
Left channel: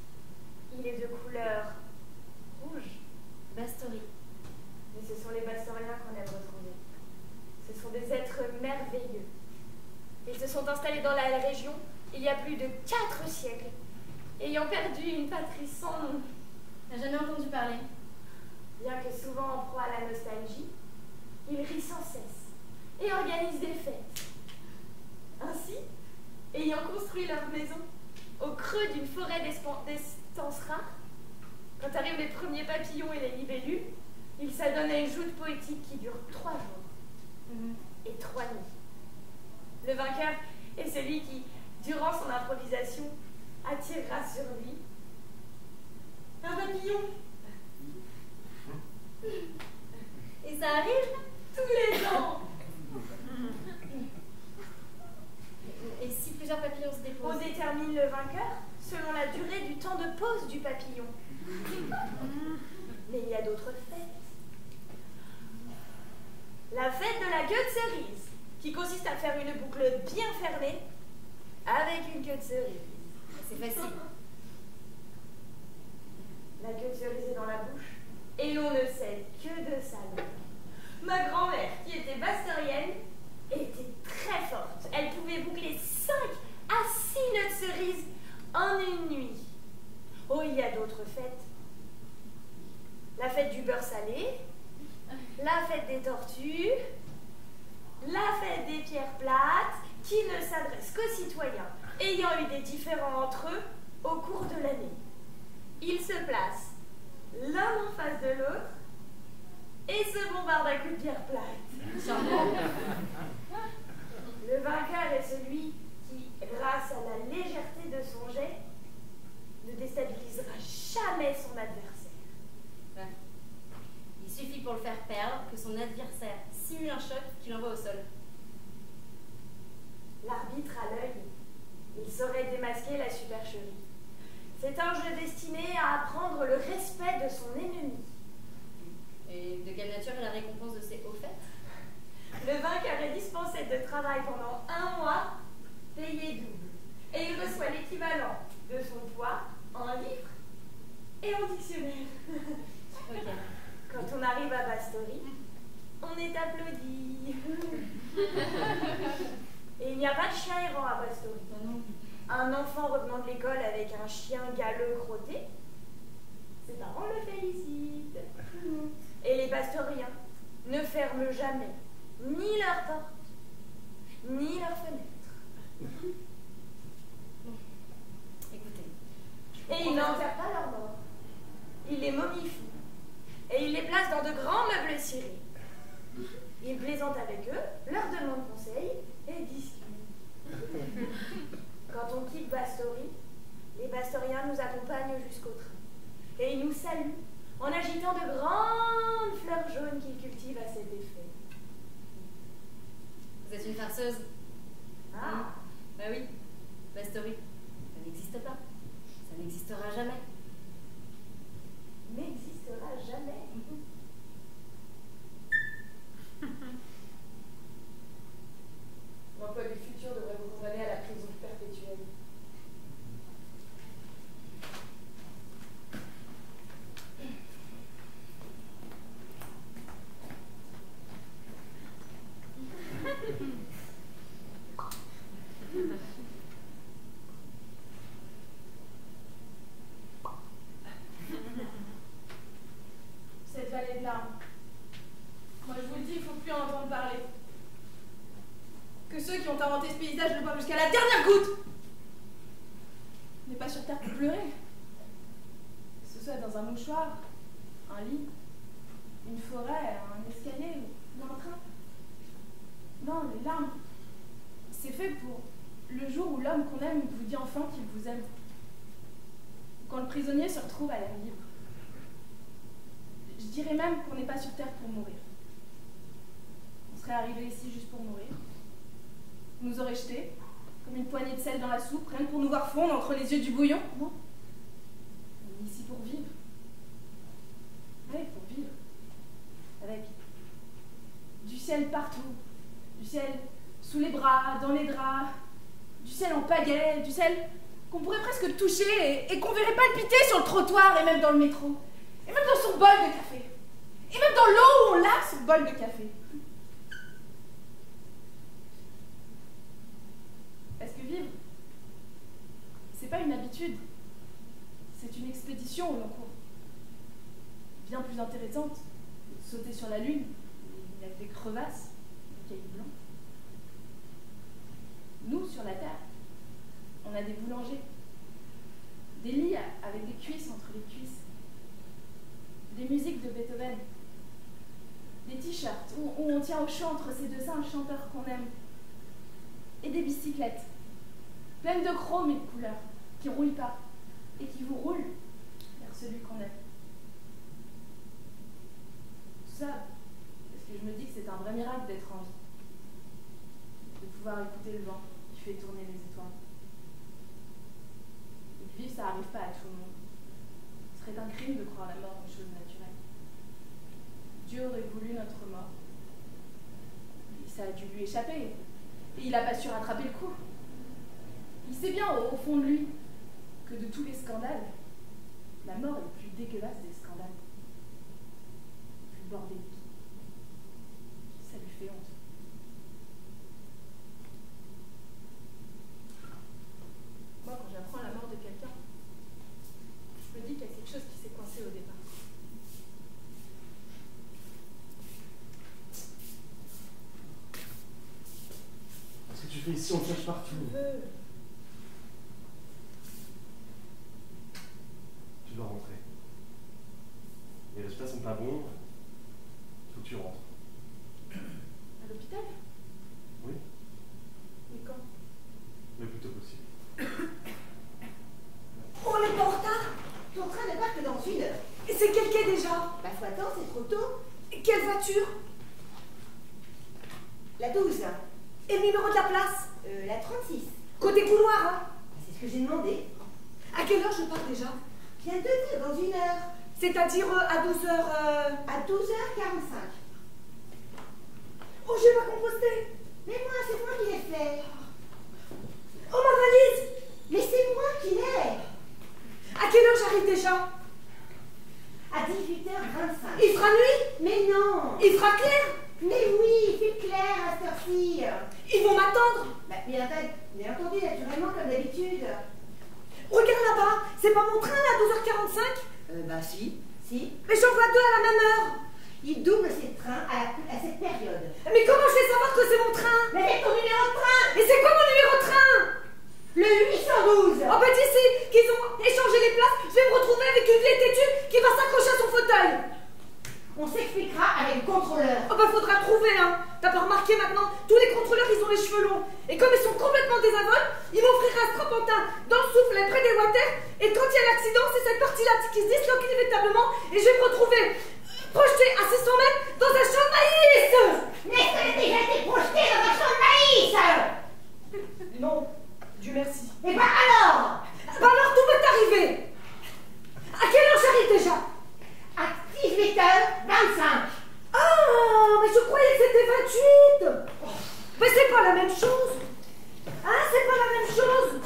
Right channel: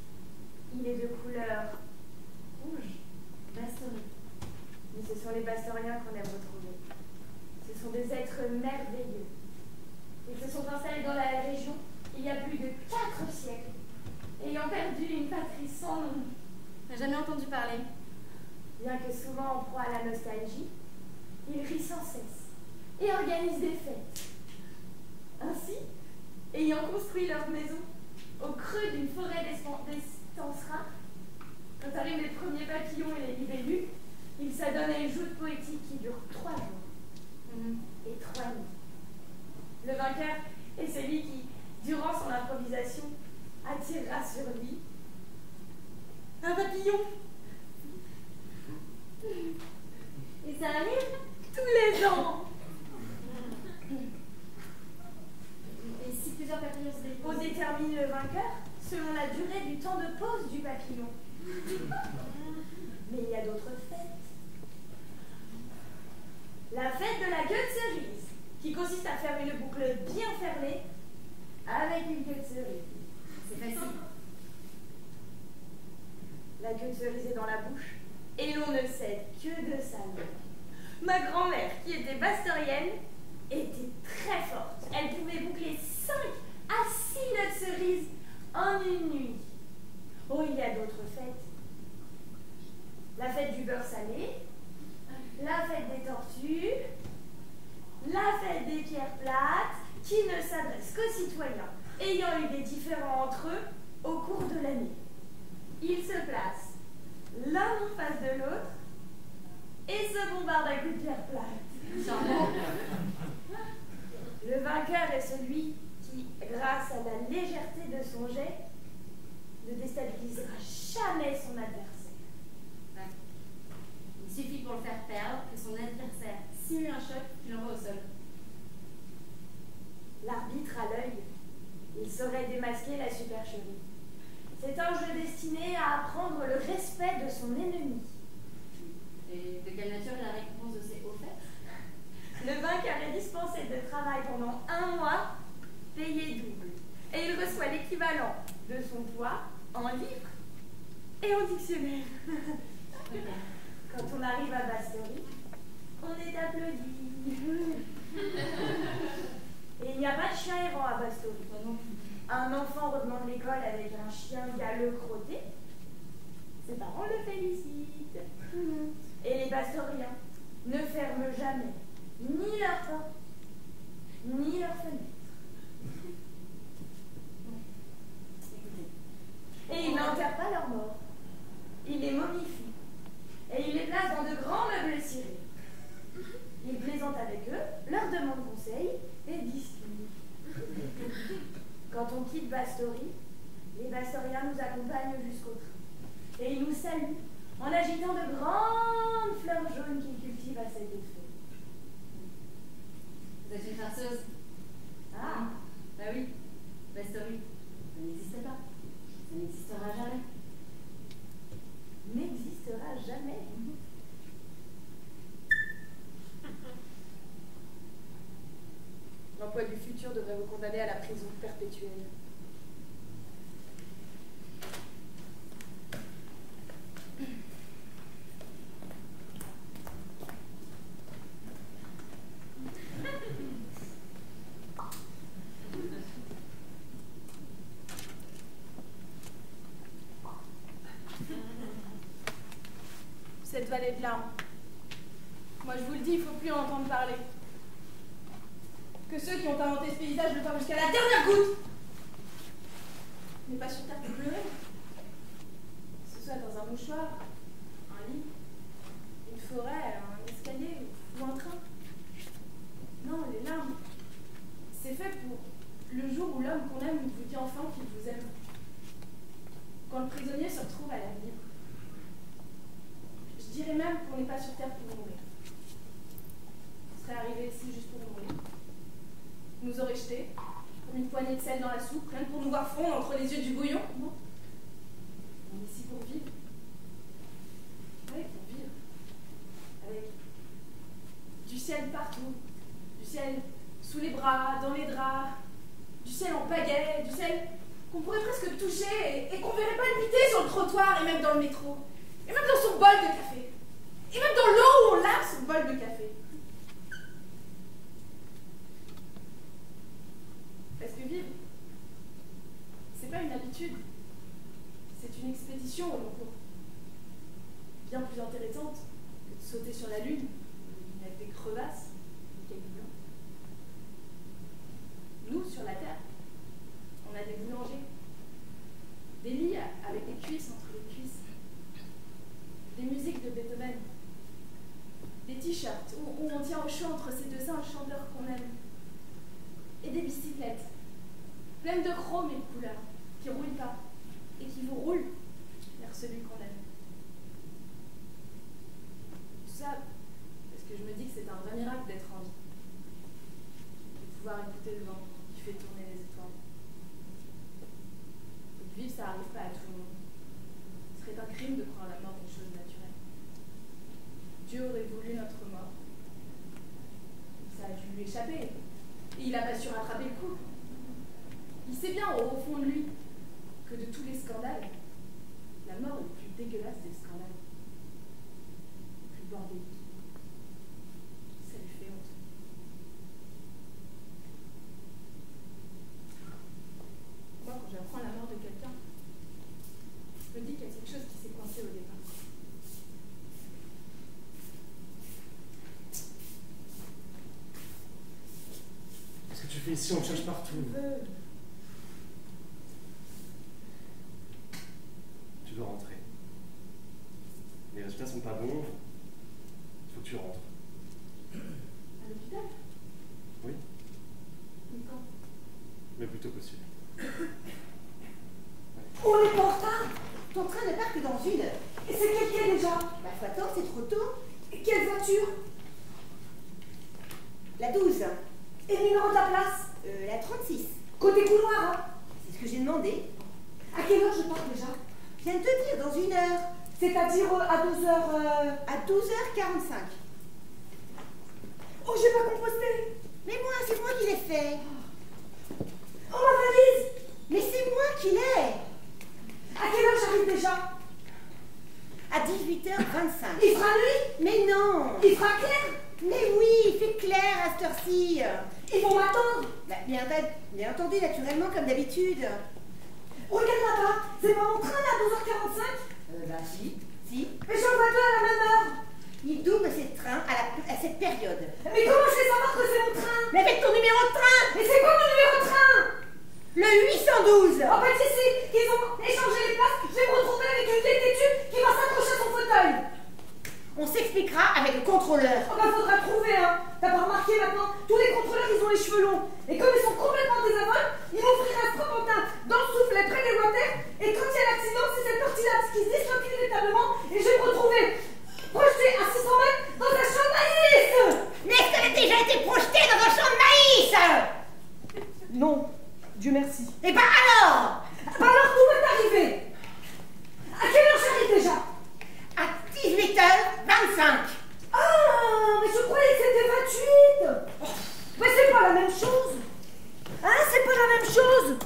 Il est de couleur rouge. Bastory. Mais ce sont les Bastoriens qu'on a retrouvés. Ce sont des êtres merveilleux. Ils se sont installés dans la région il y a plus de 4 siècles, ayant perdu une patrie sans nom. J'en ai entendu parler. Bien que souvent en proie à la nostalgie, ils rient sans cesse et organisent des fêtes. Ainsi, ayant construit leur maison au creux d'une forêt d'estanciers rares, quand arrivent les premiers papillons et les libellules, ils s'adonnent à une joute poétique qui dure 3 jours et 3 nuits. Le vainqueur est celui qui, durant son improvisation, attirera sur lui un papillon. Et ça arrive? Tous les ans. Et si plusieurs papillons se déposent? On détermine le vainqueur selon la durée du temps de pause du papillon. Mais il y a d'autres fêtes. La fête de la queue de cerise, qui consiste à faire une boucle bien fermée avec une queue de cerise. C'est facile. La queue de cerise est dans la bouche et l'on ne sait que de sa langue. Ma grand-mère, qui était bastorienne, était très forte. Elle pouvait boucler 5 à 6 nœuds de cerise en une nuit. Oh, il y a d'autres fêtes. La fête du beurre salé, la fête des tortues, la fête des pierres plates, qui ne s'adresse qu'aux citoyens ayant eu des différends entre eux au cours de l'année. Ils se placent l'un en face de l'autre et se bombardent à coups de pierre plate. Le vainqueur est celui qui, grâce à la légèreté de son jet, ne déstabilisera jamais son adversaire. chérie. C'est un jeu destiné à apprendre le respect de son ennemi. Et de quelle nature est la récompense de ces hauts faits? Le vainqueur est dispensé de travail pendant 1 mois, payé double. Et il reçoit l'équivalent de son poids en livres et en dictionnaire. Quand on arrive à Bastory, on est applaudi. Et il n'y a pas de chien errant à Bastory. Un enfant revenant de l'école avec un chien galeux crotté, ses parents le félicitent. Et les Bastoriens ne ferment jamais ni leur porte, ni leurs fenêtres. Écoutez. Et ils n'enterrent pas leurs morts. Ils les momifient. Et ils les placent dans de grands meubles cirés. Ils plaisantent avec eux, leur demandent conseil et discutent. Quand on quitte Bastory, les Bastoriens nous accompagnent jusqu'au train. Et ils nous saluent en agitant de grandes fleurs jaunes qu'ils cultivent à cet effet. Vous êtes une farceuse. Ah, Bah oui, Bastory, ça n'existe pas. Ça n'existera jamais. n'existera jamais. L'emploi du futur devrait vous condamner à la prison perpétuelle. Cette vallée de larmes. Moi je vous le dis, il ne faut plus en entendre parler. Que ceux qui ont inventé ce paysage le voient jusqu'à la dernière goutte. On n'est pas sur terre pour pleurer. Que ce soit dans un mouchoir, un lit, une forêt, un escalier ou un train. Non, les larmes, c'est fait pour le jour où l'homme qu'on aime vous dit enfin qu'il vous aime. Quand le prisonnier se retrouve à l'air libre. Je dirais même qu'on n'est pas sur terre pour mourir. On serait arrivé ici juste pour mourir. On nous aurait jetés, comme une poignée de sel dans la soupe, rien que pour nous voir fondre entre les yeux du bouillon. Non. On est ici pour vivre. Oui, pour vivre. Avec du ciel partout. Du ciel sous les bras, dans les draps. Du ciel en pagaie, du ciel qu'on pourrait presque toucher et qu'on verrait palpiter sur le trottoir et même dans le métro. Et même dans son bol de café. Et même dans l'eau où on lave son bol de café. Parce que vivre, c'est pas une habitude. C'est une expédition au long cours. Bien plus intéressante que de sauter sur la lune, où il y a des crevasses, des cailloux blancs. Nous, sur la terre, on a des boulangers. Des lits avec des cuisses entre les cuisses. Des musiques de Beethoven. Des t-shirts où on tient au chaud entre ces deux seins un chanteur qu'on aime. Et des bicyclettes, pleines de chrome et de couleurs, qui ne roulent pas, et qui vous roulent vers celui qu'on aime. Tout ça, parce que je me dis que c'est un vrai miracle d'être en vie. De pouvoir écouter le vent qui fait tourner les étoiles. Et de vivre, ça n'arrive pas à tout le monde. Ce serait un crime de croire la mort une chose naturelle. Dieu aurait voulu notre mort. Et ça a dû lui échapper. Et il n'a pas su rattraper le coup. Il sait bien au fond de lui que de tous les scandales, la mort est le plus dégueulasse des scandales. Le plus bordélique. Ça lui fait honte. Moi, quand j'apprends la mort de quelqu'un, je me dis qu'il y a quelque chose qui s'est coincé au départ. Qu'est-ce que tu fais ici? On te cherche partout. Tu dois rentrer. Les résultats sont pas bons. Il faut que tu rentres. À l'hôpital? Oui, Mais quand? le plus tôt possible. Oh, on est pas en retard. Ton train ne part que dans 1 heure. Et c'est quel quai déjà? Bah, faut attendre, c'est trop tôt. Et quelle voiture? La 12. Et le numéro de la place? La 36. Côté couloir, hein? C'est ce que j'ai demandé. part déjà? Je viens de te dire, dans 1 heure. C'est-à-dire à 12h... À 12h45. Oh, j'ai pas composté! Mais moi, c'est moi qui l'ai fait. Oh, ma valise! Mais c'est moi qui l'ai. À quelle heure j'arrive déjà? À 18h25. Il fera nuit? Mais non. Il fera clair? Mais oui, il fait clair à cette heure-ci. Ils vont m'attendre? Bah, bien entendu, naturellement, comme d'habitude. Regarde là-bas, c'est pas mon train là, à 12h45? Bah si. Mais j'en vois 2 à la même heure. Il double ses trains à cette période. Mais comment je vais savoir que c'est mon train? Mais avec ton numéro de train. Mais c'est quoi mon numéro de train? Le 812. Oh bah d'ici qu'ils ont échangé les places, je vais me retrouver avec une vieille têtue qui va s'accrocher à son fauteuil. On s'expliquera avec le contrôleur. Oh bah faudra trouver, hein. T'as pas remarqué maintenant, tous les contrôleurs ils ont les cheveux longs. Et comme ils sont complètement désinvoltes, ils m'offriront un strapontin dans le souffle près des water. Et quand il y a l'accident, c'est cette partie-là qui se disloque inévitablement. Et je vais me retrouver projeté à 600 mètres dans un champ de maïs. Mais ça a déjà été projeté dans un champ de maïs. Non, Dieu merci. Et bah alors? Bah alors tout va t'arriver. À quelle heure j'arrive déjà? À 18h25. Ah, mais je croyais que c'était 28. Mais c'est pas la même chose. Hein, c'est pas la même chose.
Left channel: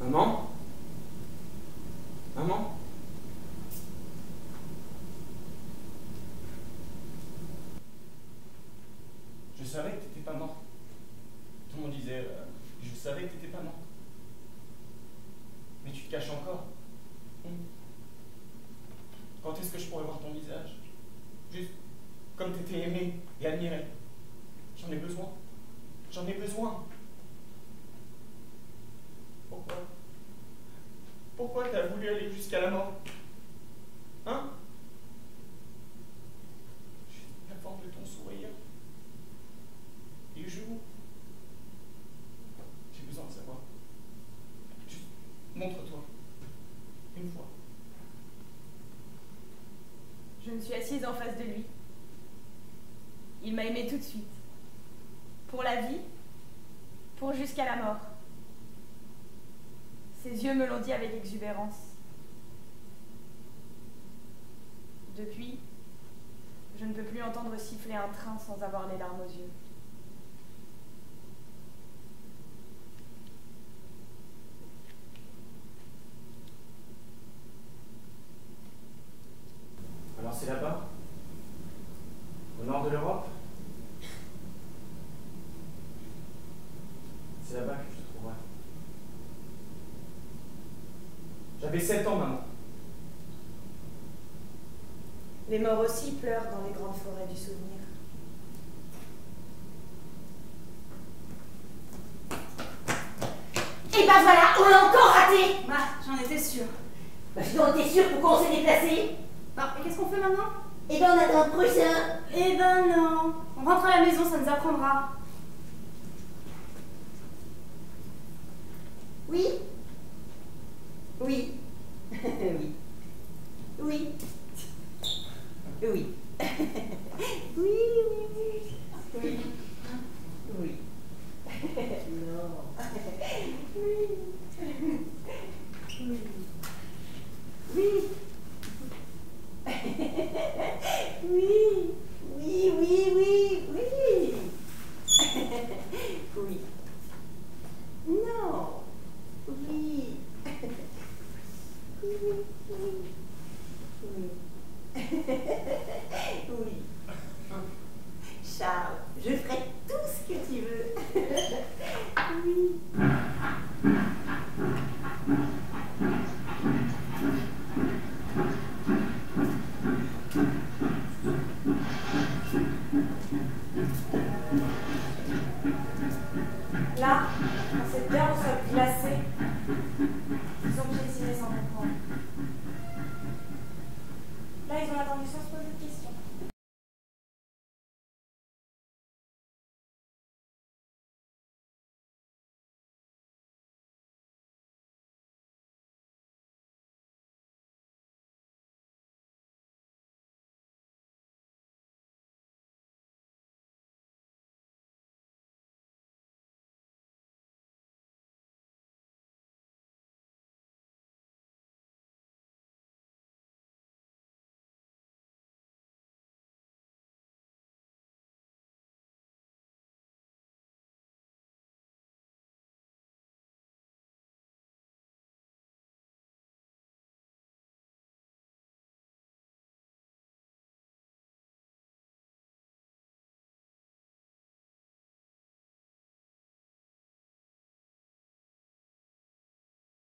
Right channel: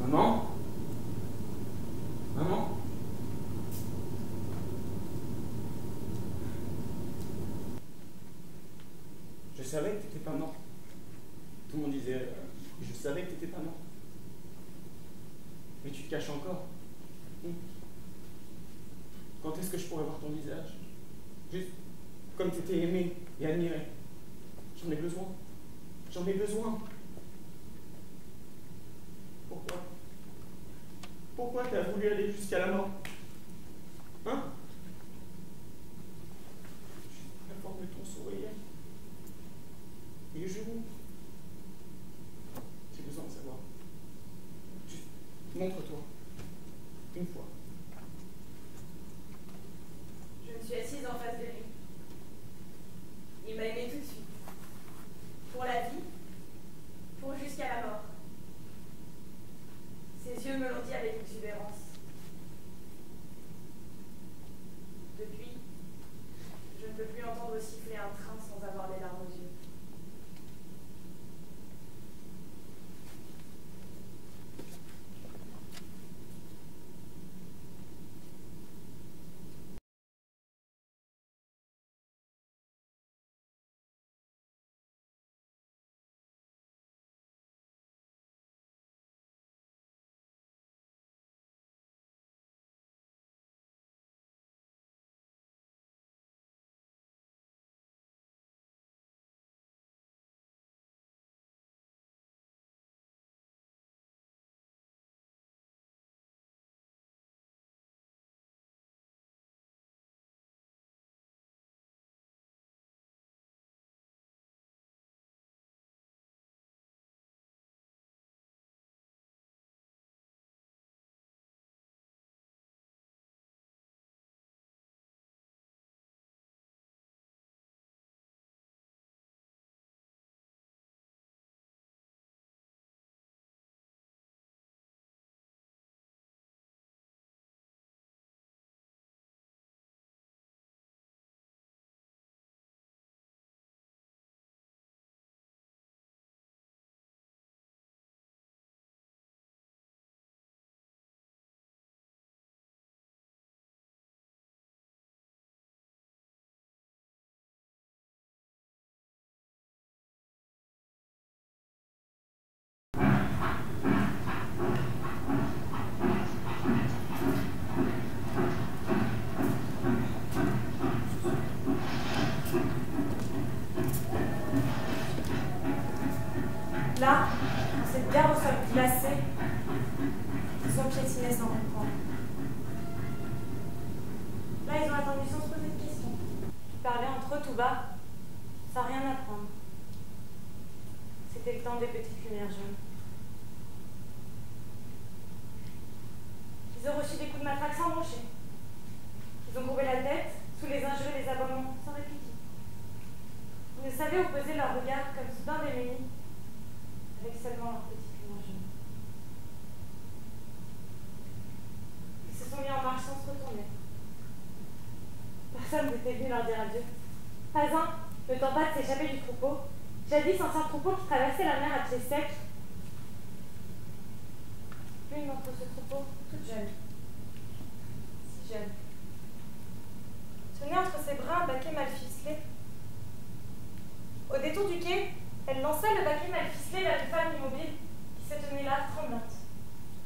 Maman? Maman? Je savais que t'étais pas mort. Tout le monde disait, je savais que t'étais pas mort. Mais tu te caches encore. Quand est-ce que je pourrais voir ton visage? Juste comme t'étais aimé et admiré. J'en ai besoin. J'en ai besoin. Pourquoi? Pourquoi t'as voulu aller jusqu'à la mort? Hein? Juste la forme de ton sourire. Les genoux. J'ai besoin de savoir. Juste montre-toi. Une fois. Je me suis assise en face de lui. Il m'a aimée tout de suite. Pour la vie, pour jusqu'à la mort. Ses yeux me l'ont dit avec exubérance. Depuis, je ne peux plus entendre siffler un train sans avoir les larmes aux yeux. Alors c'est là-bas? Au nord de l'Europe? C'est là-bas que je te trouverai. J'avais 7 ans, maman. Les morts aussi pleurent dans les grandes forêts du souvenir. Et ben voilà, on l'a encore raté. Bah, j'en étais sûre. Bah, je t'en étais sûre pourquoi on s'est déplacé. Bon, et qu'est-ce qu'on fait maintenant? Et ben on attend le prochain. Eh ben non. On rentre à la maison, ça nous apprendra. Oui? Oui. Oui. Oui. Oui. Oui, oui, oui. Oui. Oui. Non. Oui. Oui. Oui. Oui. Oui, oui, oui, oui. Oui. Non. Oui. Oui, oui. Oui. Oui. Charles, je ferai tout ce que tu veux. Oui. Là, dans cette terre au sol glacé, sans piétiner, sans comprendre. Là, ils ont attendu sans se poser de questions. Ils parlaient entre eux tout bas, sans rien apprendre. C'était le temps des petites lumières jaunes. leur dire adieu. Pas un ne tenta de s'échapper du troupeau, jadis ancien troupeau qui traversait la mer à pied sec. L'une d'entre ce troupeau, toute jeune, si jeune, tenait entre ses bras un baquet mal ficelé. Au détour du quai, elle lança le baquet mal ficelé vers une femme immobile qui se tenait là, tremblante,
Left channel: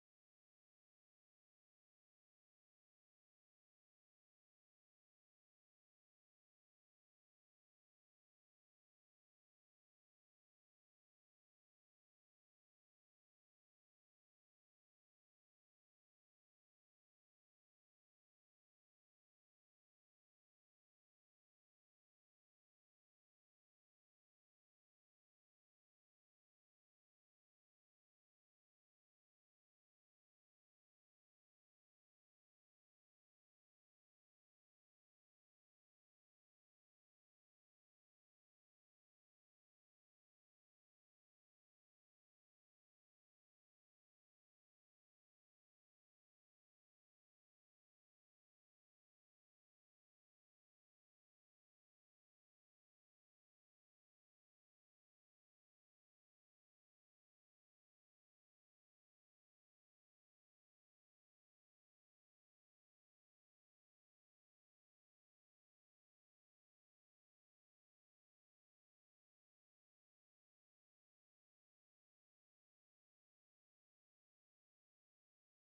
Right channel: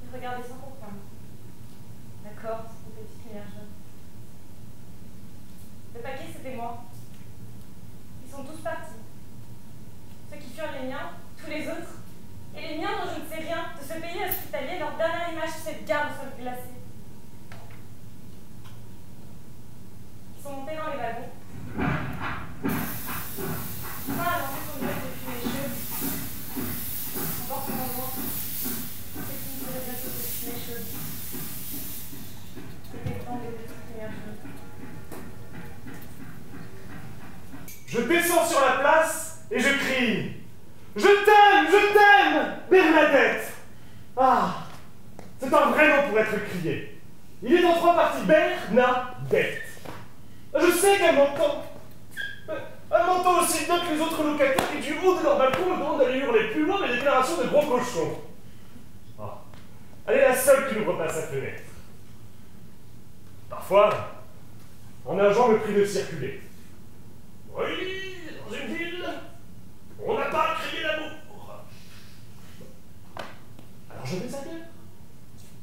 et regardait sans comprendre. D'accord, c'est une petite lumière jaune. Le paquet, c'était moi. Ils sont tous partis. Ceux qui furent les miens, tous les autres, et les miens dont je ne sais rien, de ce pays hospitalier, leur dernière image, cette gare au sol glacé. Ils sont montés dans les wagons. Un a lancé son duel depuis mes cheveux. Emporte mon loin. C'est une de les bateaux depuis mes cheveux. C'était le temps des petites lumières jaunes. Je descends sur la place et je crie. Je t'aime, Bernadette. Ah, c'est un vrai nom pour être crié. Il est en 3 parties, Bernadette. Je sais qu'elle m'entend. Elle m'entend aussi bien que les autres locataires qui, du haut de leur balcon, me demandent d'aller hurler plus loin mes déclarations de gros cochons. Ah, elle est la seule qui n'ouvre pas sa fenêtre. Parfois, un agent me prie de circuler. Oui, dans une ville, on n'a pas à crier l'amour. Alors je vais ailleurs.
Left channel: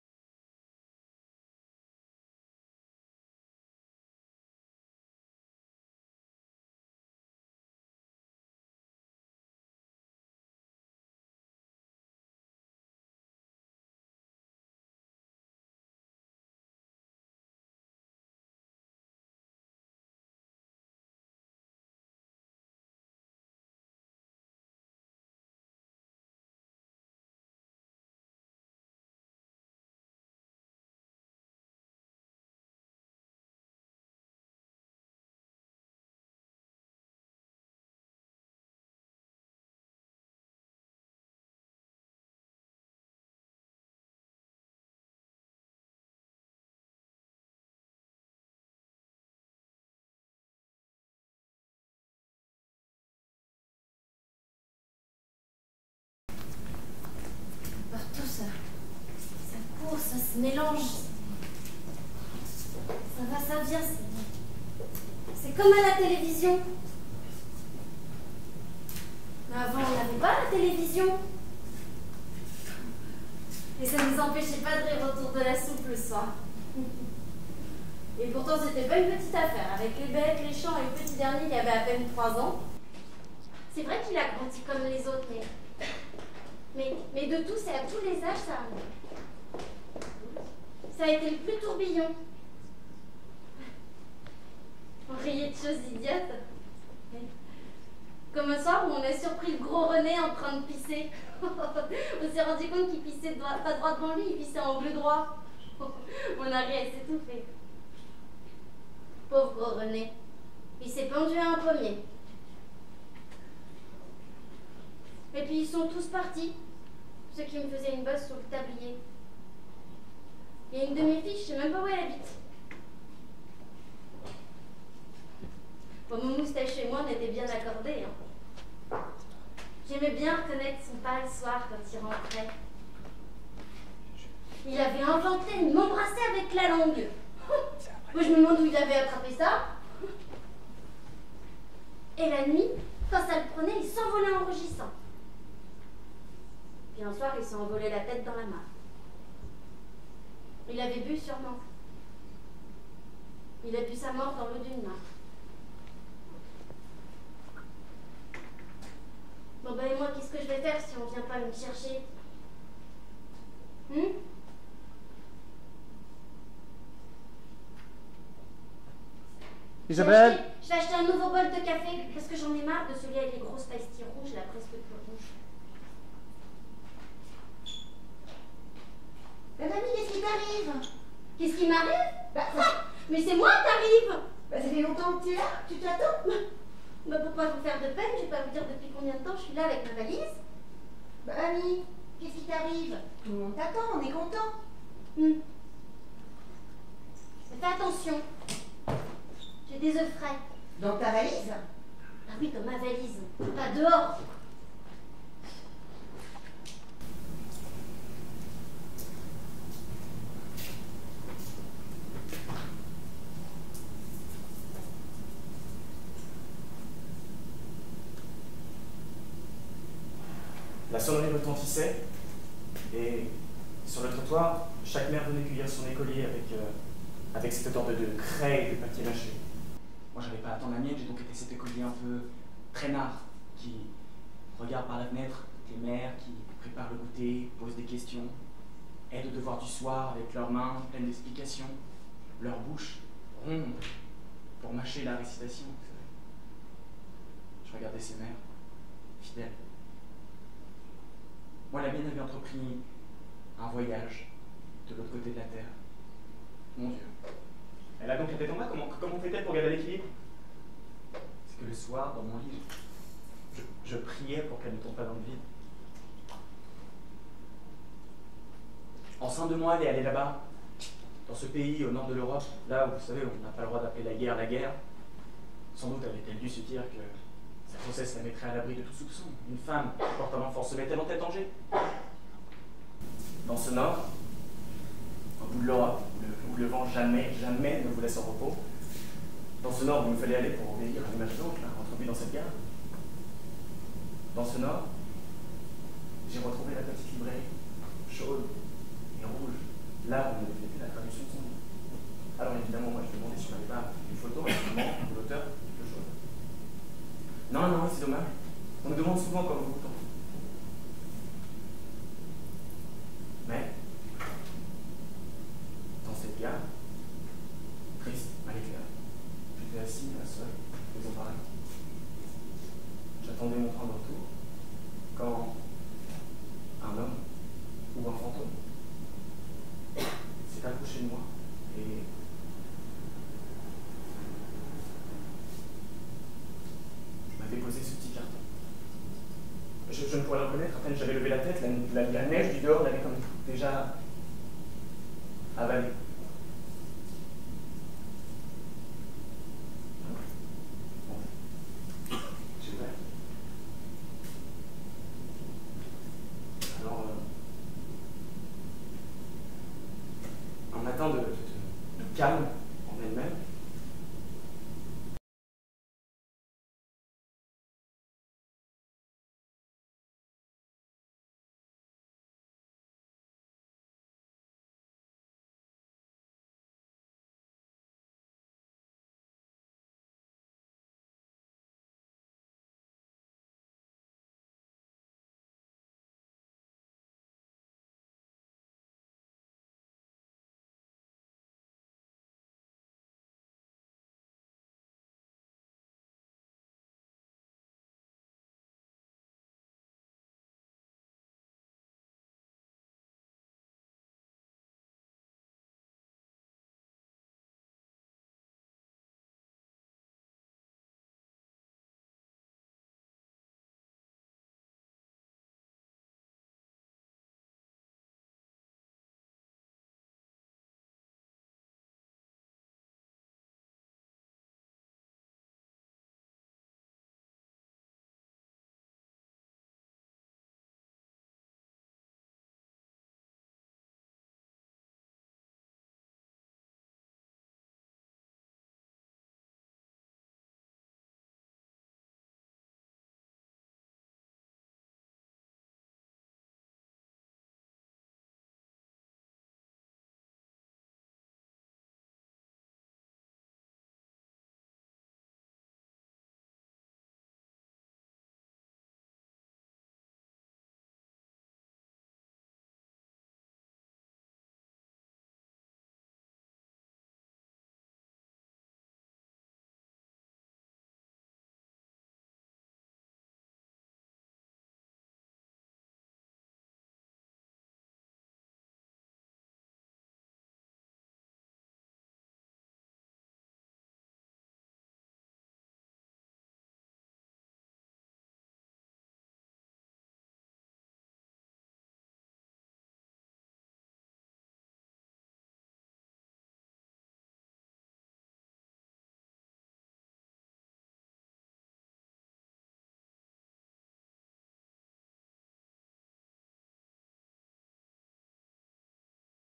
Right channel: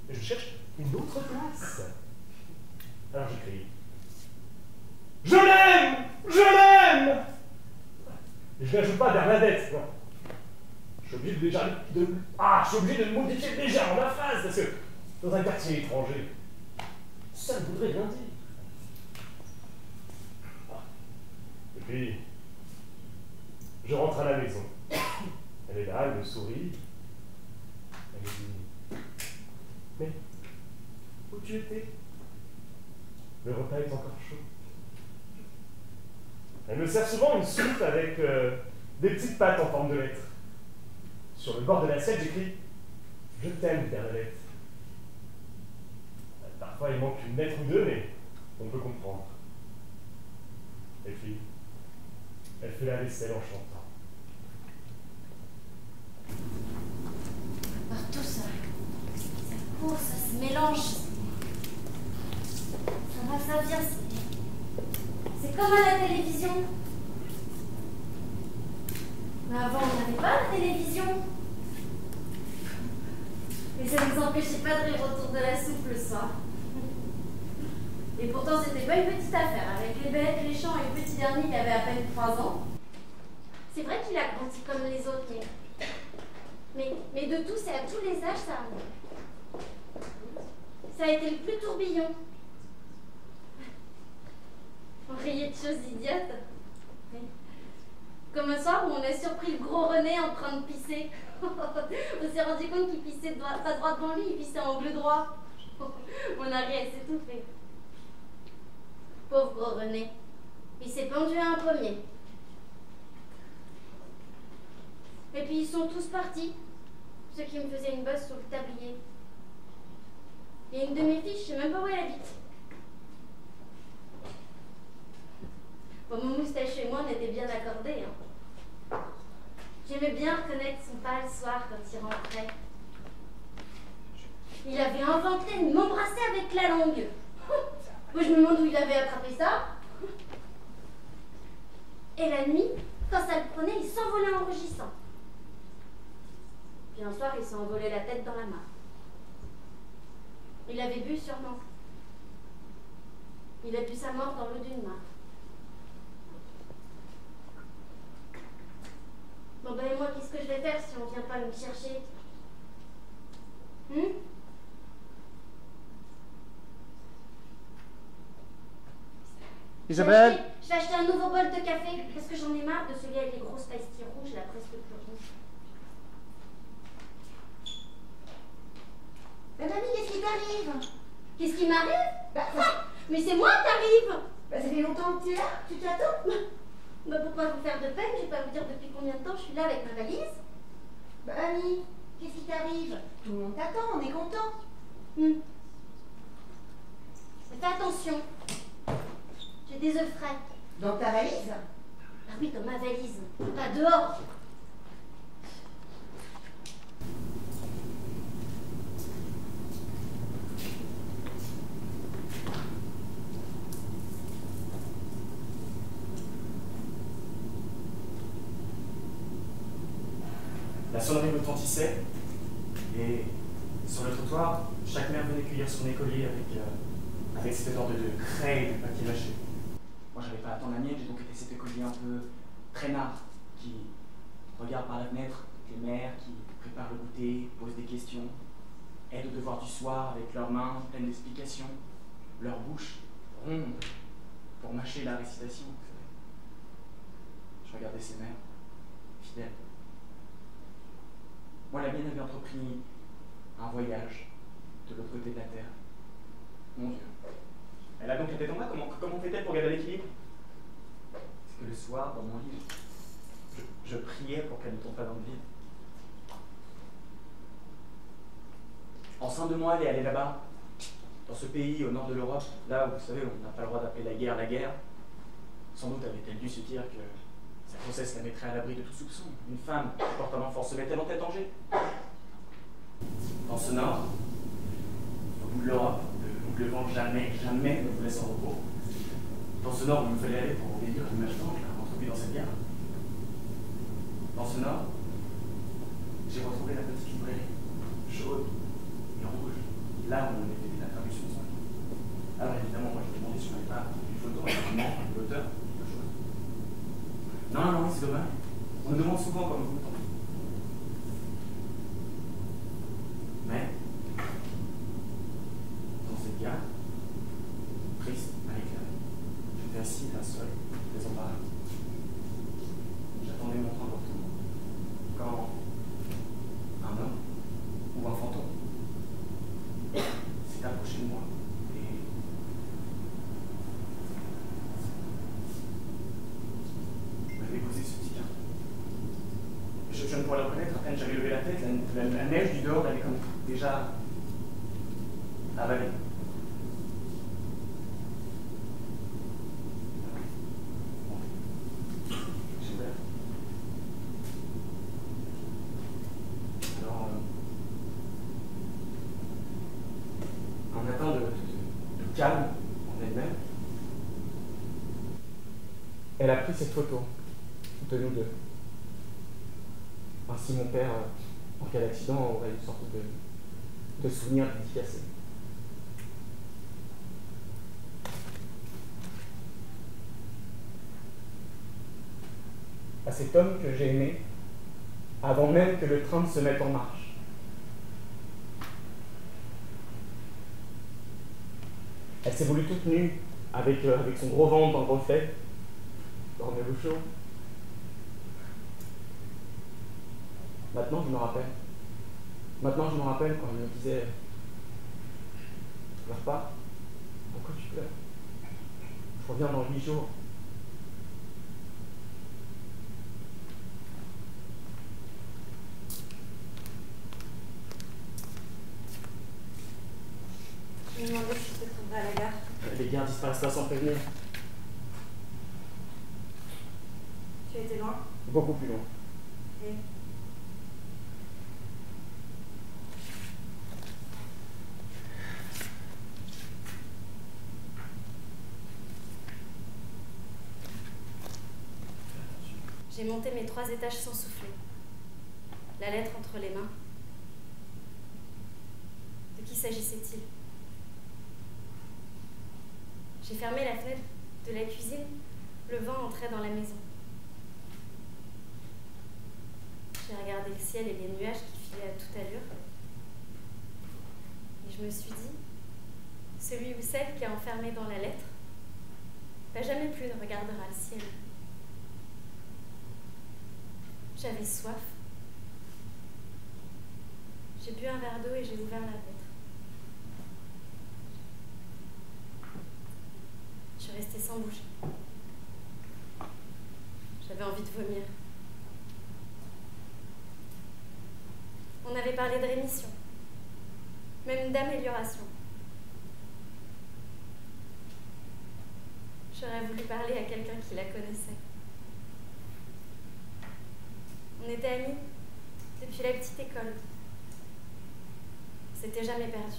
Et je cherche une autre place. Alors j'écris. Je l'aime. Et je n'ajoute pas Bernadette, non. Je suis obligé de modifier légèrement ma phrase, parce que dans un quartier étranger, ça ne voudrait rien dire. Et puis, je rentre à la maison. Elle est là, elle me sourit. Elle me dit, mais où tu étais? Le repas est encore chaud. Elle me sert souvent une soupe avec des petites pâtes en forme de lettres. Sur le bord de l'assiette, j'écris « Je t'aime, Bernadette ». Parfois, il manque une lettre ou deux, mais on peut comprendre. Et puis, elle fait la vaisselle en chantant. Partout, ça court, ça se mélange. Ça va, ça vient. C'est comme à la télévision. Mais avant, on n'avait pas la télévision. Et ça ne nous empêchait pas de rire autour de la soupe le soir. Et pourtant, c'était pas une petite affaire. Avec les bêtes, les champs et le petit dernier qui avait à peine 3 ans. C'est vrai qu'il a grandi comme les autres, mais de tous et à tous les âges, ça a été le plus tourbillon. On riait de choses idiotes. Comme un soir où on a surpris le gros René en train de pisser. On s'est rendu compte qu'il pissait pas droit devant lui, il pissait en angle droit. On a ri à s'étouffer. Pauvre gros René. Il s'est pendu à un pommier. Et puis ils sont tous partis. Ceux qui me faisaient une bosse sur le tablier. Il y a une de mes filles, je sais même pas où elle habite. Bon, mon moustache et moi, on était bien accordés. Hein. J'aimais bien reconnaître son pas le soir quand il rentrait. Il avait inventé de m'embrasser avec la langue. Moi, je me demande où il avait attrapé ça. Et la nuit, quand ça le prenait, il s'envolait en rugissant. Puis un soir, il s'est envolé la tête dans la mare. Il avait bu sûrement. Il a bu sa mort dans l'eau d'une mare. Bon ben et moi, qu'est-ce que je vais faire si on vient pas me chercher? Isabelle? Je vais acheter un nouveau bol de café parce que j'en ai marre de celui avec les grosses pastilles rouges, là presque plus rouges. Bah mamie, qu'est-ce qui t'arrive? Qu'est-ce qui m'arrive? Bah ça. Mais c'est moi qui arrive! Bah ça fait longtemps que tu es là, tu t'attends? Bah pour pas vous faire de peine, je vais pas vous dire depuis combien de temps je suis là avec ma valise. Bah mamie, qu'est-ce qui t'arrive? Tout le monde t'attend, on est content. Mais fais attention. J'ai des œufs frais. Dans ta valise? Ah oui, dans ma valise, pas dehors. La sonnerie retentissait, et sur le trottoir, chaque mère venait cueillir son écolier avec cette sorte de craie et de papier lâché. Moi, j'avais pas à attendre la mienne, j'ai donc été cet écolier un peu traînard, qui regarde par la fenêtre toutes les mères, qui préparent le goûter, posent des questions, aident au devoir du soir avec leurs mains pleines d'explications, leur bouche ronde pour mâcher la récitation, vous savez. Je regardais ces mères, fidèles. Moi, la mienne avait entrepris un voyage de l'autre côté de la Terre. Mon Dieu. Elle a donc la tête en bas. Comment fait-elle pour garder l'équilibre? C'est que le soir, dans mon lit, je priais pour qu'elle ne tombe pas dans le vide. Enceinte de moi, elle est allée là-bas, dans ce pays au nord de l'Europe, là où, vous savez, on n'a pas le droit d'appeler la guerre la guerre. Sans doute avait-elle dû se dire que sa grossesse la mettrait à l'abri de tout soupçon. Une femme qui porte un enfant se met-elle en tête danger? Dans ce nord, au bout de l'Europe, où le vent jamais ne vous laisse en repos, dans ce nord où il me fallait aller pour en délire une habitante, je l'ai introduit dans cette guerre. Dans ce nord, j'ai retrouvé la petite librairie, chaude et rouge, là où on avait fait la traduction de son livre. Alors évidemment, moi je demandais si on n'avait pas une photo, évidemment, de l'auteur, quelque chose. Non, c'est dommage. On me demande souvent comme vous. Mais, dans cette gare, triste, à l'éclair, j'étais assis à seul, désemparé. J'attendais mon train de retour, quand un homme, ou un fantôme, s'est approché de moi et m'avait posé ce petit carton. Je ne pourrais le reconnaître, à peine j'avais levé la tête, la neige du dehors l'avait comme déjà avalé. Bon. J'ai ouvert. Alors, un matin de calme en elle-même, elle a pris cette photo de nous deux. Ainsi, mon père, en cas d'accident, aurait une sorte de souvenir dédicacé. À cet homme que j'ai aimé, avant même que le train ne se mette en marche. Elle s'est voulue toute nue, avec son gros ventre dans le reflet, dormez-vous chaud. Maintenant, je me rappelle. Maintenant, je me rappelle quand elle me disait « Pleure pas. Pourquoi tu pleures? Je reviens dans 8 jours. » Je me demandais si je te trouverais à la gare. Les gares disparaissent pas sans prévenir. Tu étais loin? Beaucoup plus loin. Et j'ai monté mes 3 étages sans souffler. La lettre entre les mains. De qui s'agissait-il? J'ai fermé la fenêtre de la cuisine. Le vent entrait dans la maison. J'ai regardé le ciel et les nuages qui filaient à toute allure. Et je me suis dit, celui ou celle qui est enfermé dans la lettre, jamais plus ne regardera le ciel. J'avais soif. J'ai bu un verre d'eau et j'ai ouvert la lettre. Je suis restée sans bouger. J'avais envie de vomir. On avait parlé de rémission, même d'amélioration. J'aurais voulu parler à quelqu'un qui la connaissait. On était amis depuis la petite école. On s'était jamais perdu.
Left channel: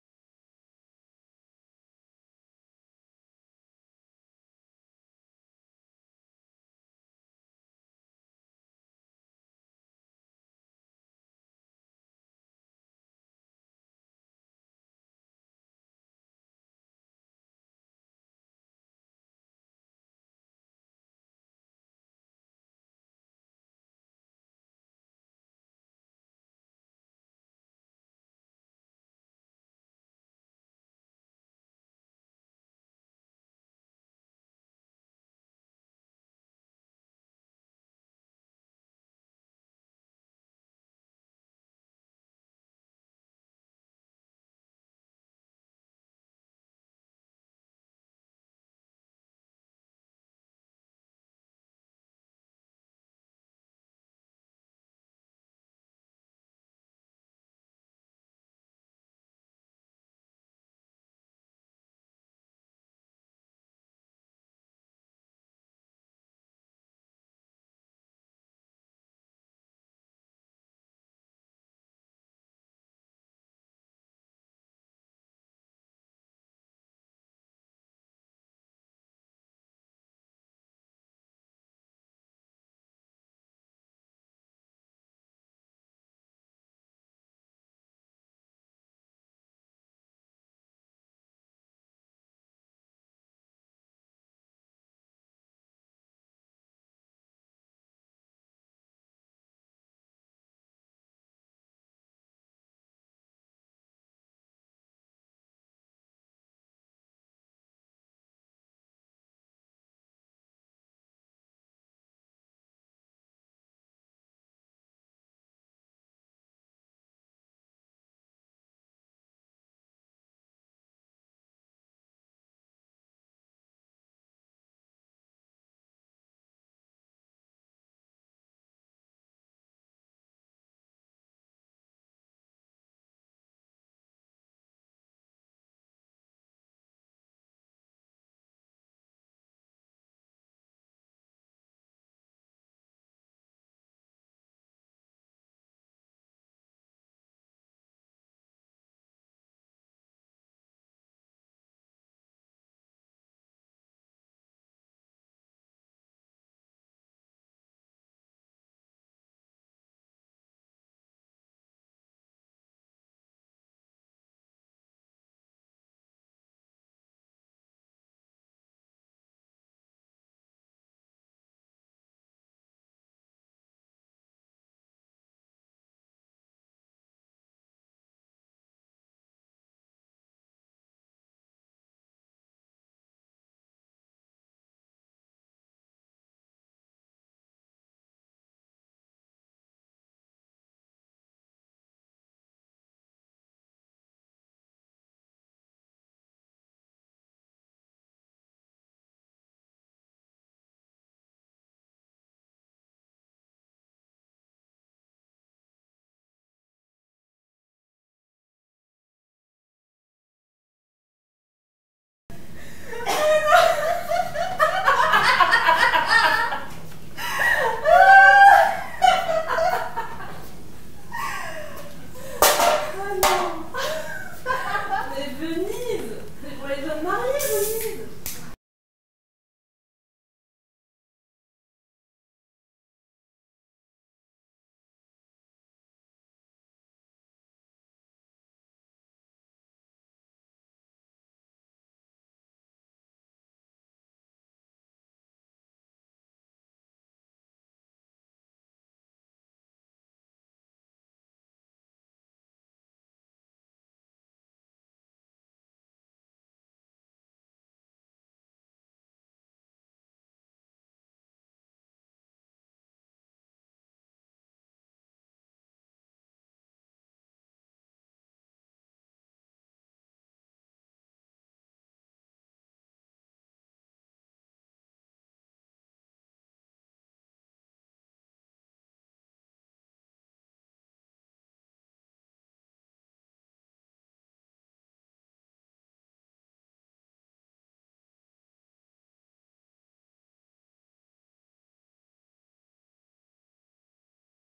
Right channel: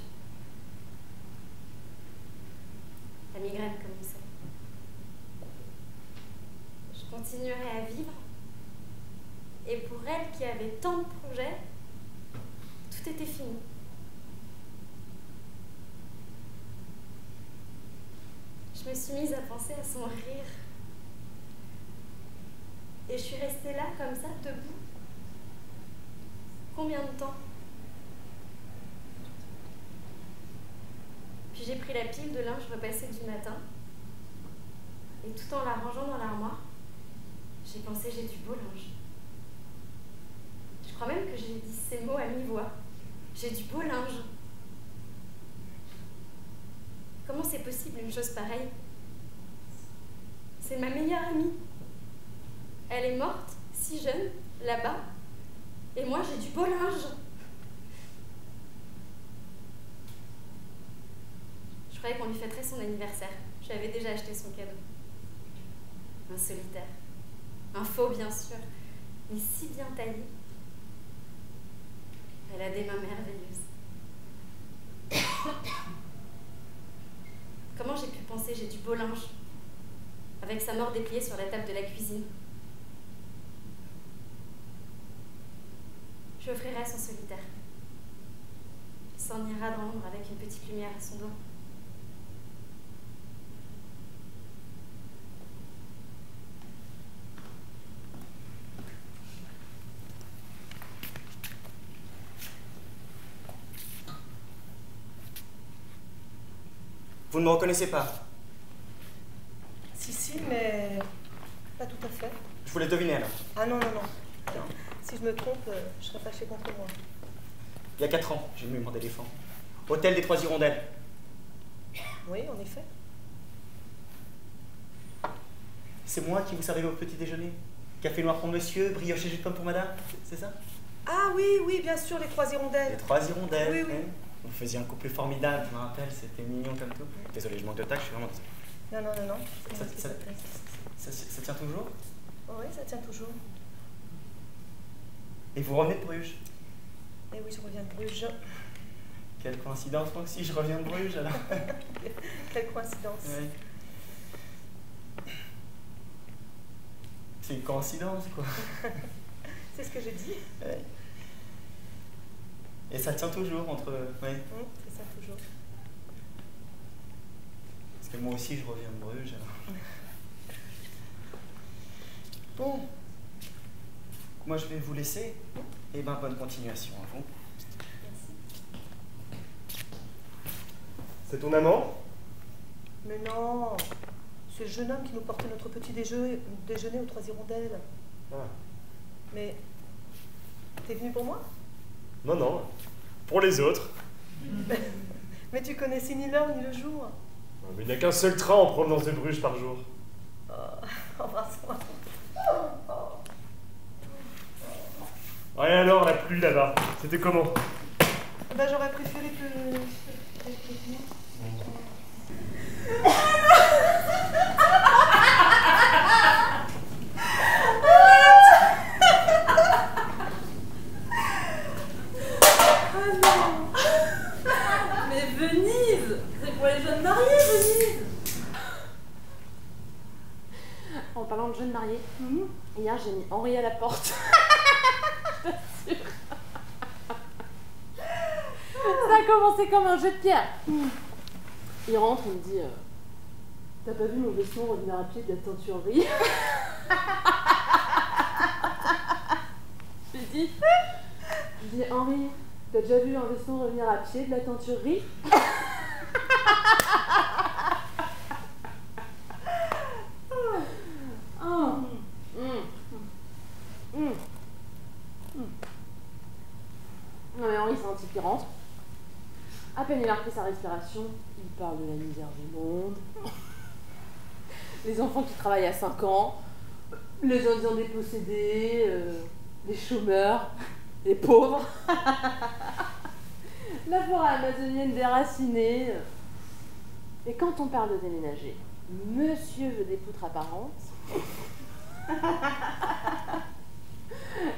La migraine commençait. Je continuerais à vivre. Et pour elle qui avait tant de projets, tout était fini. Je me suis mise à penser à son rire. Et je suis restée là, comme ça, debout. Combien de temps? Puis j'ai pris la pile de linge repassée du matin. Et tout en la rangeant dans l'armoire, j'ai pensé j'ai du beau linge. Je crois même que j'ai dit ces mots à mi-voix. J'ai du beau linge. Comment c'est possible une chose pareille? C'est ma meilleure amie. Elle est morte, si jeune, là-bas. Et moi, j'ai du beau linge. Je croyais qu'on lui fêterait son anniversaire. J'avais déjà acheté son cadeau. Un solitaire. Un faux, bien sûr. Mais si bien taillé. Elle a des mains merveilleuses. Comment j'ai pu penser j'ai du beau linge avec sa mort dépliée sur la table de la cuisine? Je lui offrirai son solitaire. Il s'en ira dans l'ombre avec une petite lumière à son doigt. Vous ne me reconnaissez pas? Si, mais pas tout à fait. Je vous l'ai deviné alors. Ah non. Si je me trompe, je serais fâchée contre moi. Il y a 4 ans, j'ai mu mon éléphant. Hôtel des Trois Hirondelles. Oui, en effet. C'est moi qui vous servais au petit déjeuner. Café noir pour monsieur, brioche et jus de pomme pour madame, c'est ça? Ah oui, bien sûr, les Trois Hirondelles. Les Trois Hirondelles. Oui. Hein. Vous faisiez un couple formidable, je me rappelle, c'était mignon comme tout. Désolé, je manque de tact, je suis vraiment désolé. Non. Ça tient toujours? Oui, ça tient toujours. Et vous revenez de Bruges? Eh oui, je reviens de Bruges. Quelle coïncidence, moi aussi, je reviens de Bruges alors. Quelle coïncidence. Oui. C'est une coïncidence, quoi. C'est ce que j'ai dit. Ouais. Et ça tient toujours entre... Ouais. C'est ça, toujours. Parce que moi aussi, je reviens de Bruges. Alors. Bon. Moi, je vais vous laisser. Et ben, bonne continuation à vous. C'est ton amant? Mais non. C'est le jeune homme qui nous portait notre petit déjeuner aux Trois Hirondelles. Ah. Mais... T'es venu pour moi? Non. Pour les autres. Mais tu connaissais ni l'heure ni le jour. Mais il n'y a qu'un seul train en provenance de Bruges par jour. Embrasse-moi. Ouais, alors, la pluie là-bas, c'était comment? Ben, j'aurais préféré que... Oh non! Mais Venise! C'est pour les jeunes mariés, Venise! En parlant de jeunes mariés, hier j'ai mis Henri à la porte. Je t'assure. Ça a commencé comme un jeu de pierre. Il rentre, il me dit t'as pas vu mon veston revenir à pied de la teinturerie? Je dis Henri, t'as déjà vu un veston revenir à pied de la teinturerie? Non mais Henri c'est un type qui rentre. À peine il a repris sa respiration, il parle de la misère du monde. Les enfants qui travaillent à 5 ans, les Indiens dépossédés, les chômeurs, les pauvres, la forêt amazonienne déracinée. Et quand on parle de déménager, Monsieur veut des poutres apparentes.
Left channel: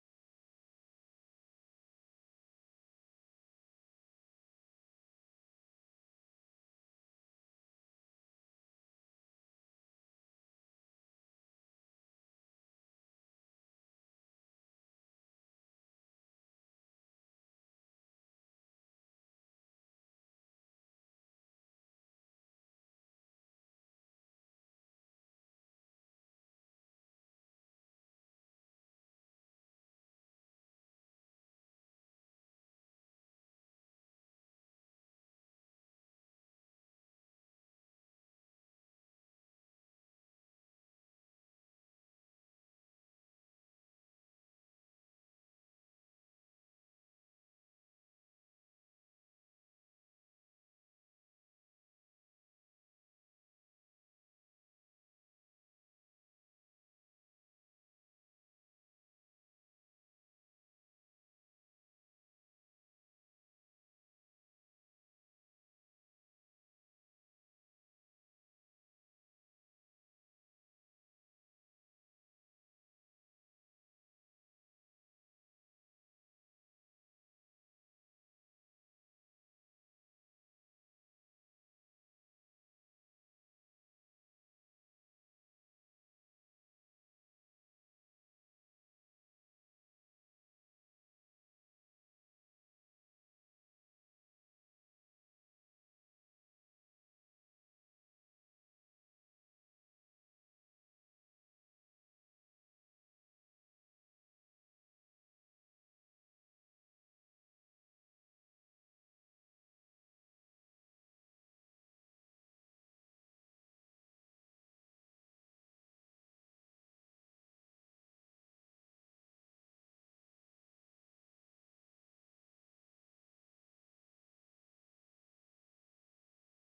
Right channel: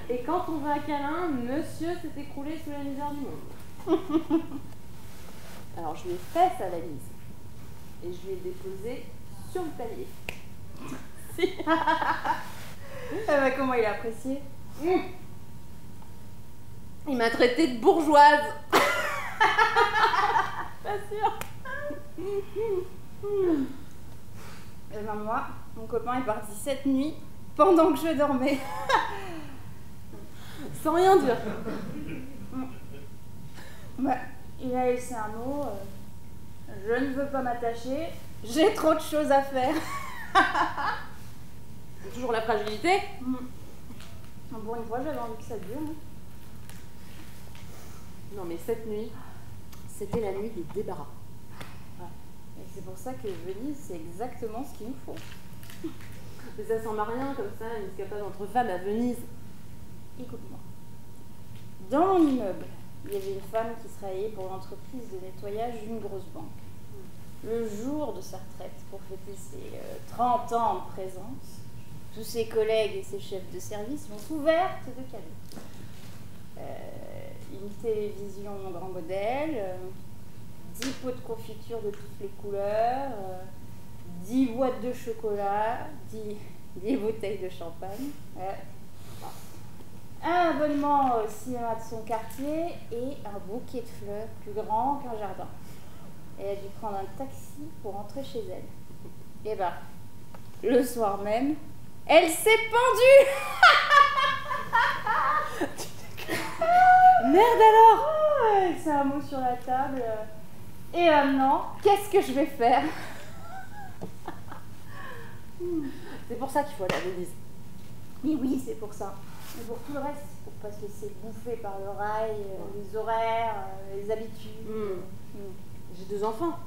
Et quand on veut un câlin, monsieur s'est écroulé sous la misère du monde. Alors je lui ai fait sa valise. Et je lui ai déposé sur le palier. Comment il a apprécié? Il m'a traité de bourgeoise. Pas sûr. Eh ben moi, mon copain est parti cette nuit pendant que je dormais. Sans rien dire. Bah, il a laissé un mot. Je ne veux pas m'attacher. J'ai trop de choses à faire. Toujours la fragilité. Pour une fois, j'avais envie que ça dure. Non mais cette nuit, c'était la nuit des débarras. Et c'est pour ça que Venise, c'est exactement ce qu'il nous faut. Mais ça sent rien comme ça, une escapade entre femmes à Venise. Écoute-moi. Dans mon immeuble, il y avait une femme qui travaillait pour l'entreprise de nettoyage d'une grosse banque. Le jour de sa retraite, pour fêter ses 30 ans de présence, tous ses collègues et ses chefs de service l'ont couverte de cadeaux. Une télévision grand modèle, 10 pots de confiture de toutes les couleurs, 10 boîtes de chocolat, 10 bouteilles de champagne, un abonnement au cinéma de son quartier et un bouquet de fleurs plus grand qu'un jardin. Elle a dû prendre un taxi pour rentrer chez elle. Et ben, le soir même, elle s'est pendue. Merde alors. Elle s'est un mot sur la table. Et maintenant, qu'est-ce que je vais faire? C'est pour ça qu'il faut aller à Venise. Oui, c'est pour ça. Mais pour tout le reste, pour pas se laisser bouffer par le rail, les horaires, les habitudes. J'ai 2 enfants.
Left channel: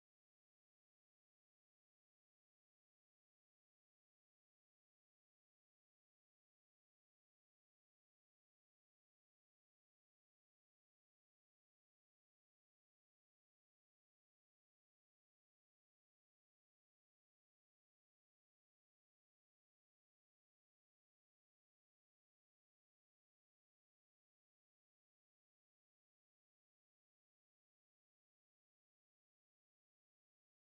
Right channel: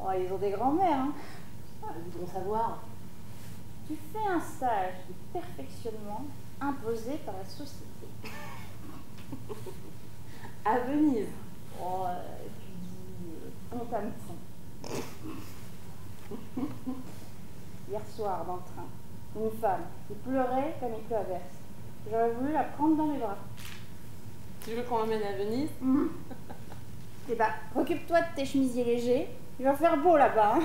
Oh, ils ont des grands-mères, hein. Ils voudront savoir. Tu fais un stage de perfectionnement imposé par la société. À Venise. Oh, tu dis honte à me fond. Hier soir, dans le train, une femme qui pleurait comme une averse. J'aurais voulu la prendre dans mes bras. Tu veux qu'on l'emmène à Venise? Eh ben, occupe-toi de tes chemisiers légers. Il va faire beau là-bas. Hein.